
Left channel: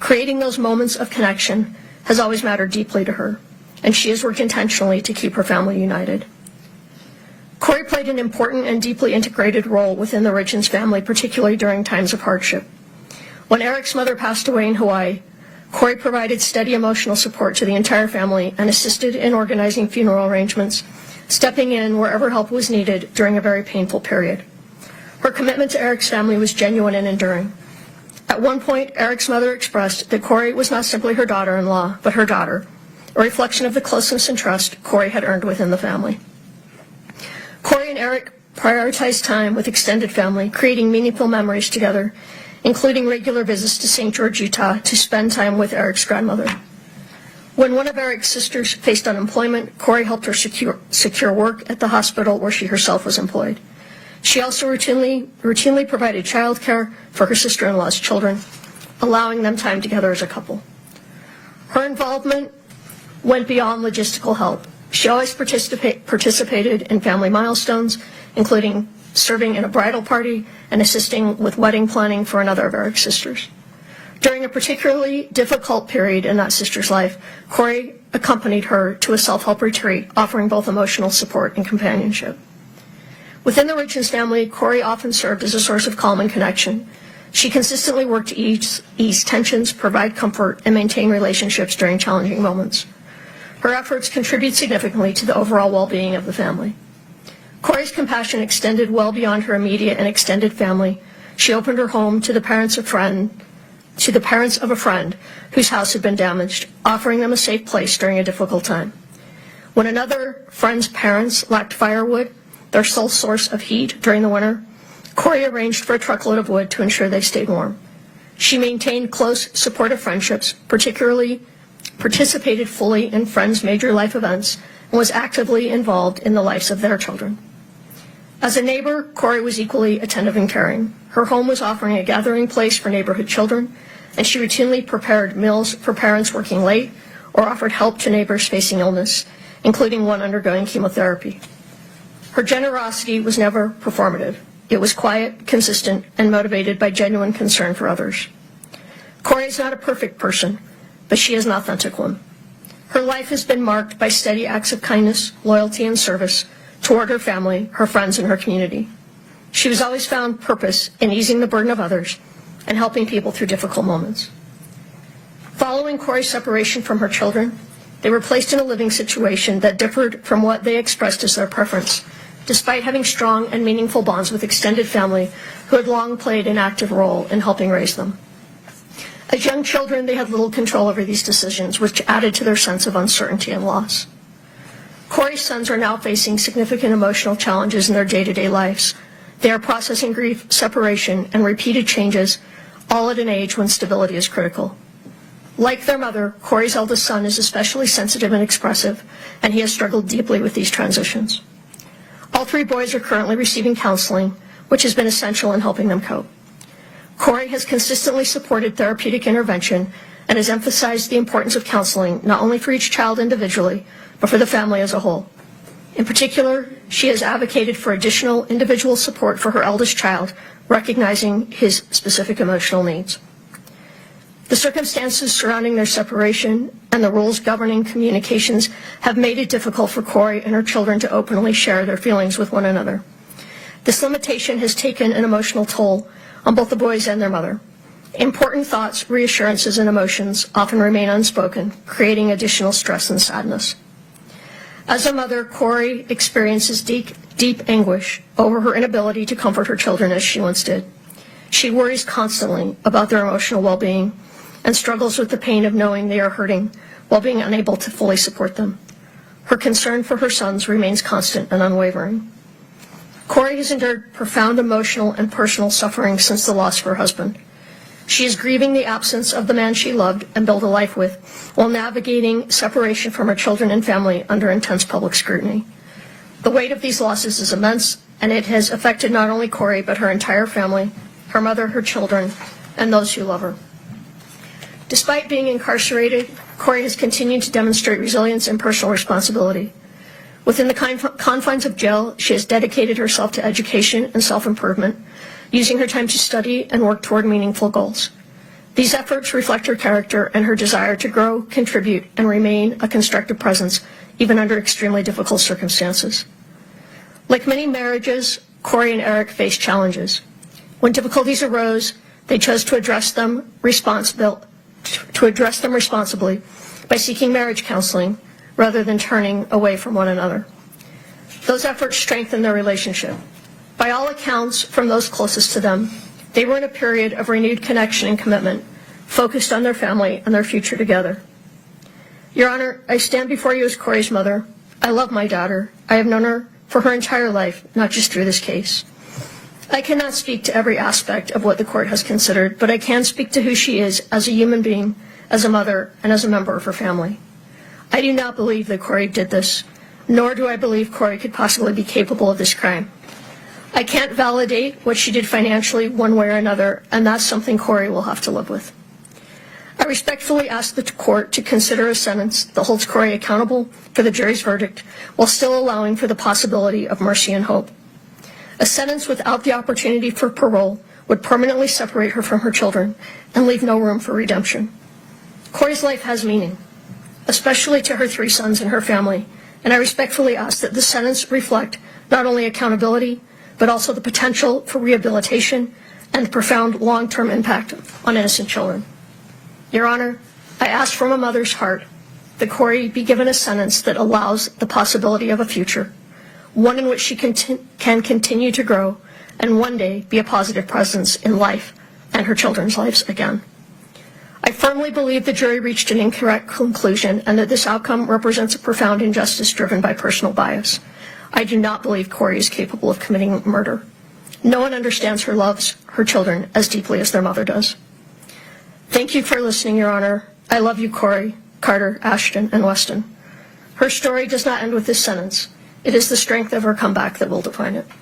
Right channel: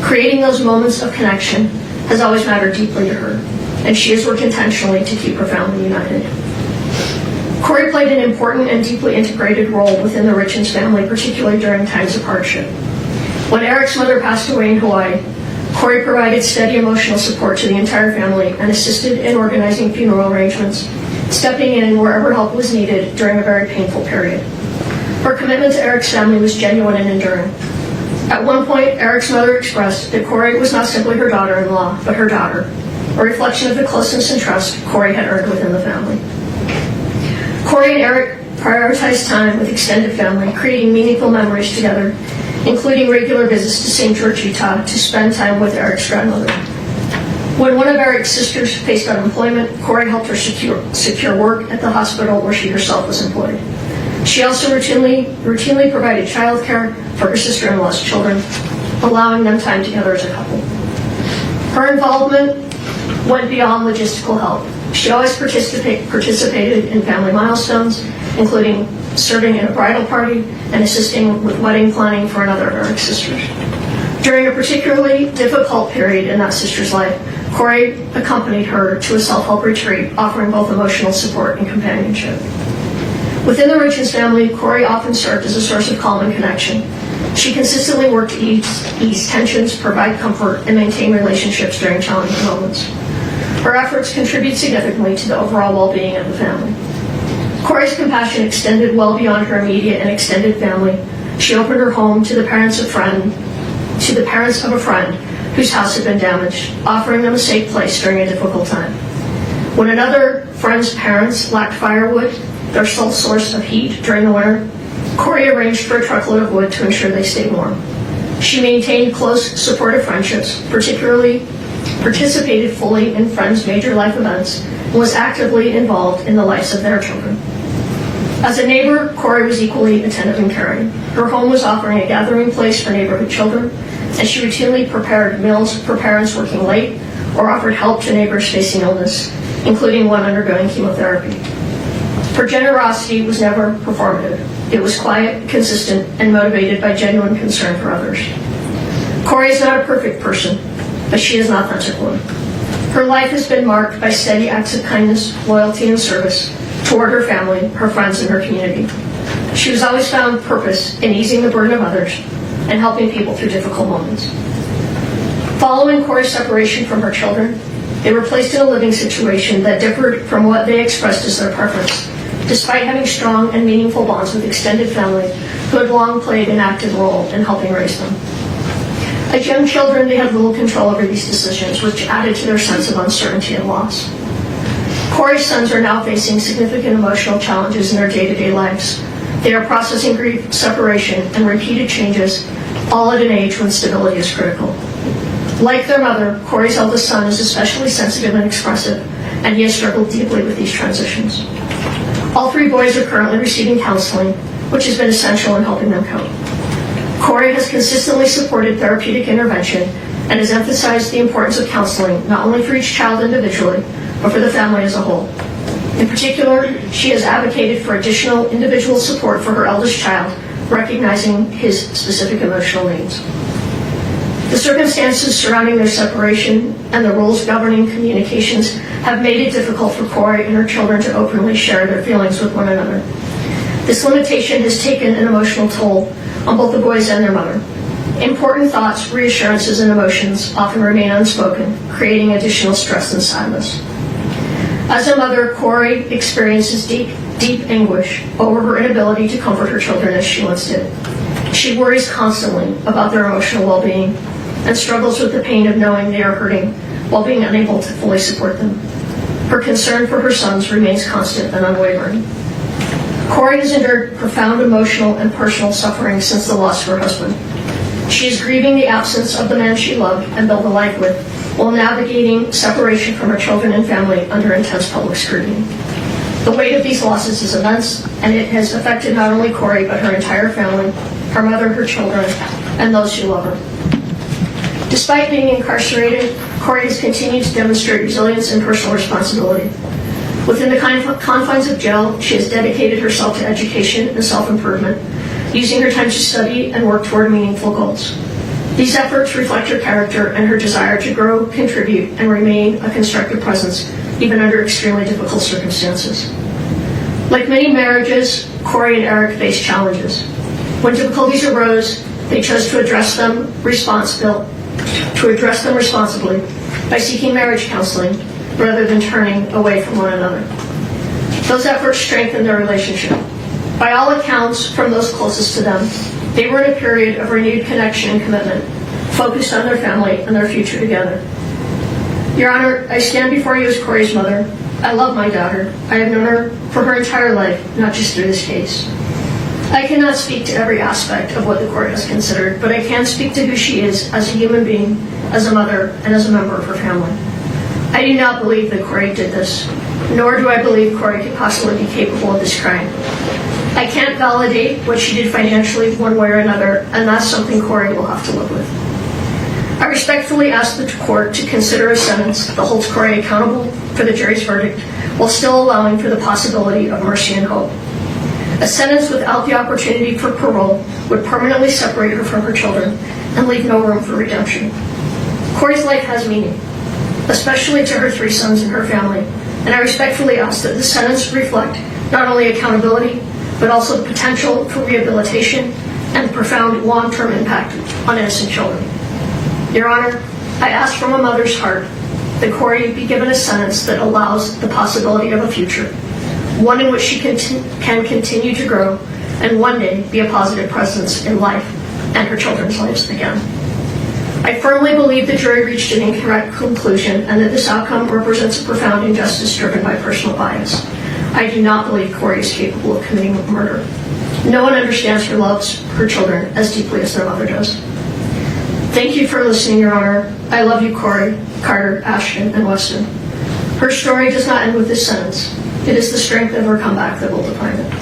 Creating those moments of connection has always mattered deeply to her, and she has worked intentionally to keep her family united. Kouri played an important and deeply integrated role within the Richins family, particularly during times of hardship. When Eric's mother passed away in Hawaii, Kouri provided steady emotional support to the entire family and assisted in organizing funeral arrangements, stepping in wherever help was needed during a very painful period. Her commitment to Eric's family was genuine and enduring. At one point, Eric's mother expressed that Kouri was not simply her daughter-in-law, but her daughter, a reflection of the closeness and trust Kouri had earned within the family. Kouri and Eric prioritized time with extended family, creating meaningful memories together, including regular visits to St. George, Utah, to spend time with Eric's grandmother. When one of Eric's sisters faced unemployment, Kouri helped her secure work at the hospital where she herself was employed. She also routinely provided childcare for her sister-in-law's children, allowing them time together as a couple. Her involvement went beyond logistical help. She always participated in family milestones, including serving at a bridal party and assisting with wedding planning for another of Eric's sisters. During a particularly difficult period in that sister's life, Kouri accompanied her to a self-help retreat, offering both emotional support and companionship. Within the Richins family, Kouri often served as a source of calm and connection. She consistently worked to ease tensions, provide comfort, and maintain relationships during challenging moments. Her efforts contribute significantly to the overall well-being of the family. Kouri's compassion extended well beyond her immediate and extended family. She opened her home to the parents of a friend whose house had been damaged, offering them a safe place during a difficult time. When another friend's parents lacked firewood, their sole source of heat during the winter, Kouri arranged for a truckload of wood to ensure they stayed warm. She maintained close, supportive friendships, particularly participated fully in friends' major life events, and was actively involved in the lives of their children. As a neighbor, Kouri was equally attentive and caring. Her home was offering a gathering place for neighborhood children, and she routinely prepared meals for parents working late or offered help to neighbors facing illness, including one undergoing chemotherapy. Her generosity was never performative. It was quiet, consistent, and motivated by genuine concern for others. Kouri is not a perfect person, but she is an authentic one. Her life has been marked by steady acts of kindness, loyalty, and service toward her family, her friends, and her community. She has always found purpose in easing the burden of others and helping people through difficult moments. Following Kouri's separation from her children, they were placed in a living situation that differed from what they expressed as their preference, despite having strong and meaningful bonds with extended family who had long played an active role in helping raise them. As young children, they had little control over these decisions, which added to their sense of uncertainty and loss. Kouri's sons are now facing significant emotional challenges in their day-to-day lives. They are processing grief, separation, and repeated changes, all at an age when stability is critical. Like their mother, Kouri's eldest son is especially sensitive and expressive, and he has struggled deeply with these transitions. All three boys are currently receiving counseling, which has been essential in helping them cope. Kouri has consistently supported therapeutic intervention and has emphasized the importance of counseling not only for each child individually, but for the family as a whole. In particular, she has advocated for additional individual support for her eldest child, recognizing his specific emotional needs. The circumstances surrounding their separation and the rules governing communications have made it difficult for Kouri and her children to openly share their feelings with one another. This limitation has taken an emotional toll on both the boys and their mother. Important thoughts, reassurances, and emotions often remain unspoken, creating additional stress and sadness. As a mother, Kouri experiences deep anguish over her inability to comfort her children as she once did. She worries constantly about their emotional well-being and struggles with the pain of knowing they are hurting while being unable to fully support them. Her concern for her sons remains constant and unwavering. Kouri has endured profound emotional and personal suffering since the loss of her husband. She is grieving the absence of the man she loved and built a life with, while navigating separation from her children and family under intense public scrutiny. The weight of these losses is immense, and it has affected not only Kouri, but her entire family, her mother, her children, and those who love her. Despite being incarcerated, Kouri has continued to demonstrate resilience and personal responsibility. Within the confines of jail, she has dedicated herself to education and self-improvement, using her time to study and work toward meaningful goals. These efforts reflect her character and her desire to grow, contribute, and remain a constructive presence, even under extremely difficult circumstances. Like many marriages, Kouri and Eric faced challenges. When difficulties arose, they chose to address them responsibly by seeking marriage counseling rather than turning away from one another. Those efforts strengthened their relationship. By all accounts from those closest to them, they were in a period of renewed connection and commitment, focused on their family and their future together. Your Honor, I stand before you as Kouri's mother. I love my daughter. I have known her for her entire life, not just through this case. I cannot speak to every aspect of what the court has considered, but I can speak to who she is as a human being, as a mother, and as a member of her family. I do not believe that Kouri did this, nor do I believe Kouri could possibly be capable of this crime. I can't validate what she did financially one way or another, and that's something Kouri will have to live with. I respectfully ask the court to consider a sentence that holds Kouri accountable for the jury's verdict, while still allowing for the possibility of mercy and hope. A sentence without the opportunity for parole would permanently separate her from her children and leave no room for redemption. Kouri's life has meaning, especially to her 3 sons and her family, and I respectfully ask that the sentence reflect not only accountability, but also the potential for rehabilitation and the profound long-term impact on innocent children. Your Honor, I ask from a mother's heart that Kouri be given a sentence that allows the possibility of a future, one in which she can continue to grow and one day be a positive presence in life and her children's lives again. I firmly believe the jury reached an incorrect conclusion and that this outcome represents a profound injustice driven by personal bias. I do not believe Kouri is capable of committing murder. No one understands or loves her children as deeply as their mother does. Thank you for listening, Your Honor. I love you, Kouri, Carter, Ashton, and Weston. Her story does not end with this sentence. It is the strength of her comeback that will define it.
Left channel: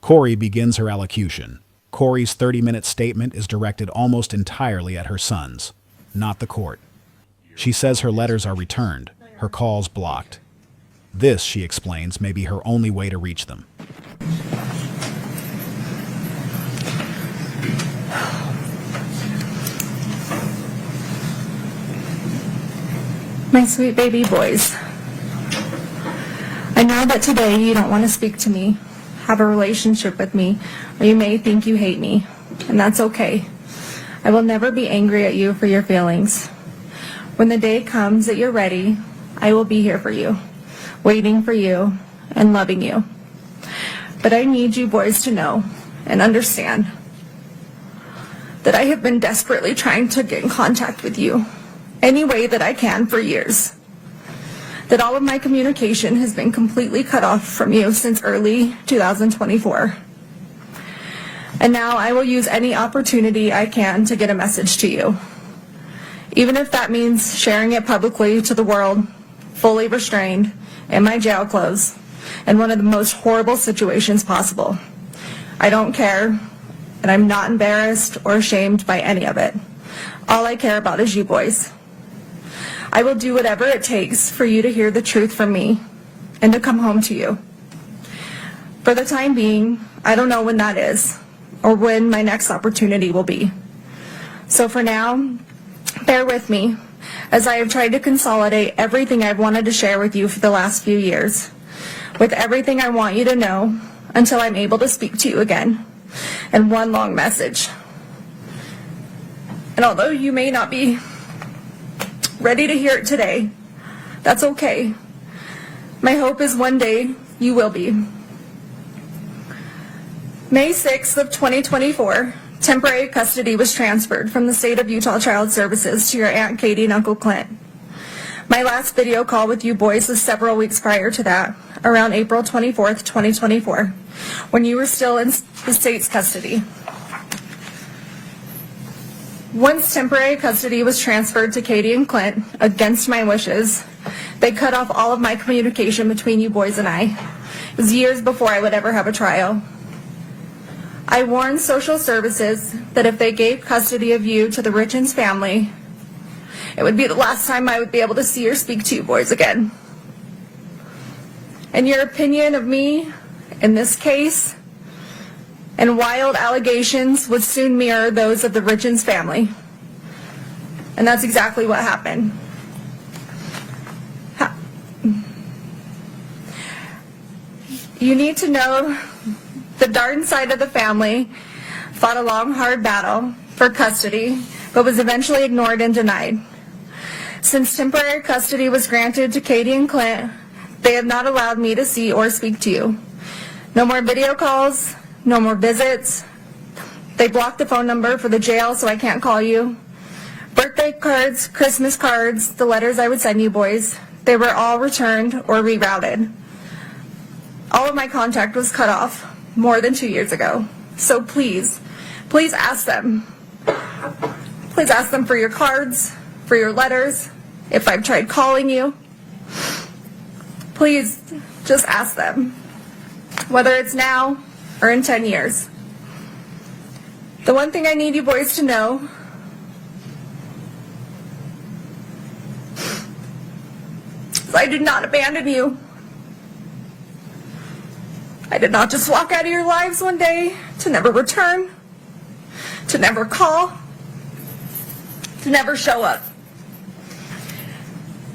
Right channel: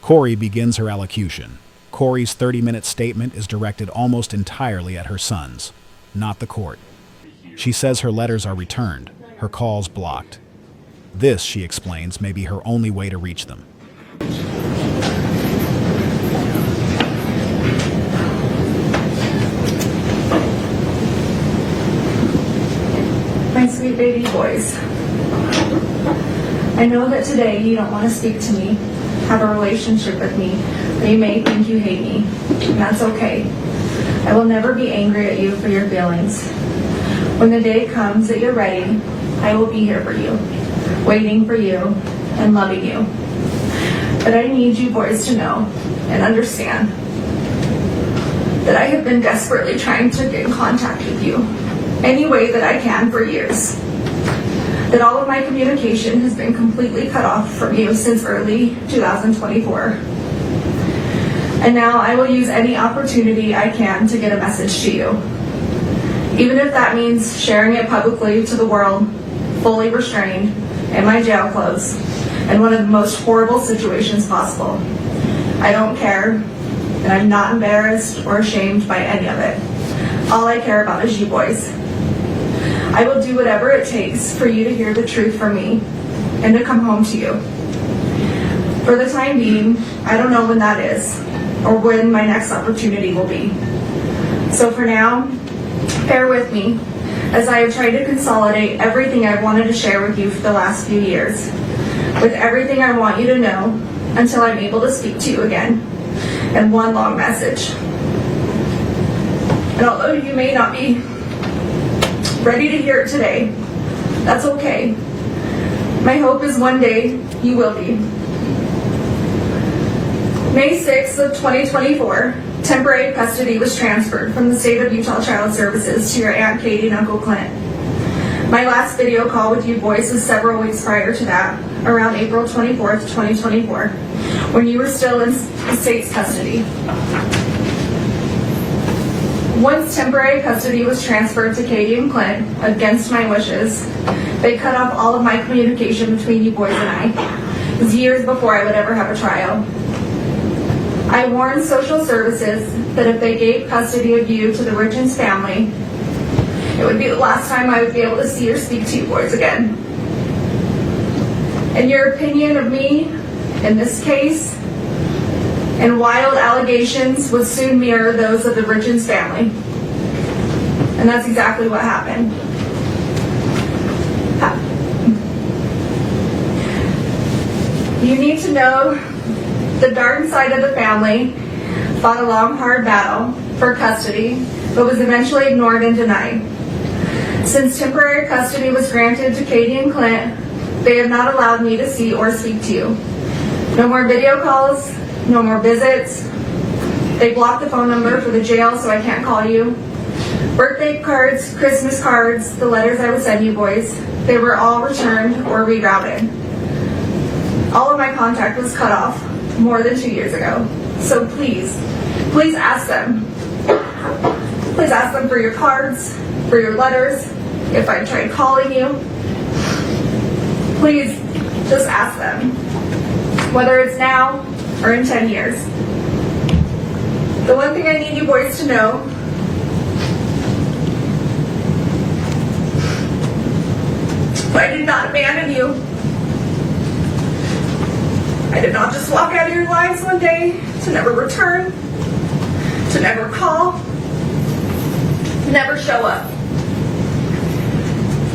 Kouri begins her allocution. Kouri's 30-minute statement is directed almost entirely at her sons, not the court. She says her letters are returned, her calls blocked. This, she explains, may be her only way to reach them. My sweet baby boys, I know that today you don't want to speak to me, have a relationship with me, or you may think you hate me, and that's okay. I will never be angry at you for your feelings. When the day comes that you're ready, I will be here for you, waiting for you, and loving you. But I need you boys to know and understand that I have been desperately trying to get in contact with you any way that I can for years. That all of my communication has been completely cut off from you since early 2024. And now I will use any opportunity I can to get a message to you. Even if that means sharing it publicly to the world, fully restrained, in my jail clothes, in one of the most horrible situations possible. I don't care, and I'm not embarrassed or ashamed by any of it. All I care about is you boys. I will do whatever it takes for you to hear the truth from me and to come home to you. For the time being, I don't know when that is or when my next opportunity will be. So for now, bear with me as I have tried to consolidate everything I've wanted to share with you for the last few years, with everything I want you to know until I'm able to speak to you again in one long message. And although you may not be ready to hear it today, that's okay. My hope is one day you will be. May 6th of 2024, temporary custody was transferred from the state of Utah Child Services to your Aunt Katie and Uncle Clint. My last video call with you boys was several weeks prior to that, around April 24th, 2024, when you were still in the state's custody. Once temporary custody was transferred to Katie and Clint, against my wishes, they cut off all of my communication between you boys and I. It was years before I would ever have a trial. I warned social services that if they gave custody of you to the Richins family, it would be the last time I would be able to see or speak to you boys again. And your opinion of me in this case and wild allegations would soon mirror those of the Richins family. And that's exactly what happened. You need to know the Darden side of the family fought a long, hard battle for custody, but was eventually ignored and denied. Since temporary custody was granted to Katie and Clint, they have not allowed me to see or speak to you. No more video calls, no more visits. They blocked the phone number for the jail so I can't call you. Birthday cards, Christmas cards, the letters I would send you boys, they were all returned or rerouted. All of my contact was cut off more than 2 years ago. So please ask them. Please ask them for your cards, for your letters, if I've tried calling you. Please just ask them, whether it's now or in 10 years. The one thing I need you boys to know is I did not abandon you. I did not just walk out of your lives one day to never return, to never call, to never show up.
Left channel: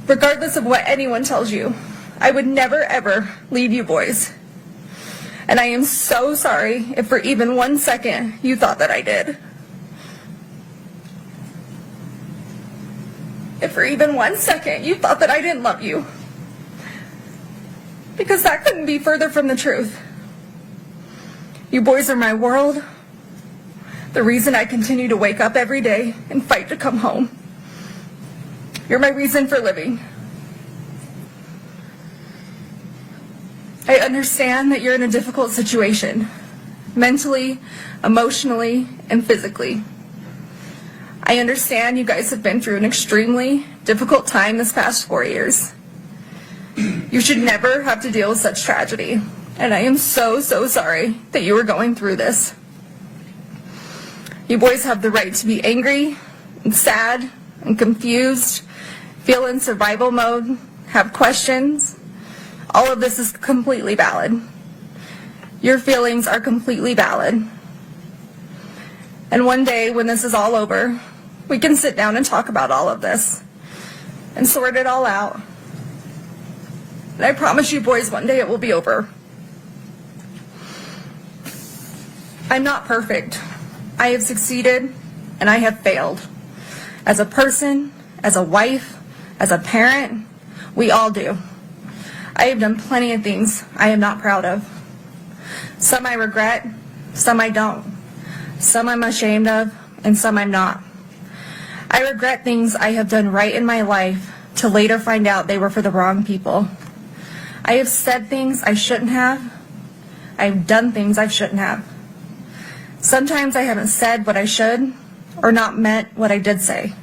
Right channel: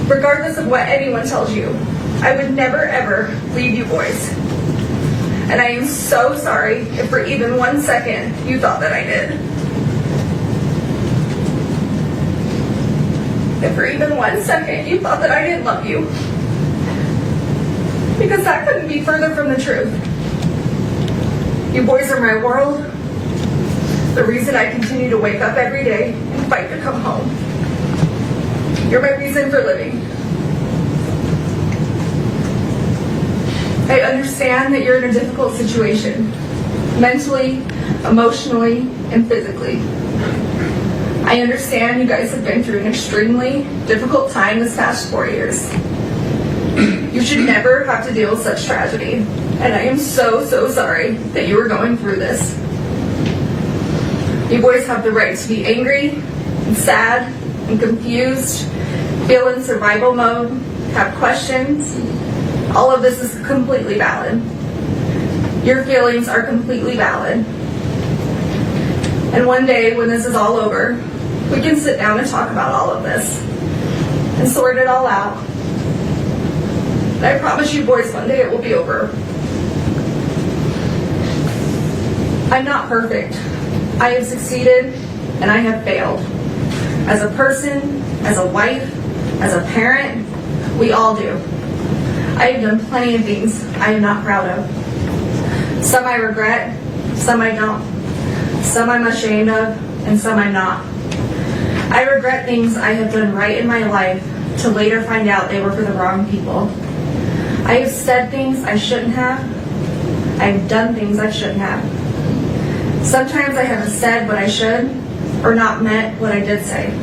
Regardless of what anyone tells you, I would never ever leave you boys. And I am so sorry if for even 1 second you thought that I did. If for even 1 second you thought that I didn't love you. Because that couldn't be further from the truth. You boys are my world. The reason I continue to wake up every day and fight to come home. You're my reason for living. I understand that you're in a difficult situation, mentally, emotionally, and physically. I understand you guys have been through an extremely difficult time this past 4 years. You should never have to deal with such tragedy, and I am so sorry that you are going through this. You boys have the right to be angry and sad and confused, feel in survival mode, have questions. All of this is completely valid. Your feelings are completely valid. And one day when this is all over, we can sit down and talk about all of this and sort it all out. And I promise you boys, one day it will be over. I'm not perfect. I have succeeded and I have failed. As a person, as a wife, as a parent, we all do. I have done plenty of things I am not proud of. Some I regret, some I don't. Some I'm ashamed of, and some I'm not. I regret things I have done right in my life to later find out they were for the wrong people. I have said things I shouldn't have. I've done things I shouldn't have. Sometimes I haven't said what I should, or not meant what I did say.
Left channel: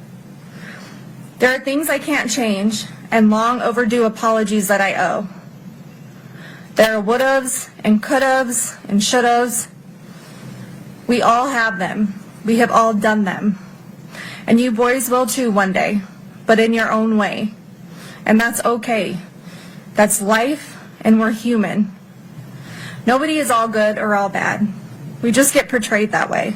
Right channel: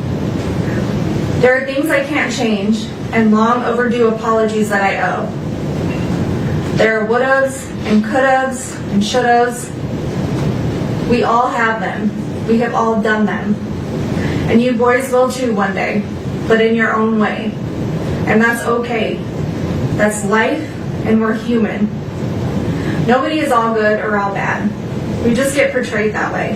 There are things I can't change, and long overdue apologies that I owe. There are would-haves and could-haves and should-haves. We all have them. We have all done them. And you boys will too one day, but in your own way. And that's okay. That's life, and we're human. Nobody is all good or all bad. We just get portrayed that way.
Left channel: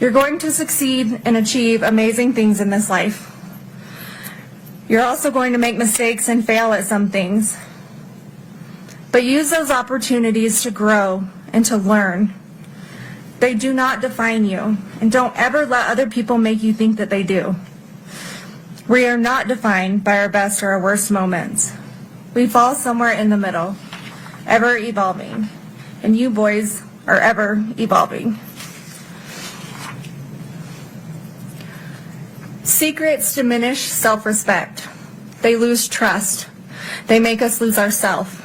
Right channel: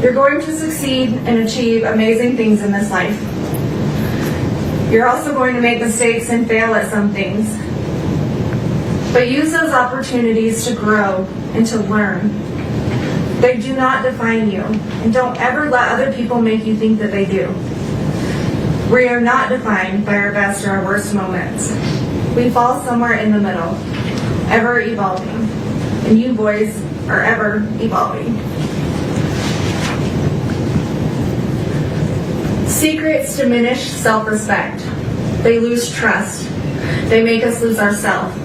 You're going to succeed and achieve amazing things in this life. You're also going to make mistakes and fail at some things. But use those opportunities to grow and to learn. They do not define you, and don't ever let other people make you think that they do. We are not defined by our best or our worst moments. We fall somewhere in the middle, ever evolving. And you boys are ever evolving. Secrets diminish self-respect. They lose trust. They make us lose ourselves.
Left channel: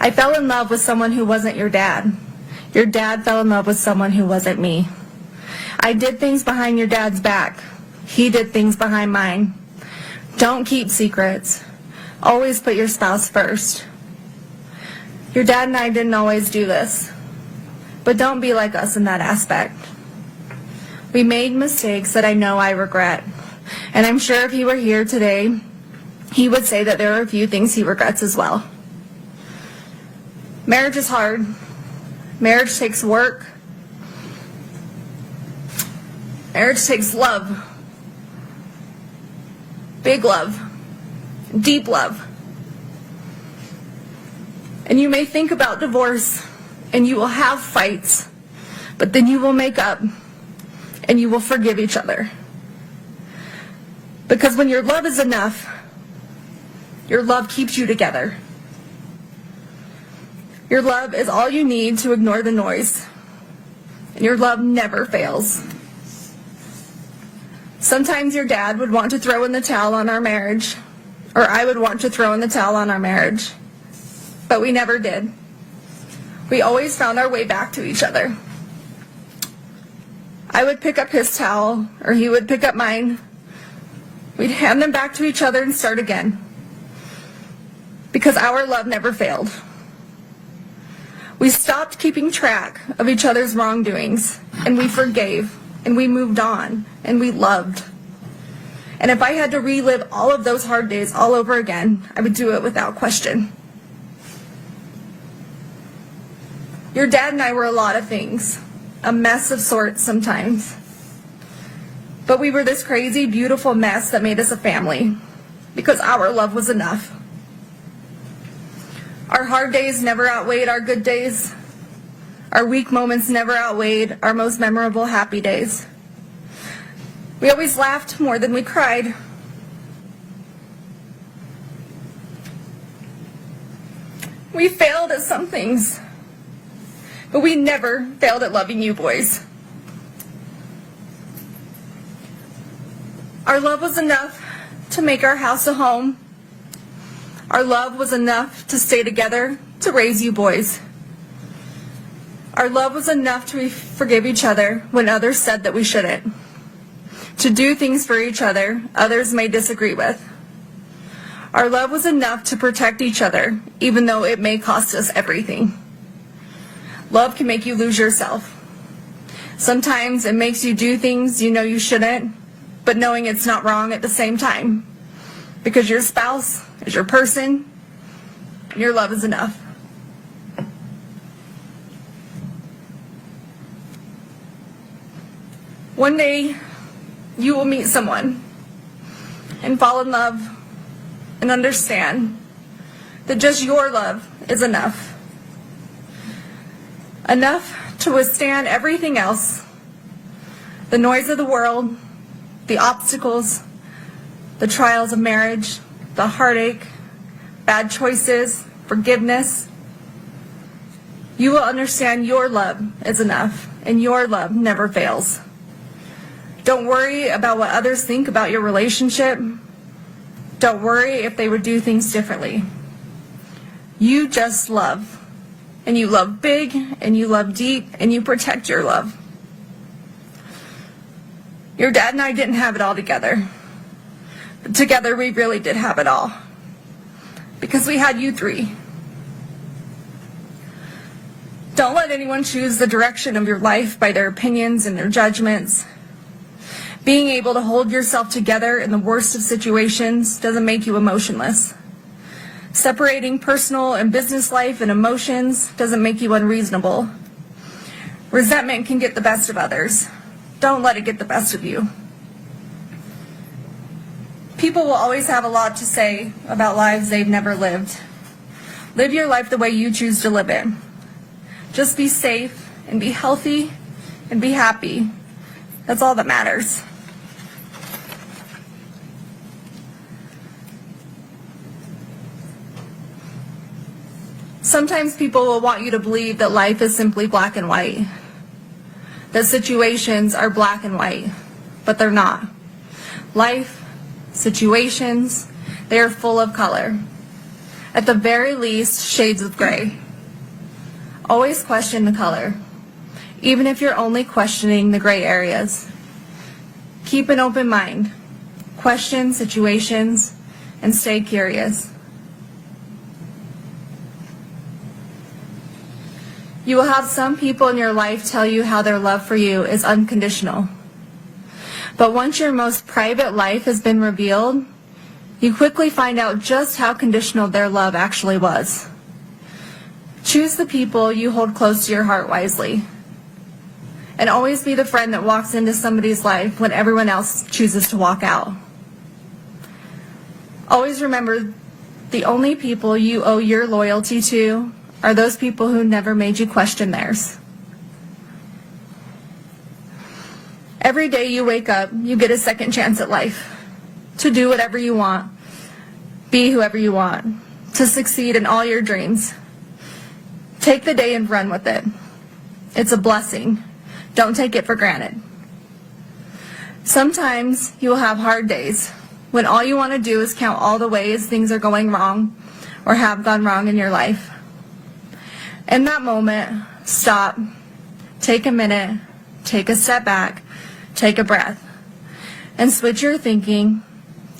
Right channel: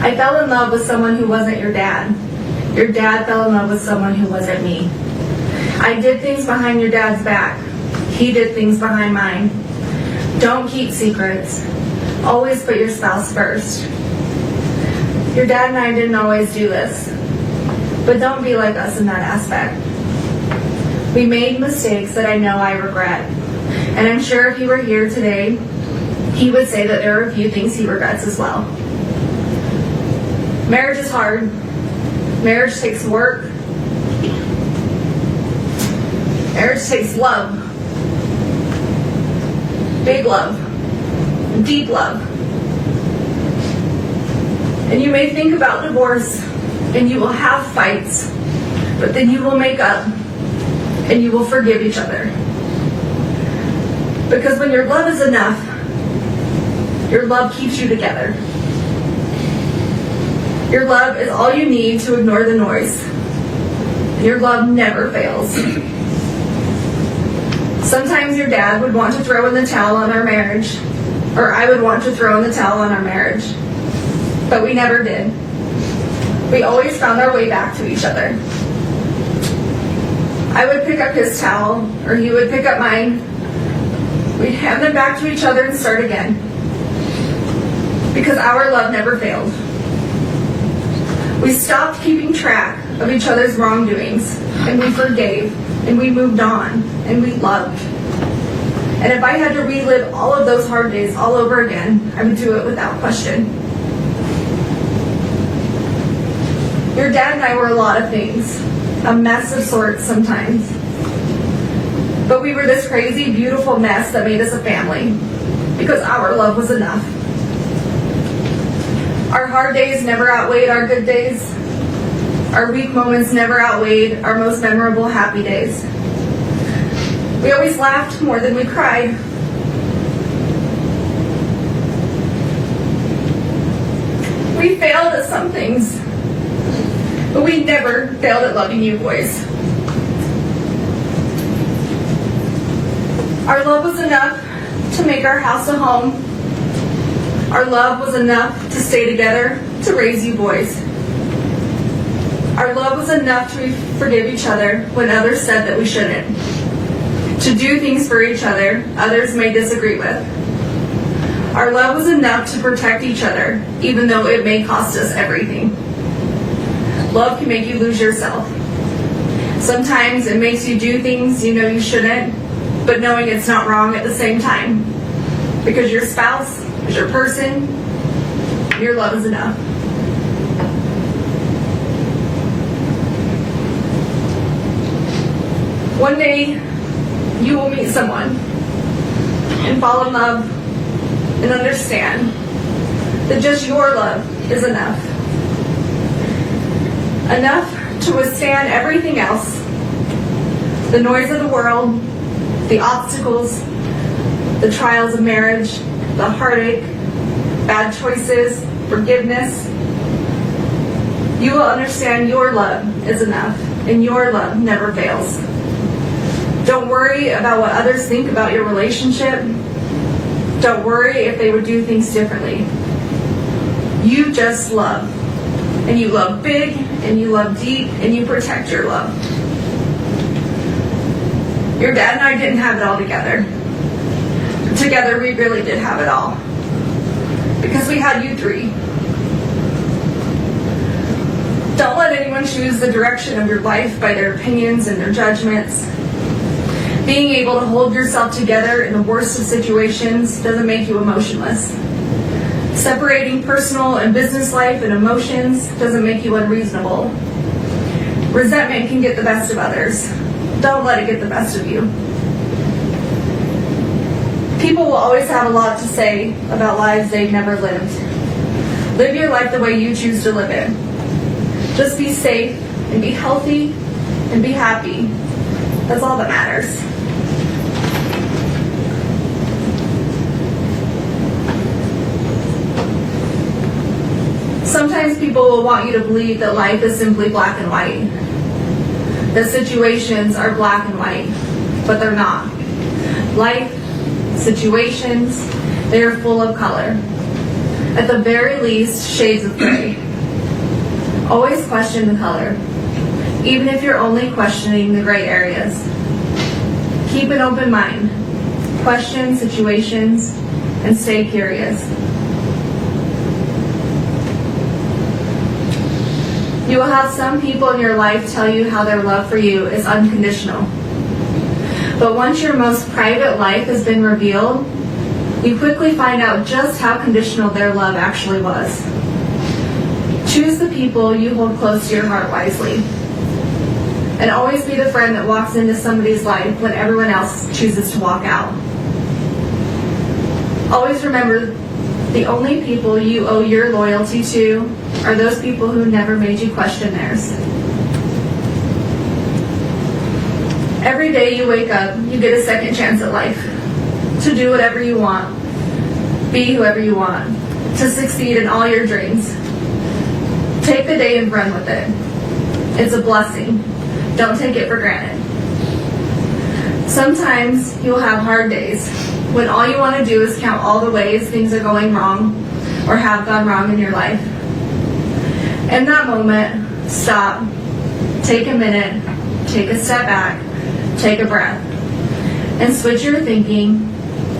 I fell in love with someone who wasn't your dad. Your dad fell in love with someone who wasn't me. I did things behind your dad's back. He did things behind mine. Don't keep secrets. Always put your spouse first. Your dad and I didn't always do this, but don't be like us in that aspect. We made mistakes that I know I regret, and I'm sure if he were here today, he would say that there are a few things he regrets as well. Marriage is hard. Marriage takes work. Marriage takes love. Big love. Deep love. And you may think about divorce, and you will have fights, but then you will make up, and you will forgive each other. Because when your love is enough, your love keeps you together. Your love is all you need to ignore the noise. Your love never fails. Sometimes your dad would want to throw in the towel on our marriage, or I would want to throw in the towel on our marriage. but we never did. We always found our way back to each other. I would pick up his towel, or he would pick up mine. We'd hand them back to each other and start again. Because our love never failed. We stopped keeping track of each other's wrongdoings, and we forgave, and we moved on, and we loved. And if I had to relive all of those hard days all over again, I would do it without question. Your dad and I were a lot of things, a mess of sorts sometimes. But we were this crazy, beautiful mess that made us a family, because our love was enough. Our hard days never outweighed our good days. Our weak moments never outweighed our most memorable happy days. We always laughed more than we cried. We failed at some things, but we never failed at loving you boys. Our love was enough to make our house a home. Our love was enough to stay together, to raise you boys. Our love was enough to forgive each other when others said that we shouldn't. To do things for each other others may disagree with. Our love was enough to protect each other, even though it may cost us everything. Love can make you lose yourself. Sometimes it makes you do things you know you shouldn't, but knowing it's not wrong at the same time. Because your spouse is your person, your love is enough. One day, you will meet someone and fall in love and understand that just your love is enough. Enough to withstand everything else, the noise of the world, the obstacles, the trials of marriage, the heartache, bad choices, forgiveness. You will understand your love is enough, and your love never fails. Don't worry about what others think about your relationship. Don't worry if they would do things differently. You just love. And you love big, and you love deep, and you protect your love. Your dad and I didn't have it all together. Together we really did have it all. Because we had you three. Don't let anyone choose the direction of your life by their opinions and their judgments. Being able to hold yourself together in the worst of situations doesn't make you emotionless. Separating personal and business life and emotions doesn't make you unreasonable. Resentment can get the best of others. Don't let it get the best of you. People will always have a lot to say about lives they've never lived. Live your life the way you choose to live it. Just be safe and be healthy and be happy. That's all that matters. Sometimes people will want you to believe that life is simply black and white. That situations are black and white, but they're not. Life, situations, they are full of color. At the very least, shades of gray. Always question the color, even if you're only questioning the gray areas. Keep an open mind. Question situations and stay curious. You will have some people in your life tell you how their love for you is unconditional. But once your most private life has been revealed, you quickly find out just how conditional their love actually was. Choose the people you hold close to your heart wisely. And always be the friend that walks into somebody's life when everyone else chooses to walk out. Always remember, the only people you owe your loyalty to are those people who never made you question theirs. Every day you wake up, you get a second chance at life. To do whatever you want. Be whoever you want. To succeed in all your dreams. Take the day and run with it. It's a blessing. Don't take it for granted. Sometimes you'll have hard days when all you want to do is count all the ways things are going wrong or have gone wrong in your life. In that moment, stop, take a minute, take a step back, take a breath, and switch your thinking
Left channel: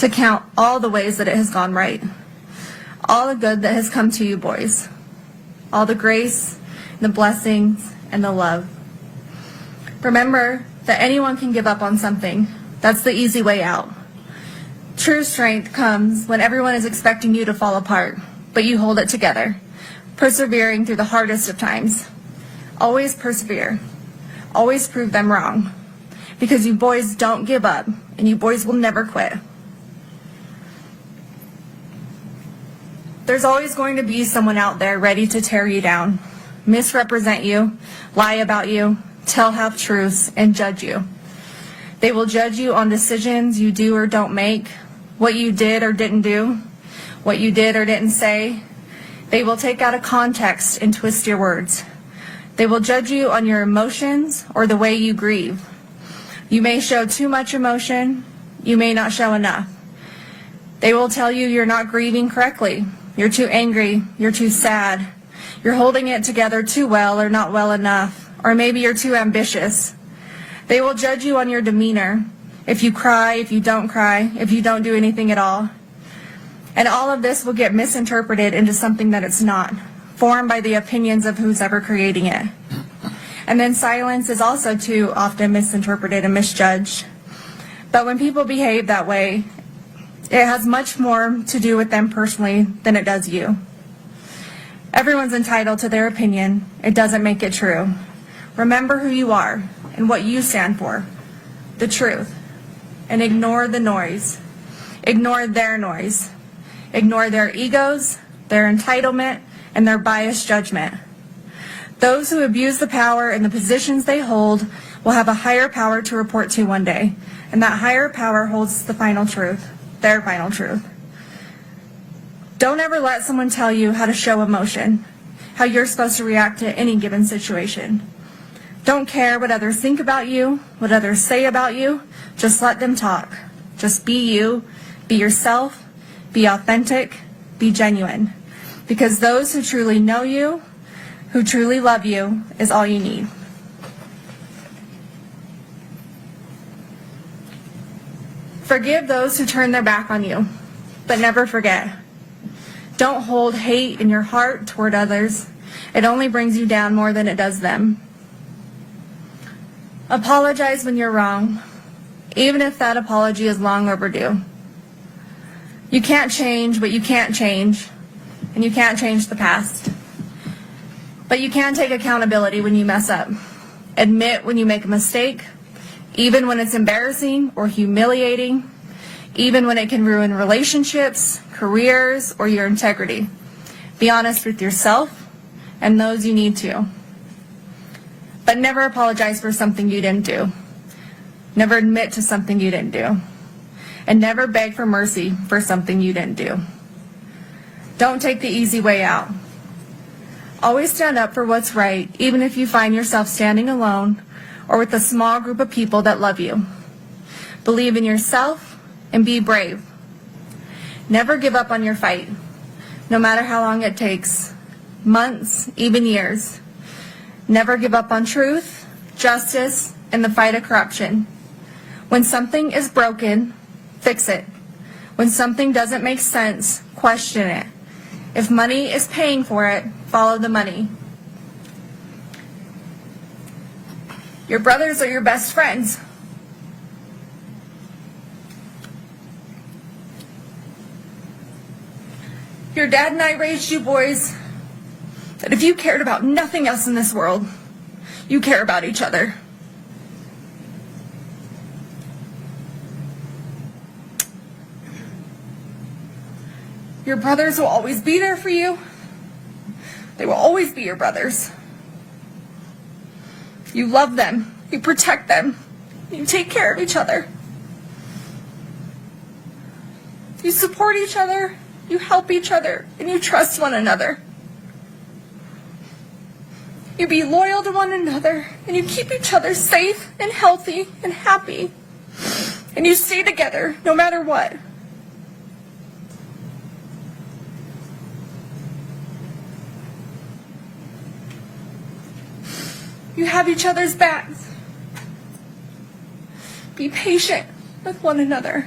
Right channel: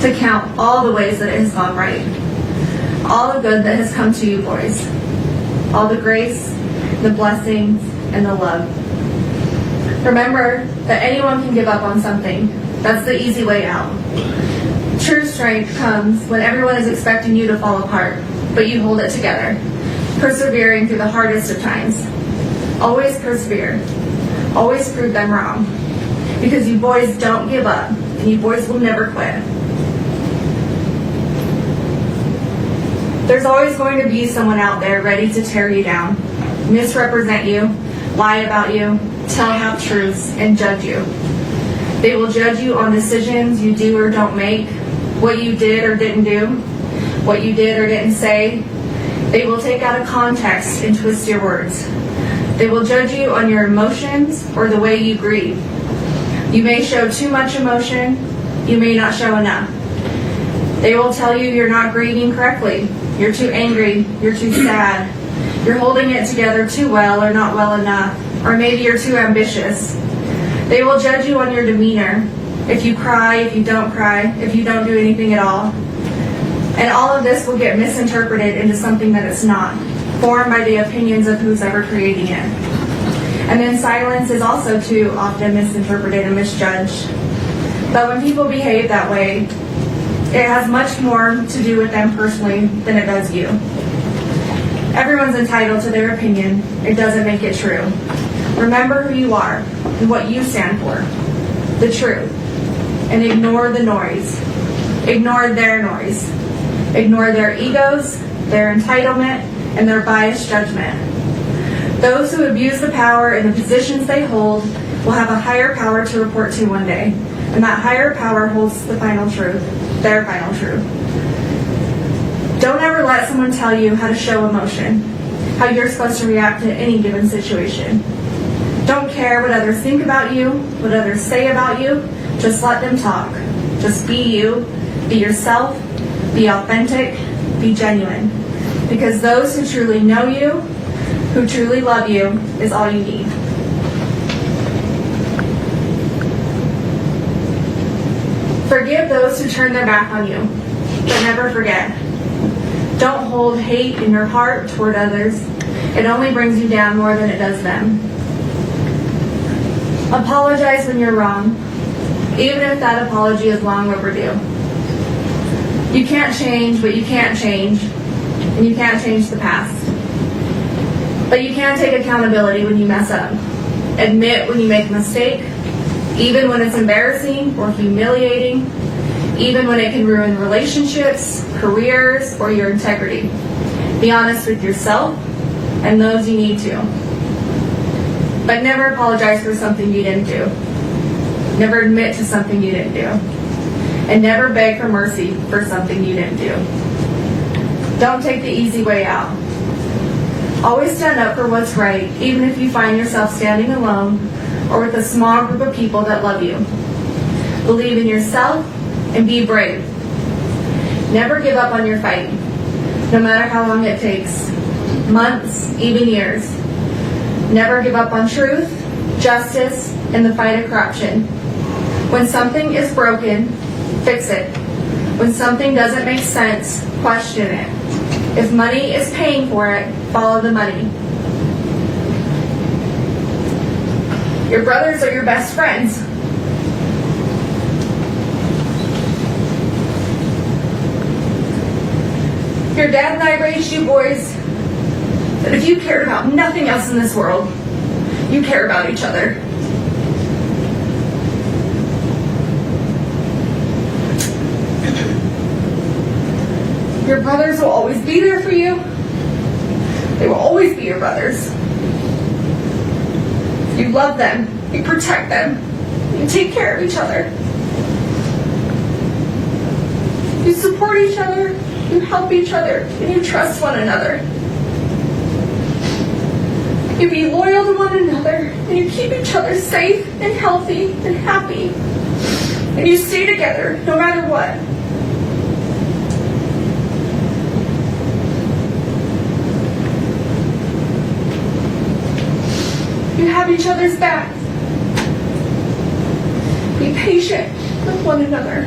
to count all the ways that it has gone right. All the good that has come to you, boys. All the grace, the blessings, and the love. Remember that anyone can give up on something. That's the easy way out. True strength comes when everyone is expecting you to fall apart, but you hold it together, persevering through the hardest of times. Always persevere. Always prove them wrong. Because you boys don't give up, and you boys will never quit. There's always going to be someone out there ready to tear you down, misrepresent you, lie about you, tell half-truths, and judge you. They will judge you on decisions you do or don't make, what you did or didn't do, what you did or didn't say. They will take out of context and twist your words. They will judge you on your emotions or the way you grieve. You may show too much emotion, you may not show enough. They will tell you you're not grieving correctly, you're too angry, you're too sad, you're holding it together too well or not well enough, or maybe you're too ambitious. They will judge you on your demeanor, if you cry, if you don't cry, if you don't do anything at all. And all of this will get misinterpreted into something that it's not, formed by the opinions of who's ever creating it. And then silence is also too often misinterpreted and misjudged. But when people behave that way, it has much more to do with them personally than it does you. Everyone's entitled to their opinion. It doesn't make it true. Remember who you are and what you stand for, the truth, and ignore the noise. Ignore their noise. Ignore their egos, their entitlement, and their biased judgment. Those who abuse the power and the positions they hold will have a higher power to report to one day, and that higher power holds the final truth, their final truth. Don't ever let someone tell you how to show emotion, how you're supposed to react to any given situation. Don't care what others think about you, what others say about you. Just let them talk. Just be you, be yourself, be authentic, be genuine. Because those who truly know you, who truly love you, is all you need. Forgive those who turn their back on you, but never forget. Don't hold hate in your heart toward others. It only brings you down more than it does them. Apologize when you're wrong, even if that apology is long overdue. You can't change what you can't change, and you can't change the past. But you can take accountability when you mess up. Admit when you make a mistake, even when it's embarrassing or humiliating, even when it can ruin relationships, careers, or your integrity. Be honest with yourself and those you need to. But never apologize for something you didn't do. Never admit to something you didn't do. And never beg for mercy for something you didn't do. Don't take the easy way out. Always stand up for what's right, even if you find yourself standing alone or with a small group of people that love you. Believe in yourself and be brave. Never give up on your fight, no matter how long it takes, months, even years. Never give up on truth, justice, and the fight of corruption. When something is broken, fix it. When something doesn't make sense, question it. If money is paying for it, follow the money. Your brothers are your best friends. Your dad and I raised you boys that if you cared about nothing else in this world, you care about each other. Your brothers will always be there for you. They will always be your brothers. You love them, you protect them, you take care of each other. You support each other, you help each other, and you trust one another. You be loyal to one another, and you keep each other safe and healthy and happy. And you stay together no matter what. You have each other's backs. Be patient with one another.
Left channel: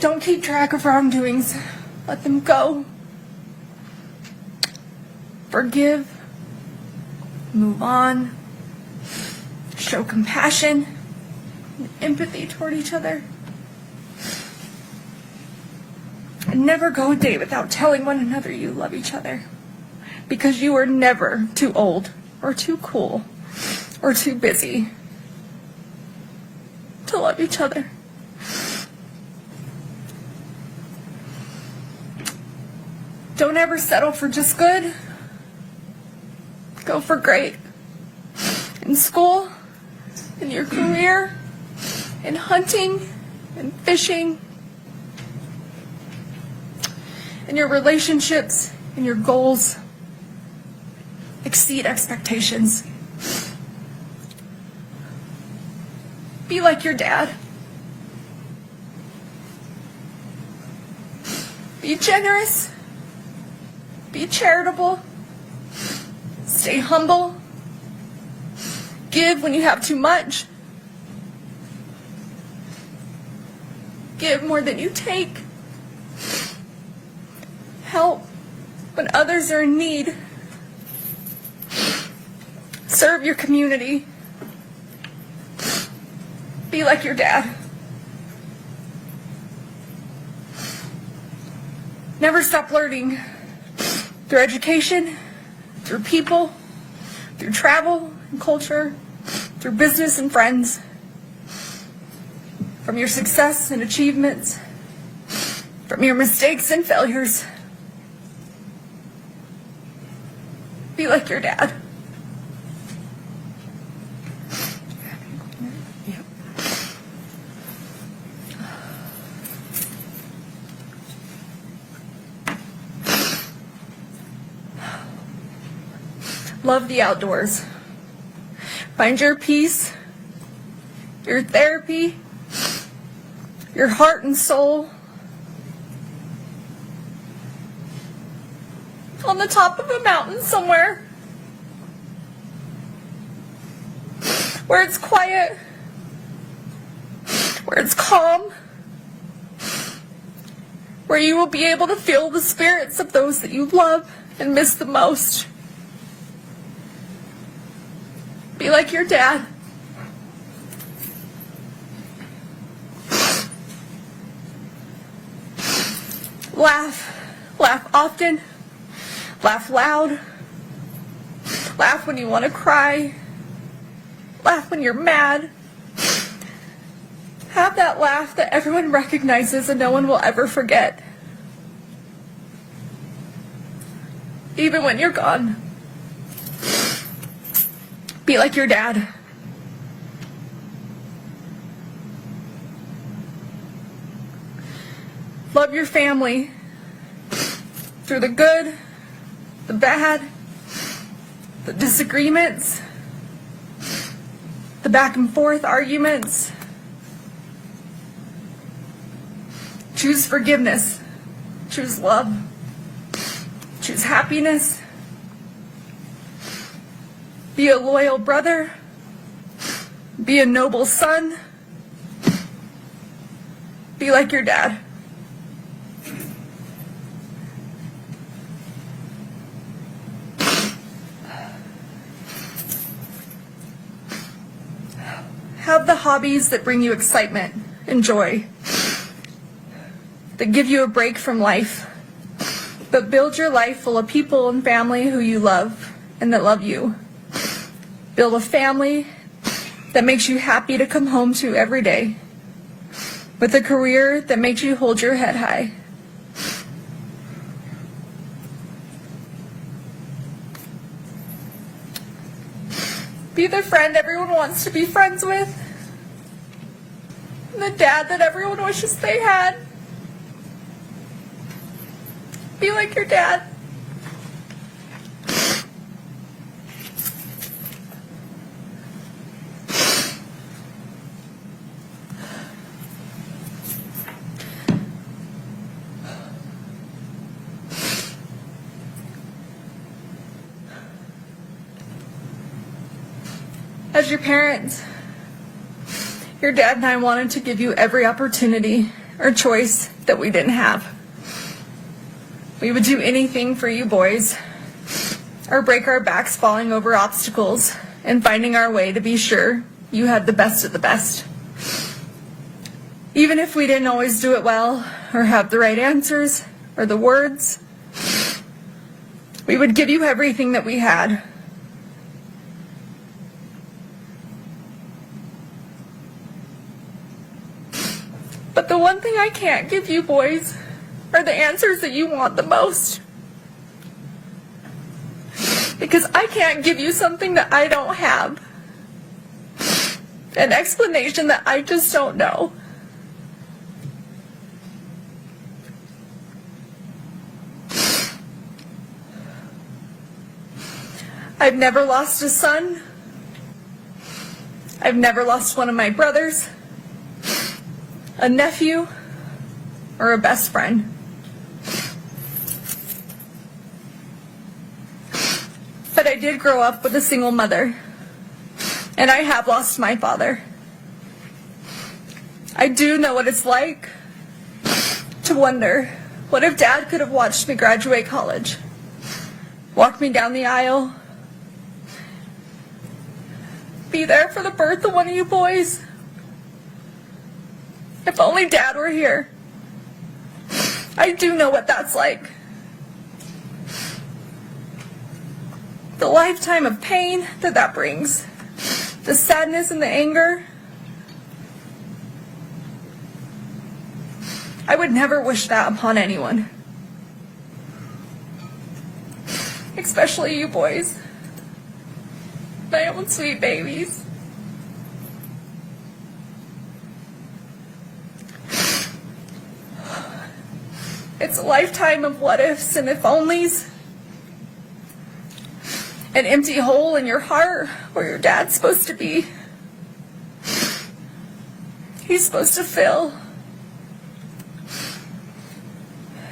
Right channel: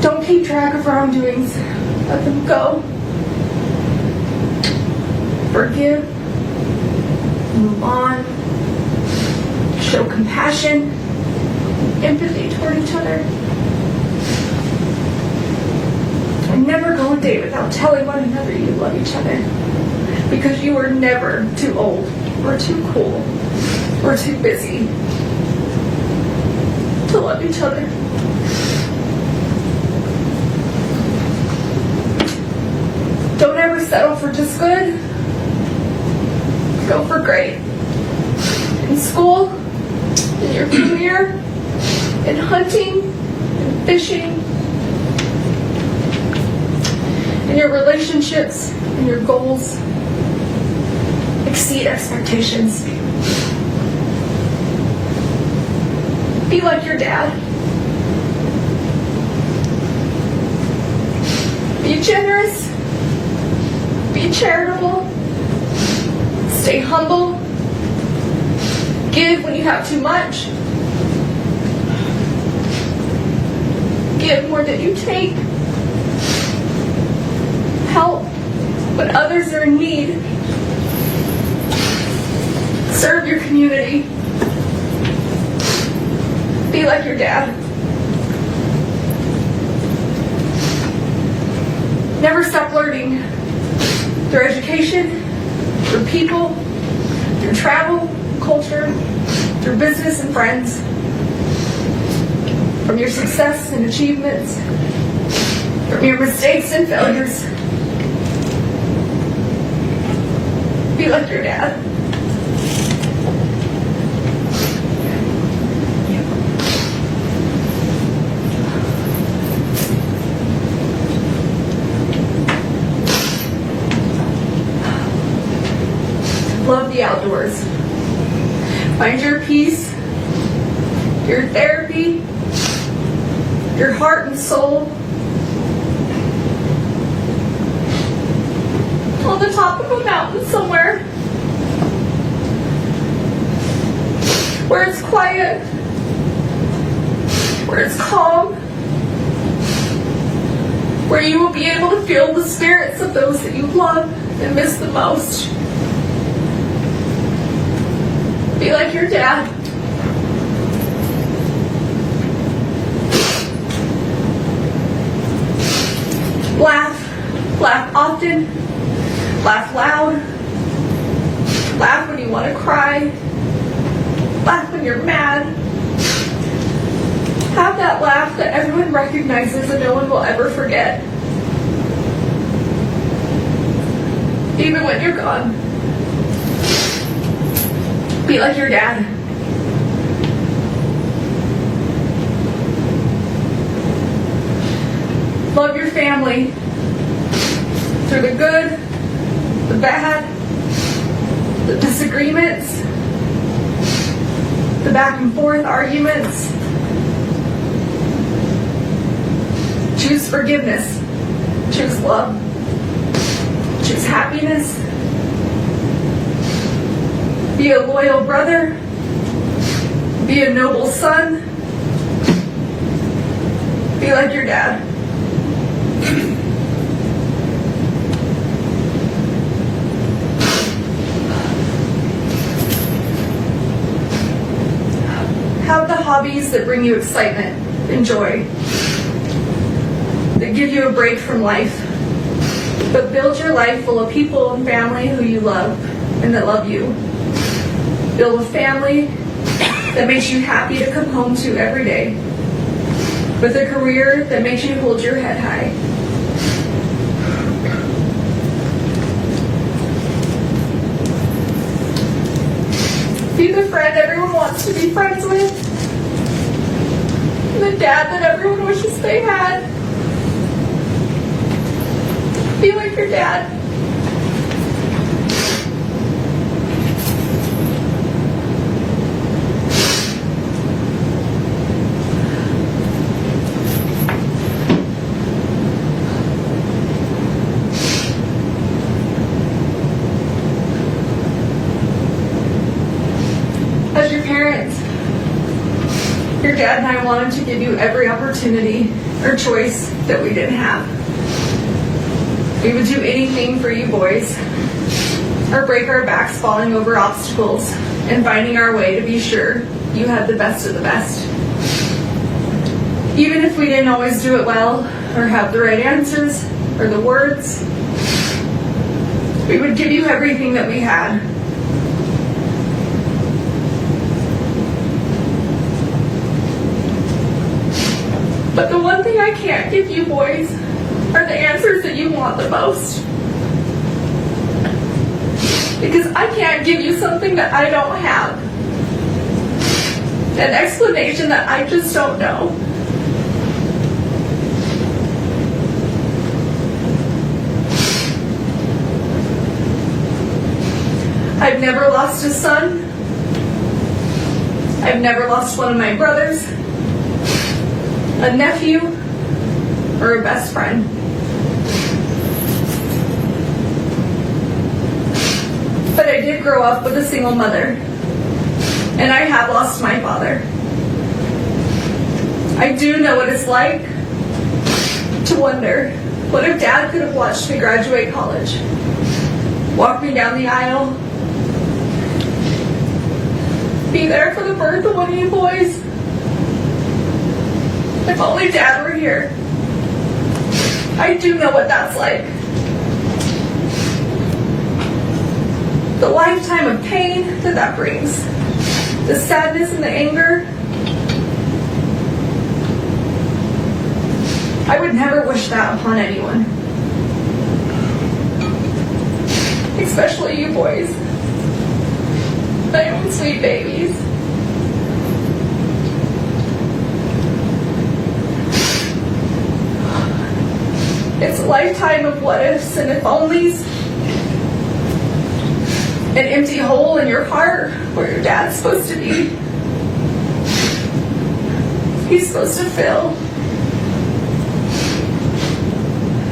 Don't keep track of wrongdoings. Let them go. Forgive. Move on. Show compassion, empathy toward each other. And never go a day without telling one another you love each other. Because you are never too old, or too cool, or too busy to love each other. Don't ever settle for just good. Go for great. In school, in your career, in hunting, in fishing, in your relationships, in your goals. Exceed expectations. Be like your dad. Be generous. Be charitable. Stay humble. Give when you have too much. Give more than you take. Help when others are in need. Serve your community. Be like your dad. Never stop learning. Through education, through people, through travel and culture, through business and friends. From your success and achievements, from your mistakes and failures. Be like your dad. Love the outdoors. Find your peace, your therapy, your heart and soul on the top of a mountain somewhere where it's quiet, where it's calm, where you will be able to feel the spirits of those that you love and miss the most. Be like your dad. Laugh. Laugh often. Laugh loud. Laugh when you want to cry. Laugh when you're mad. Have that laugh that everyone recognizes and no one will ever forget. Even when you're gone. Be like your dad. Love your family through the good, the bad, the disagreements, the back and forth arguments. Choose forgiveness. Choose love. Choose happiness. Be a loyal brother. Be a noble son. Be like your dad. Have the hobbies that bring you excitement and joy, that give you a break from life, but build your life full of people and family who you love and that love you. Build a family that makes you happy to come home to every day, with a career that makes you hold your head high. Be the friend everyone wants to be friends with, the dad that everyone wishes they had. Be like your dad. As your parents, your dad and I wanted to give you every opportunity or choice that we didn't have. We would do anything for you boys, or break our backs falling over obstacles and finding our way to be sure you had the best of the best. Even if we didn't always do it well, or have the right answers, or the words, we would give you everything that we had. But the one thing I can't give you boys are the answers that you want the most. Because I can't give you something that I don't have. An explanation that I just don't know. I've never lost a son. I've never lost one of my brothers, a nephew, or a best friend. But I did grow up with a single mother, and I have lost my father. I do know what it's like to wonder, what if Dad could have watched me graduate college, walk me down the aisle, be there for the birth of one of you boys? If only Dad were here. I do know what that's like. The lifetime of pain that brings. The sadness and the anger. I would never wish that upon anyone. Especially you boys. My own sweet babies. It's a lifetime of what ifs and if onlys. An empty hole in your heart where your dad's supposed to be. He's supposed to fill.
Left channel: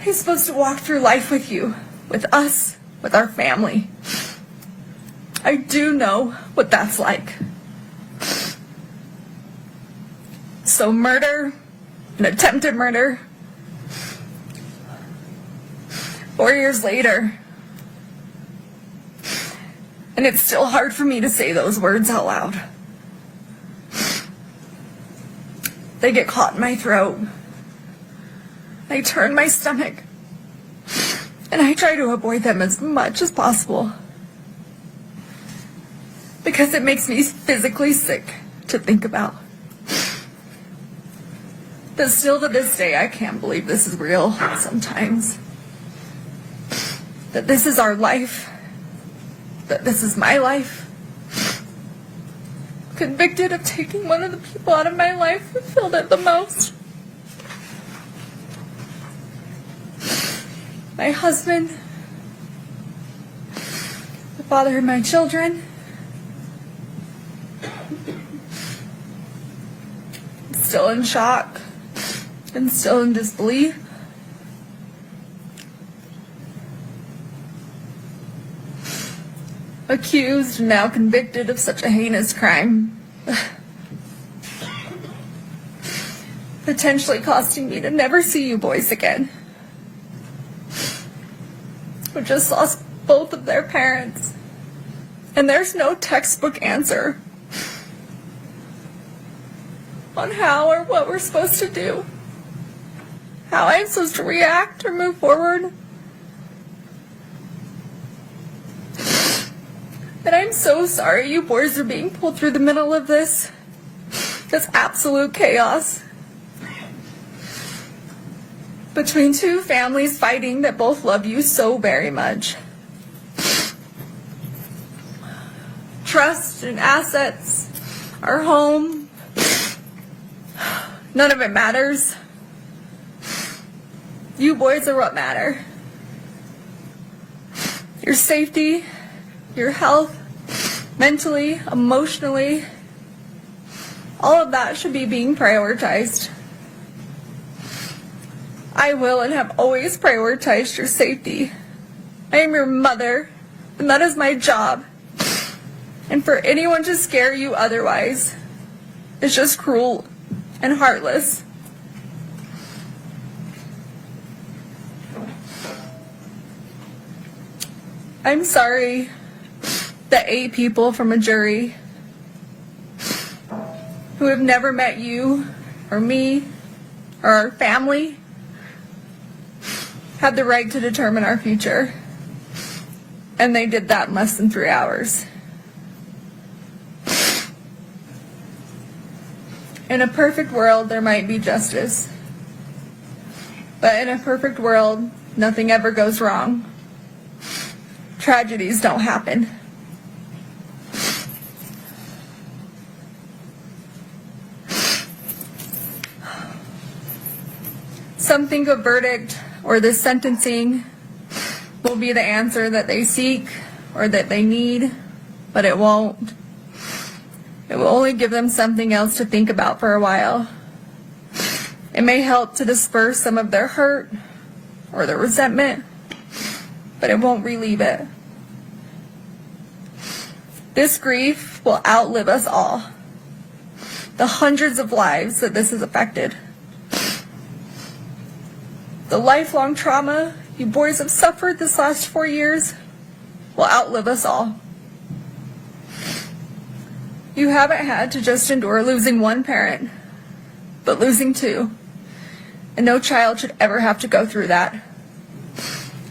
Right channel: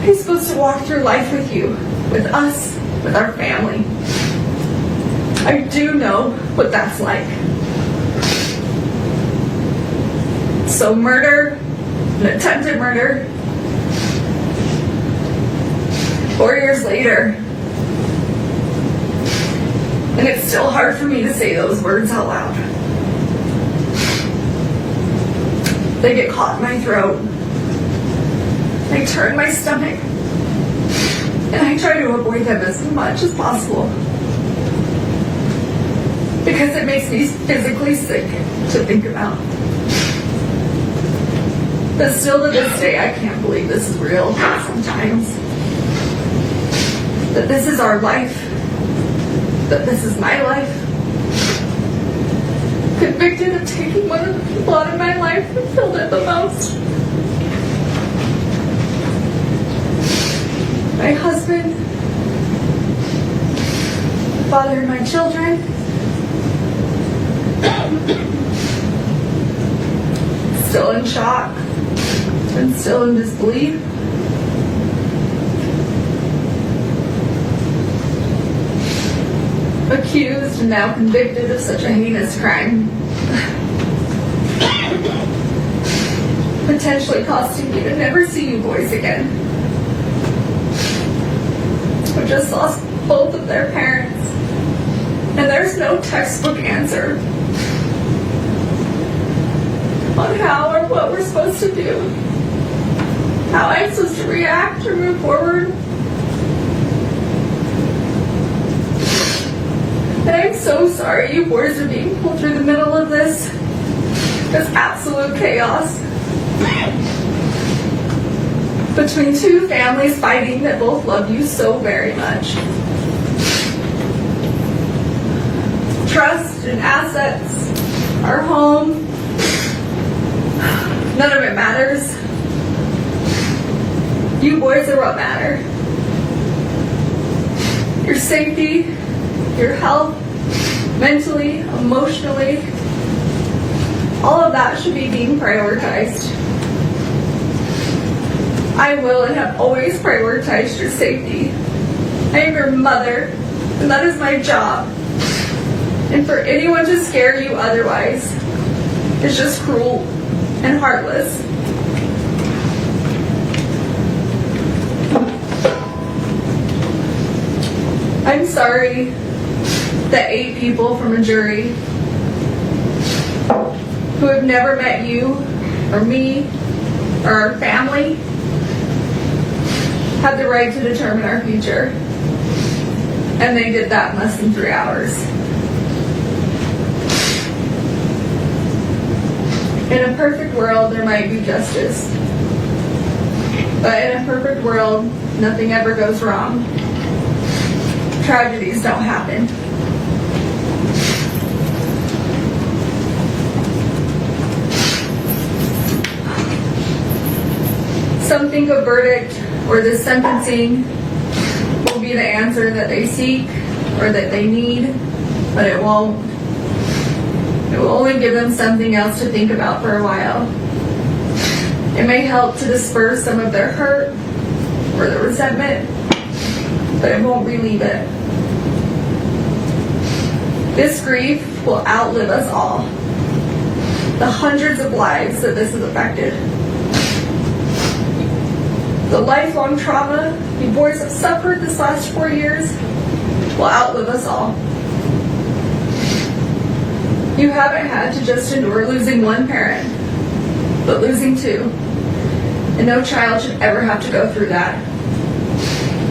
He's supposed to walk through life with you, with us, with our family. I do know what that's like. So murder, an attempted murder, 4 years later, and it's still hard for me to say those words out loud. They get caught in my throat. I turn my stomach, and I try to avoid them as much as possible. Because it makes me physically sick to think about. But still to this day, I can't believe this is real sometimes. That this is our life. That this is my life. Convicted of taking one of the people out of my life who filled it the most. My husband, the father of my children, still in shock and still in disbelief. Accused and now convicted of such a heinous crime. Potentially costing me to never see you boys again. I just lost both of their parents. And there's no textbook answer on how or what we're supposed to do. How I'm supposed to react or move forward. And I'm so sorry you boys are being pulled through the middle of this absolute chaos. Between two families fighting that both love you so very much. Trust and assets, our home, none of it matters. You boys are what matter. Your safety, your health, mentally, emotionally, all of that should be being prioritized. I will and have always prioritized your safety. I am your mother, and that is my job. And for anyone to scare you otherwise is just cruel and heartless. I'm sorry that 8 people from a jury who have never met you or me or our family had the right to determine our future. And they did that in less than 3 hours. In a perfect world, there might be justice. But in a perfect world, nothing ever goes wrong. Tragedies don't happen. Some think a verdict or this sentencing will be the answer that they seek or that they need, but it won't. It will only give them something else to think about for a while. It may help to disperse some of their hurt or their resentment, but it won't relieve it. This grief will outlive us all. The hundreds of lives that this has affected. The lifelong trauma you boys have suffered this last 4 years will outlive us all. You haven't had to just endure losing one parent, but losing 2. And no child should ever have to go through that.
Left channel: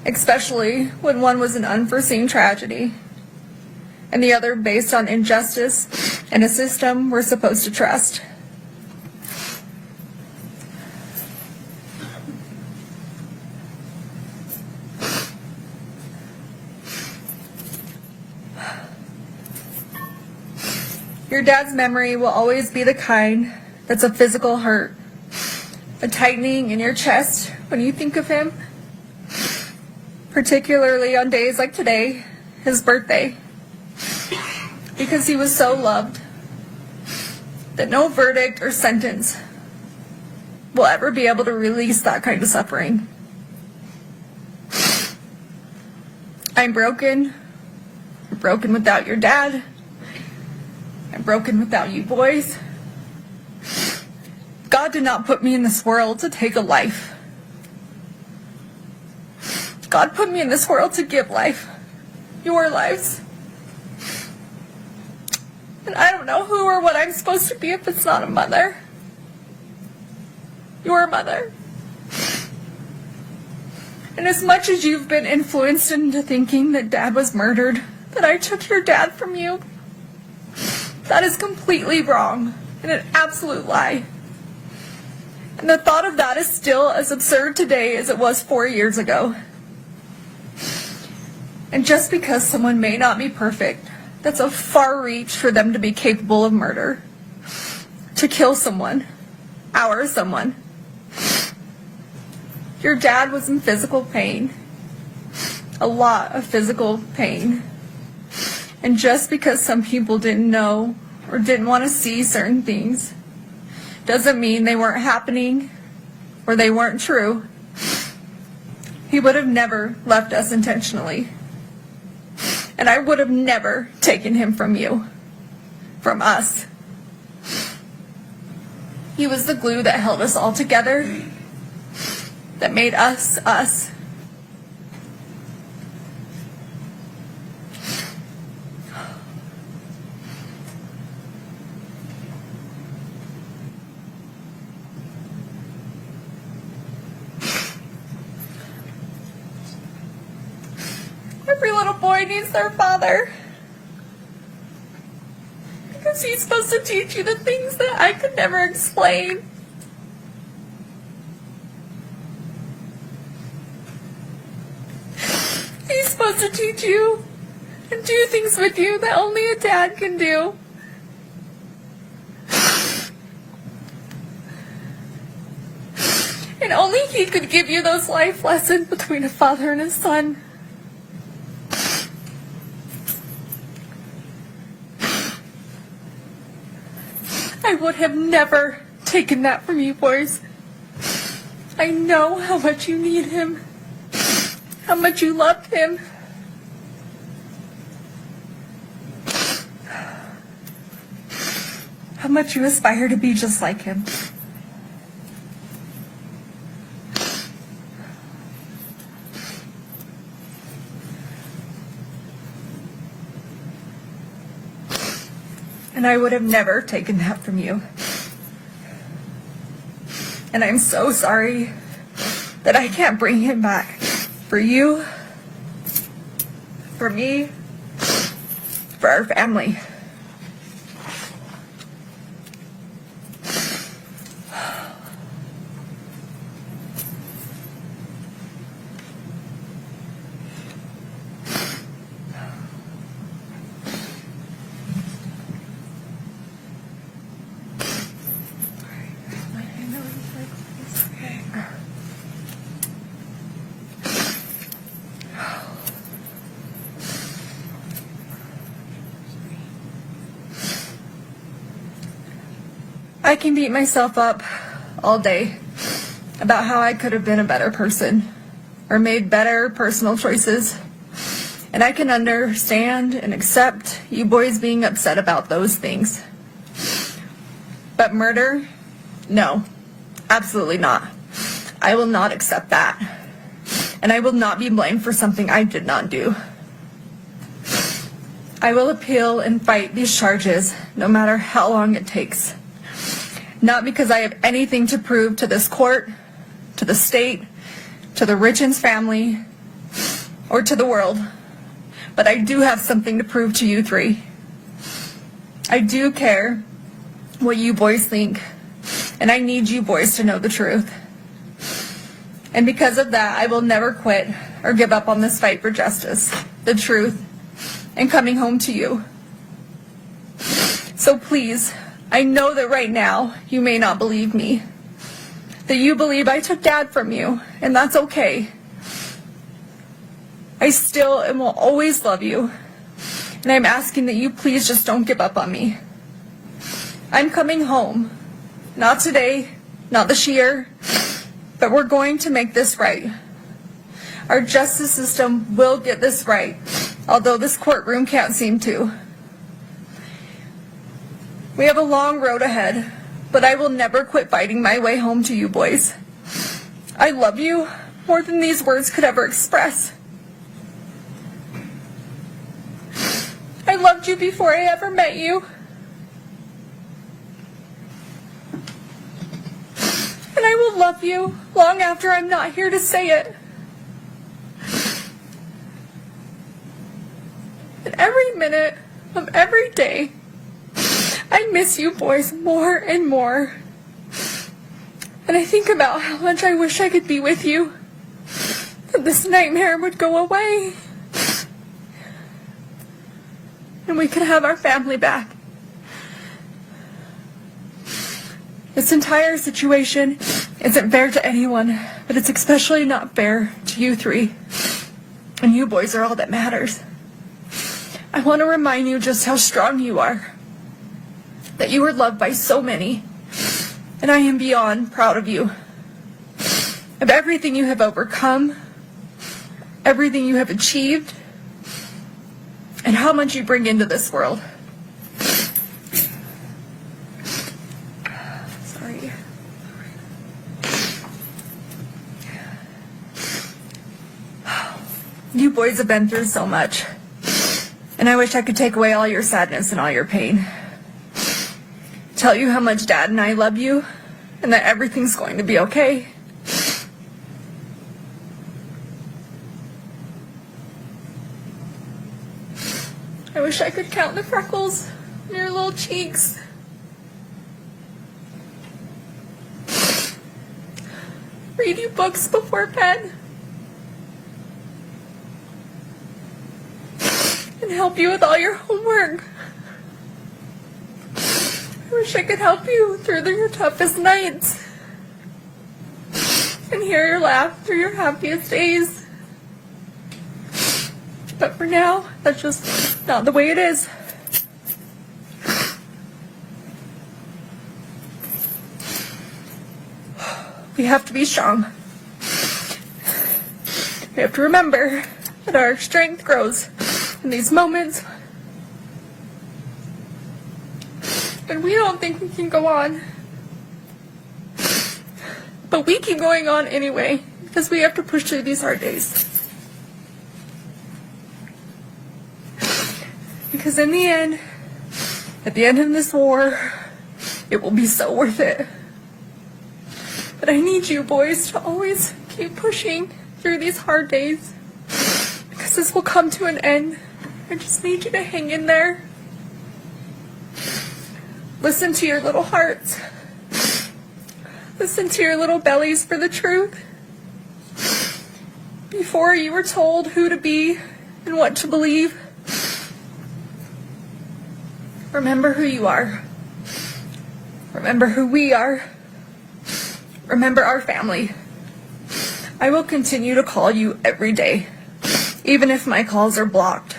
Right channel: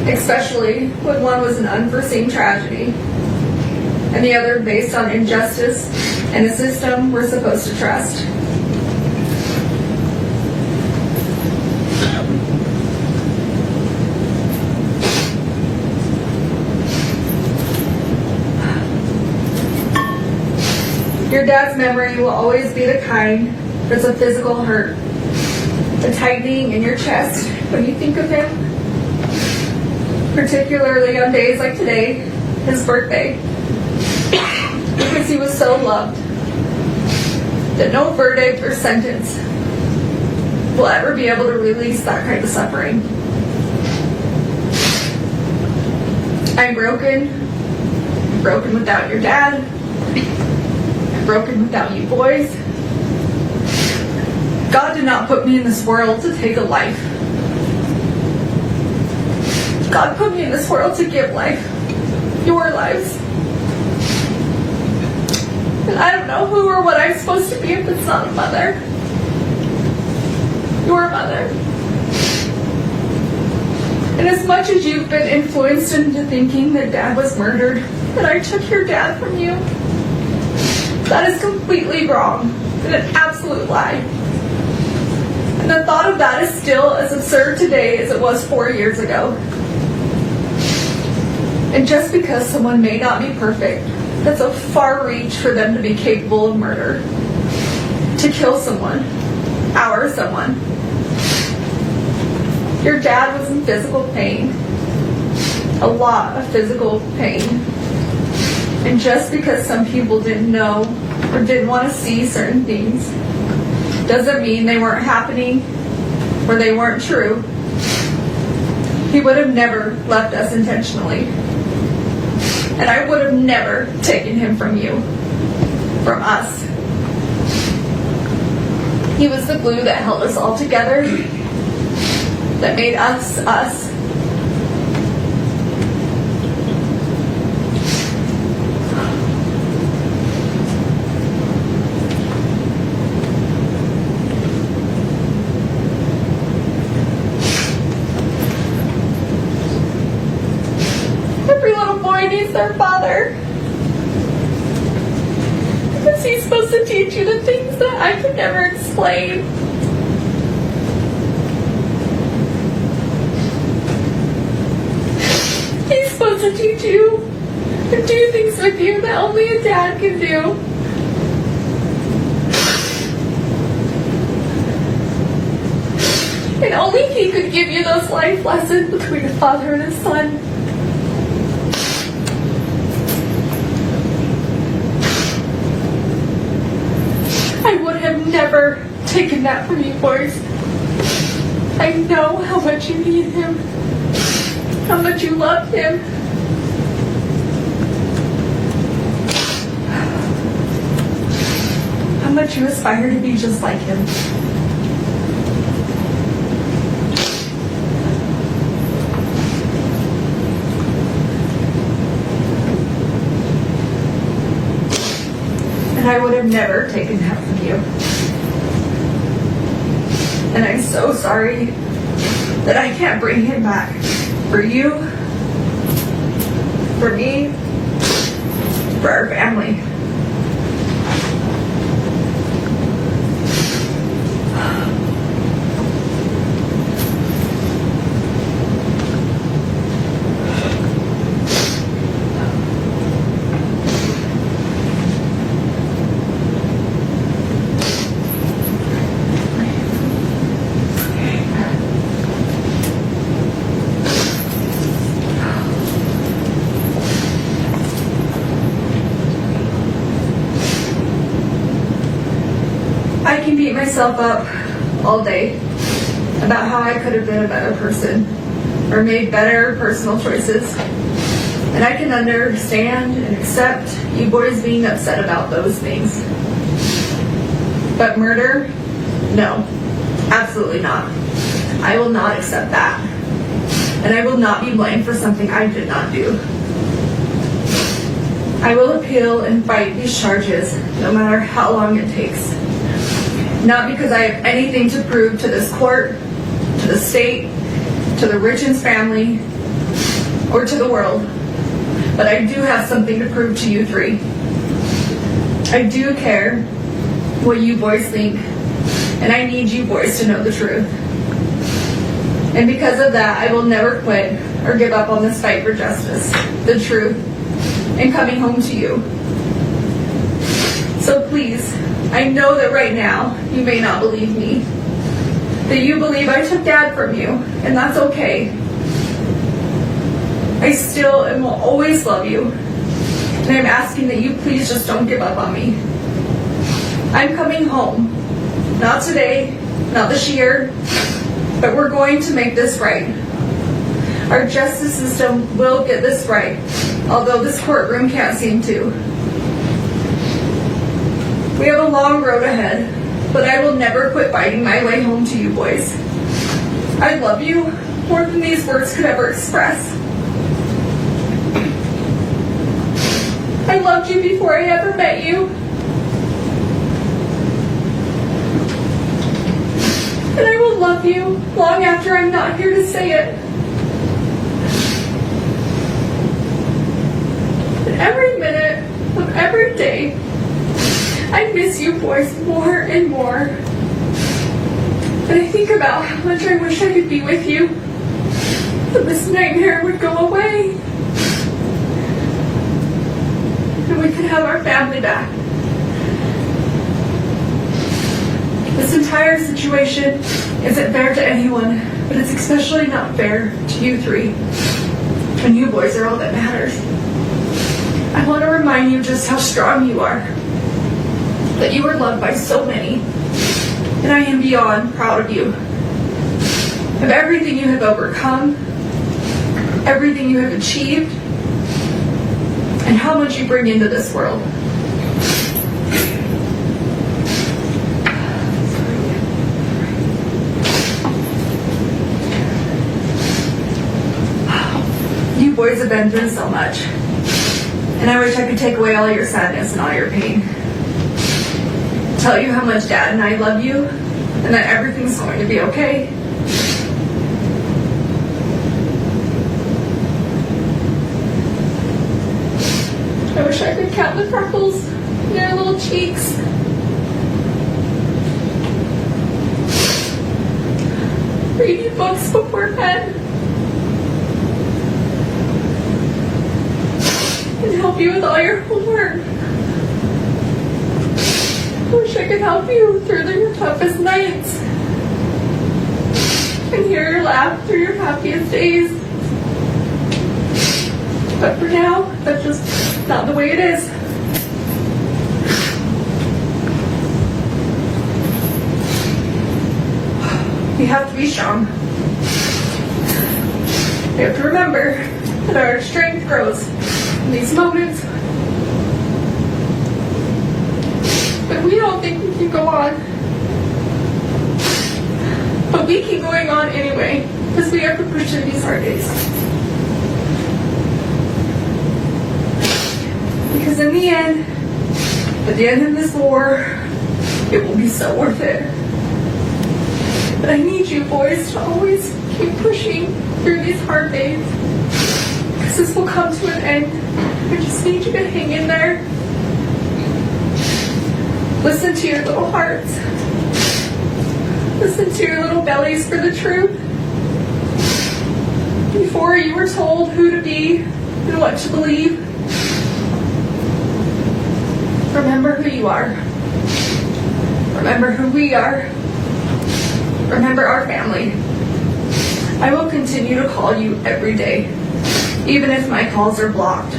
Especially when one was an unforeseen tragedy, and the other based on injustice and a system we're supposed to trust. Your dad's memory will always be the kind that's a physical hurt, the tightening in your chest when you think of him, particularly on days like today, his birthday, because he was so loved that no verdict or sentence will ever be able to release that kind of suffering. I'm broken without your dad, broken without you boys. God did not put me in this world to take a life. God put me in this world to give life. Your lives. And I don't know who or what I'm supposed to be if it's not a mother. Your mother. And as much as you've been influenced into thinking that Dad was murdered, that I took your dad from you, that is completely wrong and an absolute lie. And the thought of that is still as absurd today as it was 4 years ago. And just because someone may not be perfect, that's a far reach for them to be capable of murder. To kill someone. Our someone. Your dad was in physical pain. A lot of physical pain. And just because some people didn't know or didn't want to see certain things doesn't mean they weren't happening or they weren't true. He would have never left us intentionally. And I would have never taken him from you, from us. He was the glue that held us all together, that made us, us. Needs their father. Because he's supposed to teach you the things that I could never explain. He's supposed to teach you and do things with you that only a dad can do. And only he could give you those life lessons between a father and a son. I would have never taken that from you boys. I know how much you need him, how much you loved him. much you aspire to be just like him. And I would have never taken that from you. And I'm so sorry that I can't bring him back. For you, for me, for our family. I can beat myself up all day about how I could have been a better person or made better personal choices. And I can understand and accept you boys being upset about those things. But murder? No, absolutely not. I will not accept that. And I will not be blamed for something I did not do. I will appeal and fight these charges no matter how long it takes. Not because I have anything to prove to this court, to the state, to the Richins family, or to the world, but I do have something to prove to you three. I do care what you boys think, and I need you boys to know the truth. And because of that, I will never quit or give up on this fight for justice, the truth, and coming home to you. So please, I know that right now you may not believe me, that you believe I took Dad from you, and that's okay. I still and will always love you, and I'm asking that you please just don't give up on me. I'm coming home, not today, not this year, but we're going to make this right. Our justice system will get this right, although this courtroom can't seem to. We have a long road ahead, but I will never quit fighting my way home to you boys. I love you more than these words could ever express. I loved you before I ever met you. And I will love you long after I'm not here to say it. And every minute of every day, I miss you boys more and more. And I think about how much I wish I could be with you, that this nightmare would go away, and we could have our family back. This entire situation isn't fair to anyone, but it's especially not fair to you three. And you boys are all that matters. I want to remind you just how strong you are, that you are loved by so many, and I am beyond proud of you, of everything you have overcome, everything you have achieved, and how much you bring into this world. You boys have been through so much, and I wish I could take away all your sadness and all your pain. Tell you how much Dad and I love you, and that everything's going to be okay. I wish I could count the freckles in your little cheeks. Read you books before bed. And help you with all your homework. Wish I could help you through your toughest nights and hear your laugh through your happiest days. But for now, that's just not the way it is. We have to be strong. We have to remember that our strength grows in these moments but we don't think we can go on. But we keep going on anyway, because we have to push through these hard days. Because in the end, at the end of this war, it will be so worth it. But I need you boys to always keep pushing through these hard days, because this will come to an end. I just need you to hang in there. Listen to your little hearts. Listen to your little bellies for the truth. Before you were told who to be and what to believe, remember who you are. Remember who we are. Remember our family. I will continue to call you every day, even if my calls are blocked.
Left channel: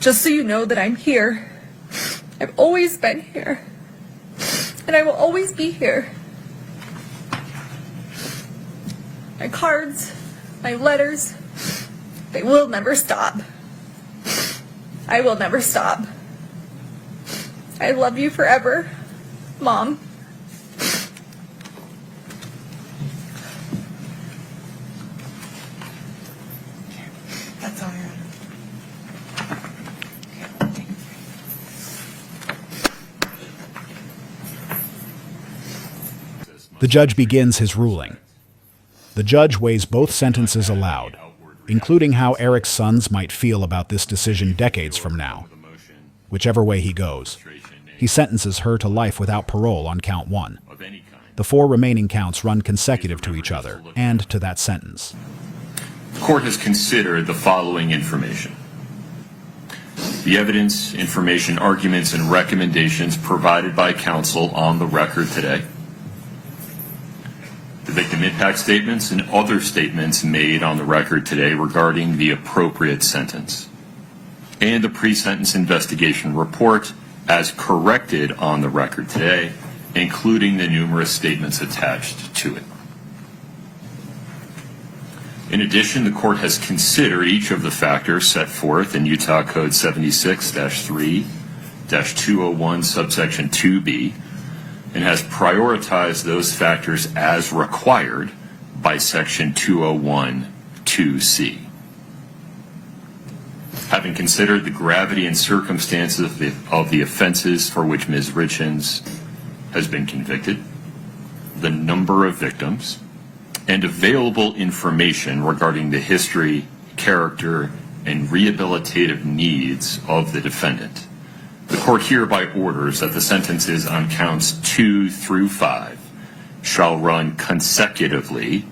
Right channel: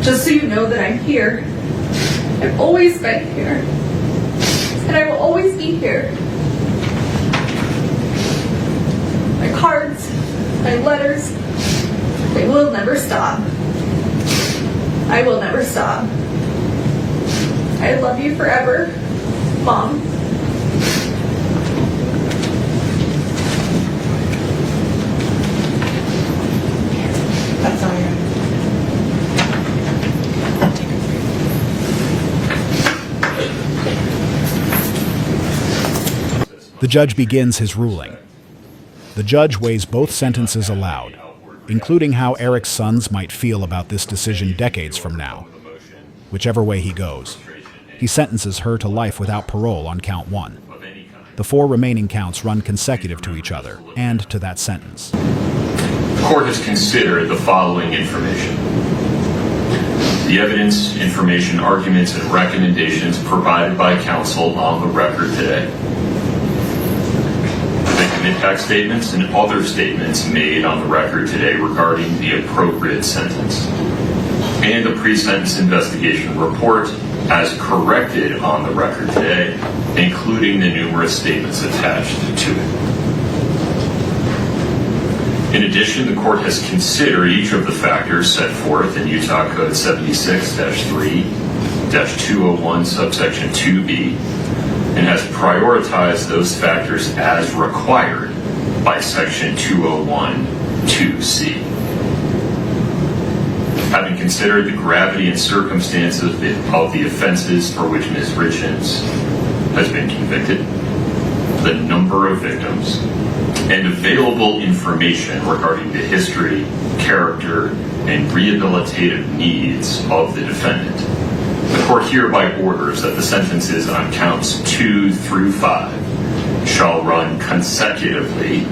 Just so you know that I'm here. I've always been here. And I will always be here. My cards, my letters, they will never stop. I will never stop. I love you forever, Mom. That's all you're. The judge begins his ruling. The judge weighs both sentences aloud, including how Eric's sons might feel about this decision decades from now. Whichever way he goes, he sentences her to life without parole on count 1. The 4 remaining counts run consecutive to each other and to that sentence. The court has considered the following information: the evidence, information, arguments, and recommendations provided by counsel on the record today, victim impact statements and other statements made on the record today regarding the appropriate sentence, and the pre-sentence investigation report as corrected on the record today, including the numerous statements attached to it. In addition, the court has considered each of the factors set forth in Utah Code 76-3-201 subsection 2B and has prioritized those factors as required by section 201-2C. Having considered the gravity and circumstances of the offenses for which Ms. Richins has been convicted, the number of victims, and available information regarding the history, character, and rehabilitative needs of the defendant, the court hereby orders that the sentences on counts 2 through 5 shall run consecutively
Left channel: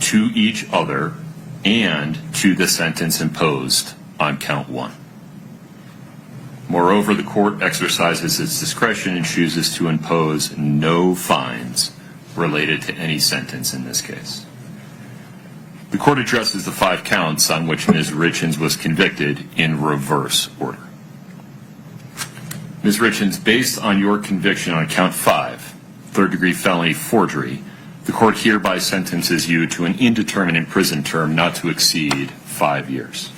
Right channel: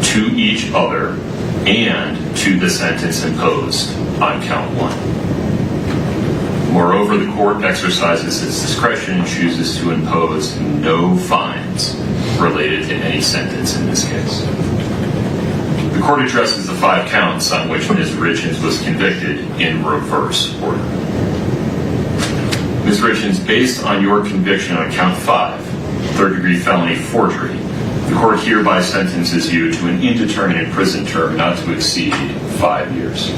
to each other and to the sentence imposed on count 1. Moreover, the court exercises its discretion and chooses to impose no fines related to any sentence in this case. The court addresses the 5 counts on which Ms. Richins was convicted in reverse order. Ms. Richins, based on your conviction on count 5, third-degree felony forgery, the court hereby sentences you to an indeterminate prison term not to exceed 5 years.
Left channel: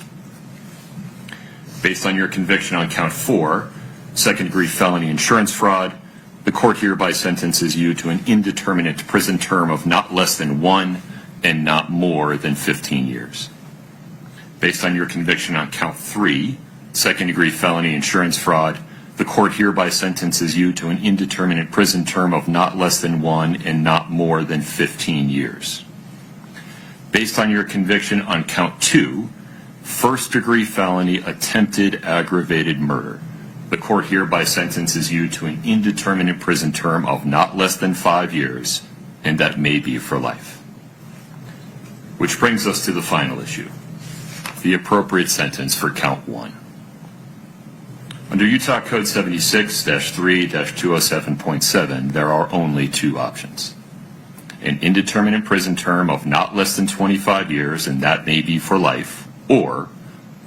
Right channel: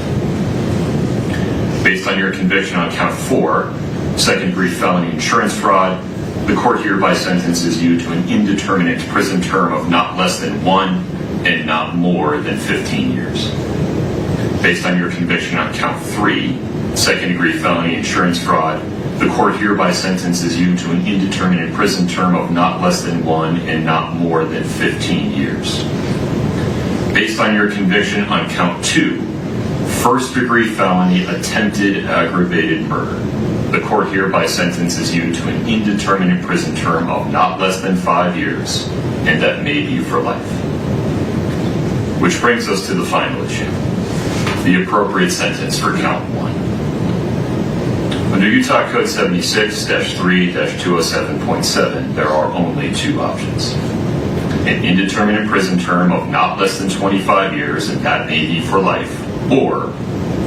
Based on your conviction on count 4, second-degree felony insurance fraud, the court hereby sentences you to an indeterminate prison term of not less than 1 and not more than 15 years. Based on your conviction on count 3, second-degree felony insurance fraud, the court hereby sentences you to an indeterminate prison term of not less than 1 and not more than 15 years. Based on your conviction on count 2, first-degree felony attempted aggravated murder, the court hereby sentences you to an indeterminate prison term of not less than 5 years, and that may be for life. Which brings us to the final issue, the appropriate sentence for count 1. Under Utah Code 76-3-207.7, there are only 2 options: an indeterminate prison term of not less than 25 years, and that may be for life, or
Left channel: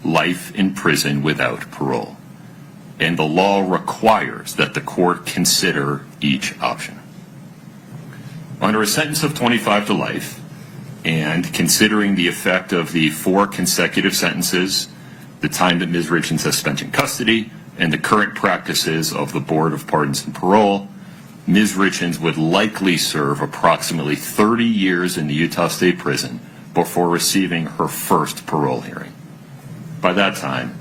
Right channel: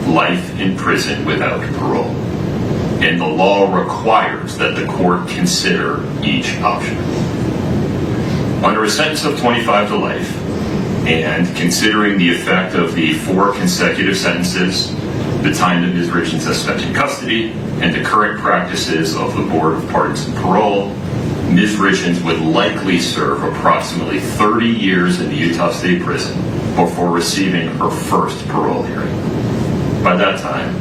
life in prison without parole. And the law requires that the court consider each option. Under a sentence of 25 to life, and considering the effect of the 4 consecutive sentences the time that Ms. Richins has spent in custody, and the current practices of the Board of Pardons and Parole, Ms. Richins would likely serve approximately 30 years in the Utah State Prison before receiving her first parole hearing. By that time,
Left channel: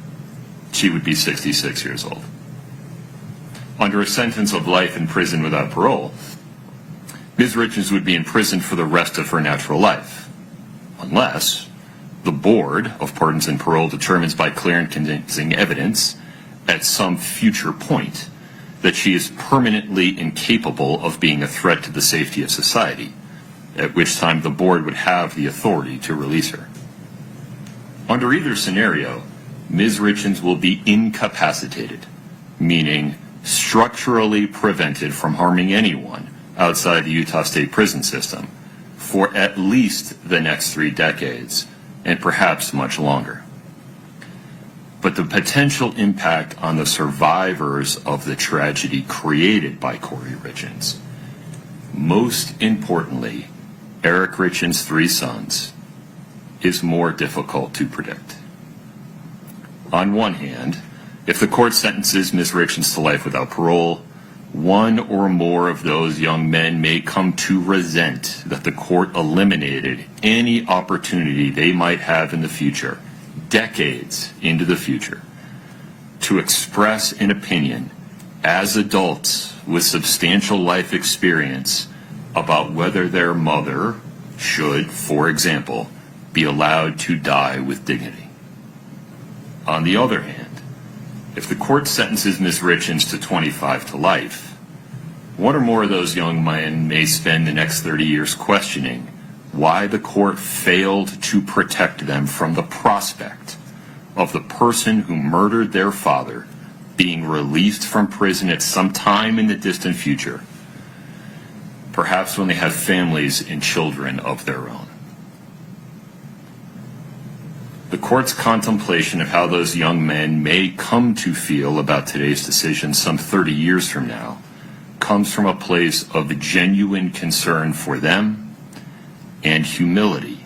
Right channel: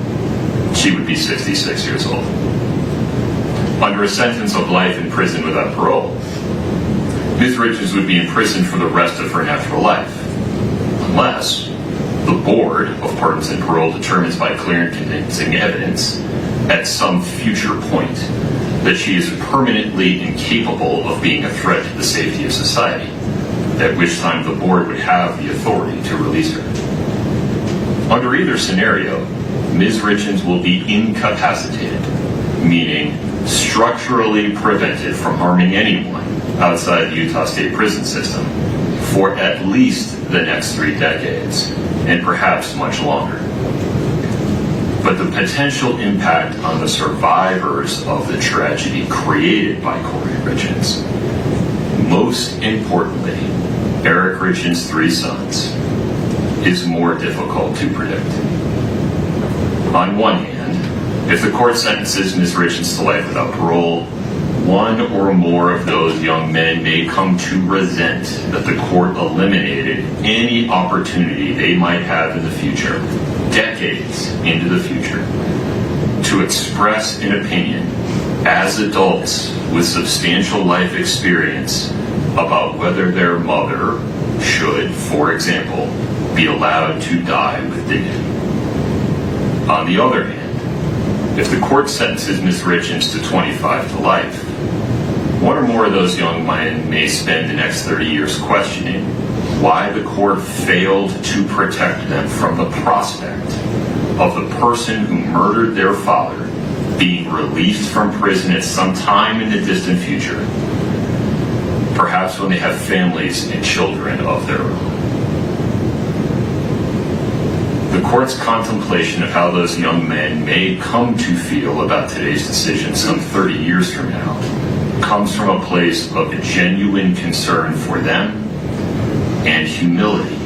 she would be 66 years old. Under a sentence of life in prison without parole, Ms. Richins would be in prison for the rest of her natural life, unless the Board of Pardons and Parole determines by clear and convincing evidence at some future point that she is permanently incapable of being a threat to the safety of society, at which time the Board would have the authority to release her. Under either scenario, Ms. Richins will be incapacitated, meaning structurally prevented from harming anyone outside the Utah State prison system for at least the next 3 decades, and perhaps much longer. But the potential impact on the survivors of the tragedy created by Kouri Richins, most importantly, Eric Richins' 3 sons, is more difficult to predict. On one hand, if the court sentences Ms. Richins to life without parole, one or more of those young men may come to resent that the court eliminated any opportunity they might have in the future, decades into the future, to express an opinion as adults with substantial life experience about whether their mother should, for example, be allowed to die with dignity. On the other hand, if the court sentences Ms. Richins to 25 to life, one or more of those young men may spend the next 30 years questioning why the court failed to protect them from the prospect of the person who murdered their father being released from prison at some time in the distant future, perhaps when they have families and children of their own. The court's contemplation of how those young men may come to feel about today's decision some 30 years from now comes from a place of genuine concern for them and humility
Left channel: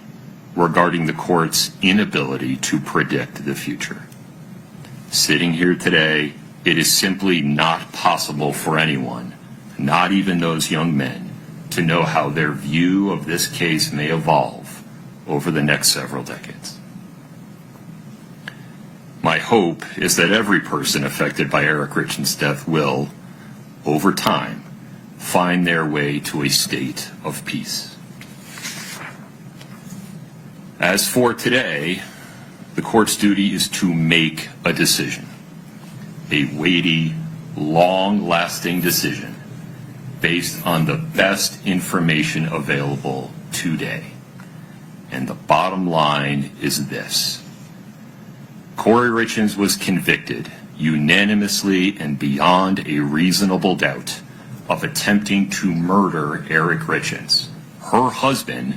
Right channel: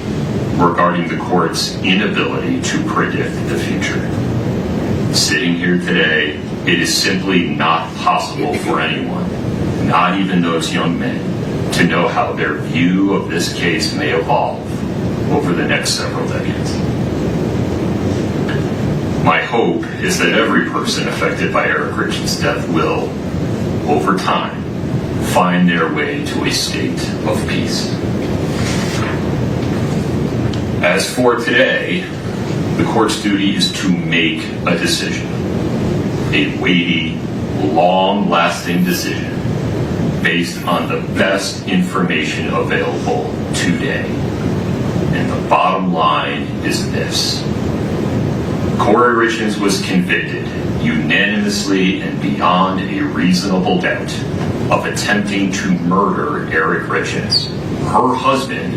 regarding the court's inability to predict the future. Sitting here today, it is simply not possible for anyone, not even those young men, to know how their view of this case may evolve over the next several decades. My hope is that every person affected by Eric Richins' death will, over time, find their way to a state of peace. As for today, the court's duty is to make a decision, a weighty, long-lasting decision based on the best information available today. And the bottom line is this: Kouri Richins was convicted unanimously and beyond a reasonable doubt of attempting to murder Eric Richins, her husband,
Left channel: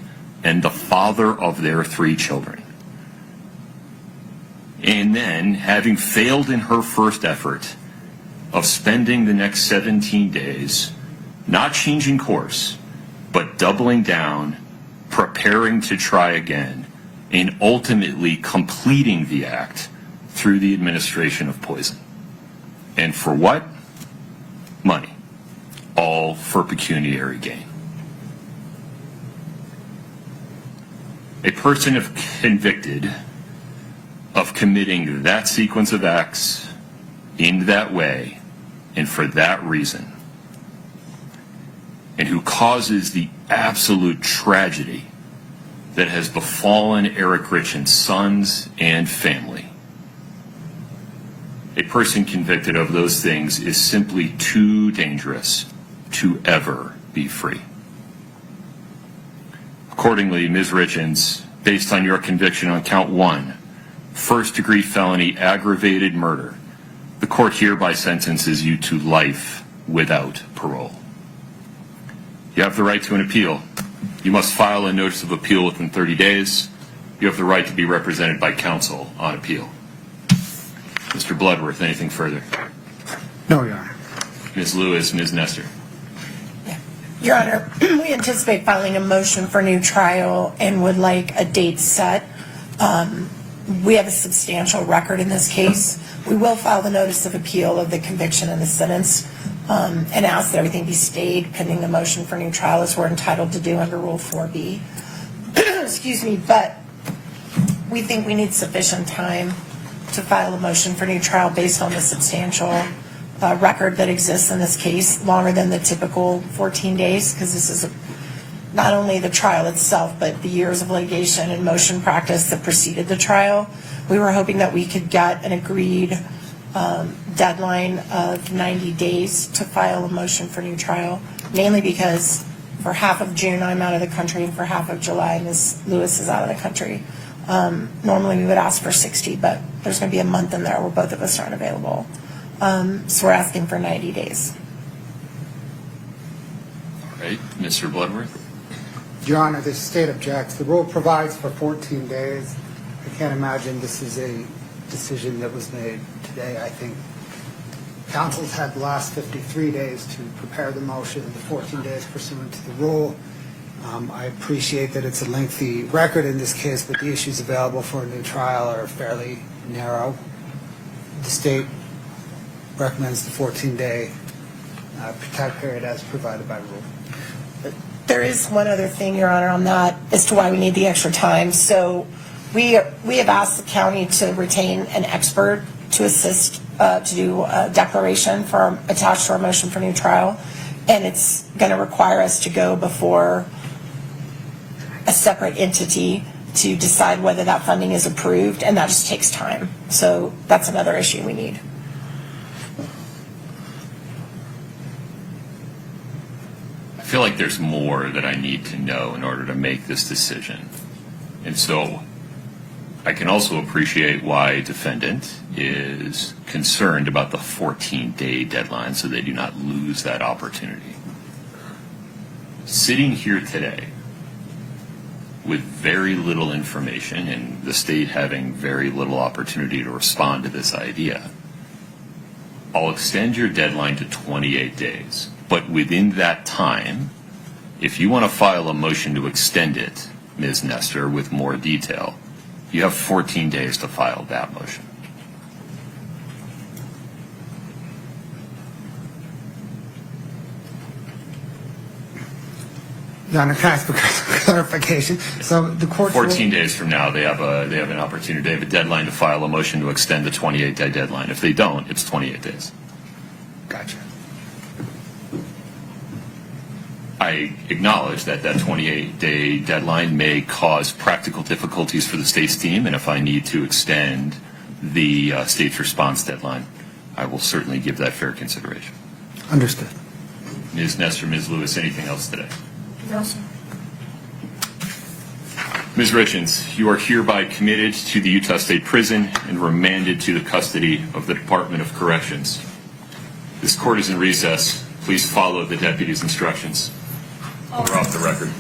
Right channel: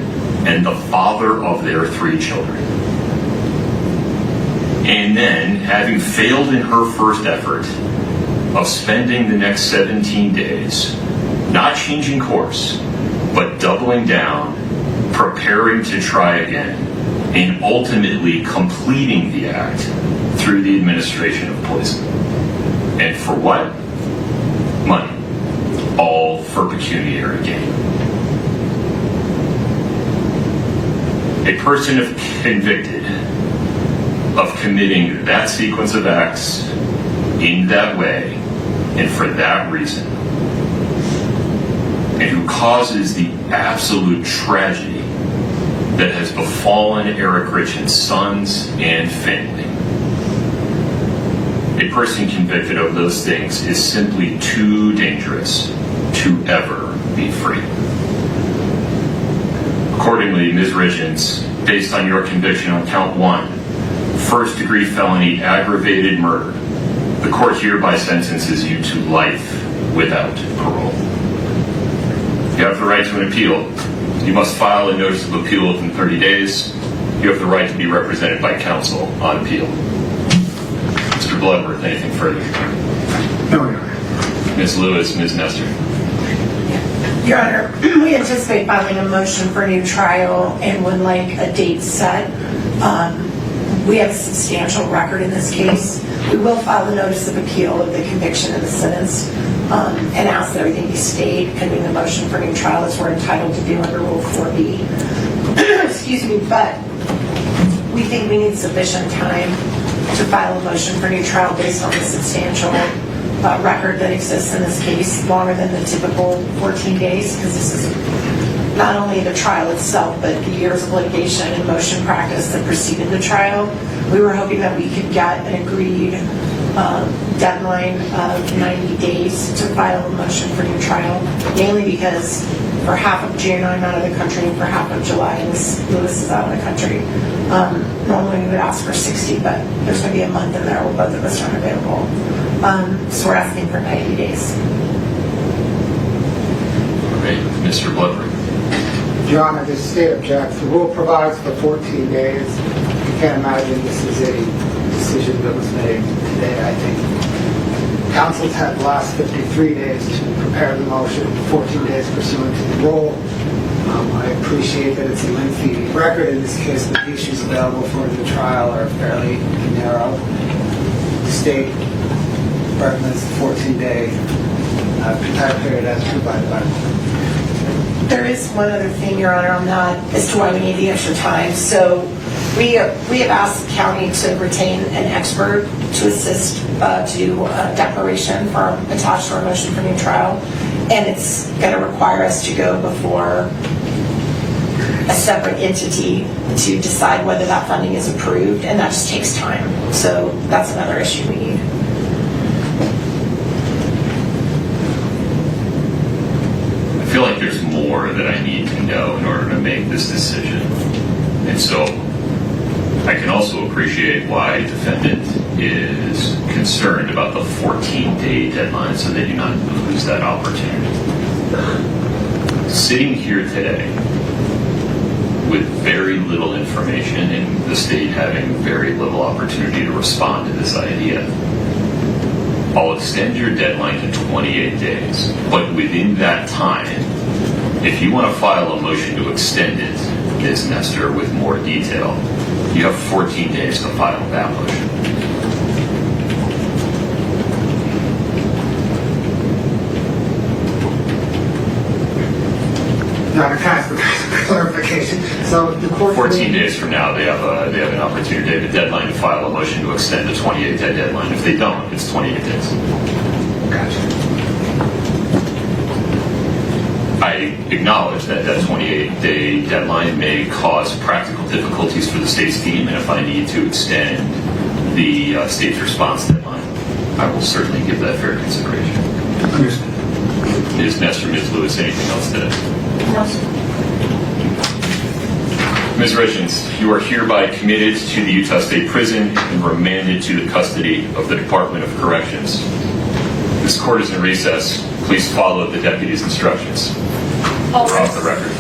and the father of their 3 children. And then, having failed in her first effort of spending the next 17 days not changing course, but doubling down, preparing to try again, and ultimately completing the act through the administration of poison. And for what? Money. All for pecuniary gain. A person convicted of committing that sequence of acts in that way and for that reason, and who causes the absolute tragedy that has befallen Eric Richins' sons and family. A person convicted of those things is simply too dangerous to ever be free. Accordingly, Ms. Richins, based on your conviction on count 1, first-degree felony aggravated murder, the court hereby sentences you to life without parole. You have the right to an appeal. You must file a notice of appeal within 30 days. You have the right to be represented by counsel on appeal. Mr. Bloodworth, anything further? No, Your Honor. Ms. Lewis, Ms. Nestor. Your Honor, we anticipate filing a motion for new trial and would like a date set. We have a substantial record in this case. We will file a notice of appeal of the conviction and the sentence, and ask that everything be stayed pending the motion for new trial, as we're entitled to do under Rule 4B. Excuse me, but we think we need sufficient time to file a motion for new trial based on the substantial record that exists in this case, longer than the typical 14 days, because this is not only the trial itself, but the years of litigation and motion practice that preceded the trial. We were hoping that we could get an agreed deadline of 90 days to file a motion for new trial, mainly because for half of June I'm out of the country, and for half of July Lewis is out of the country. Normally we would ask for 60, but there's going to be a month in there where both of us aren't available. So we're asking for 90 days. All right, Mr. Bloodberg. Your Honor, the state objects. The rule provides for 14 days. You can't imagine this is a decision that was made today. I think council's had the last 53 days to prepare the motion, 14 days pursuant to the rule. I appreciate that it's a lengthy record in this case, but the issues available for the trial are fairly narrow. The state recommends the 14-day time period as provided by the law. There is one other thing, Your Honor, on that as to why we need the extra time. So we have asked the county to retain an expert to assist to do a declaration attached to our motion for new trial, and it's going to require us to go before a separate entity to decide whether that funding is approved, and that just takes time. So that's another issue we need. I feel like there's more that I need to know in order to make this decision. And so I can also appreciate why defendant is concerned about the 14-day deadline so they do not lose that opportunity. Sitting here today with very little information and the state having very little opportunity to respond to this idea, I'll extend your deadline to 28 days. But within that time, if you want to file a motion to extend it, Ms. Nestor, with more detail, you have 14 days to file that motion. Now, can I ask for clarification? So the court 14 days from now, they have an opportunity. They have a deadline to file a motion to extend the 28-day deadline. If they don't, it's 28 days. Gotcha. I acknowledge that that 28-day deadline may cause practical difficulties for the state's team, and if I need to extend the state's response deadline, I will certainly give that fair consideration. Understood. Ms. Nestor, Ms. Lewis, anything else to add? No, sir. Ms. Richins, you are hereby committed to the Utah State Prison and remanded to the custody of the Department of Corrections. This court is in recess. Please follow the deputy's instructions. We're off the record.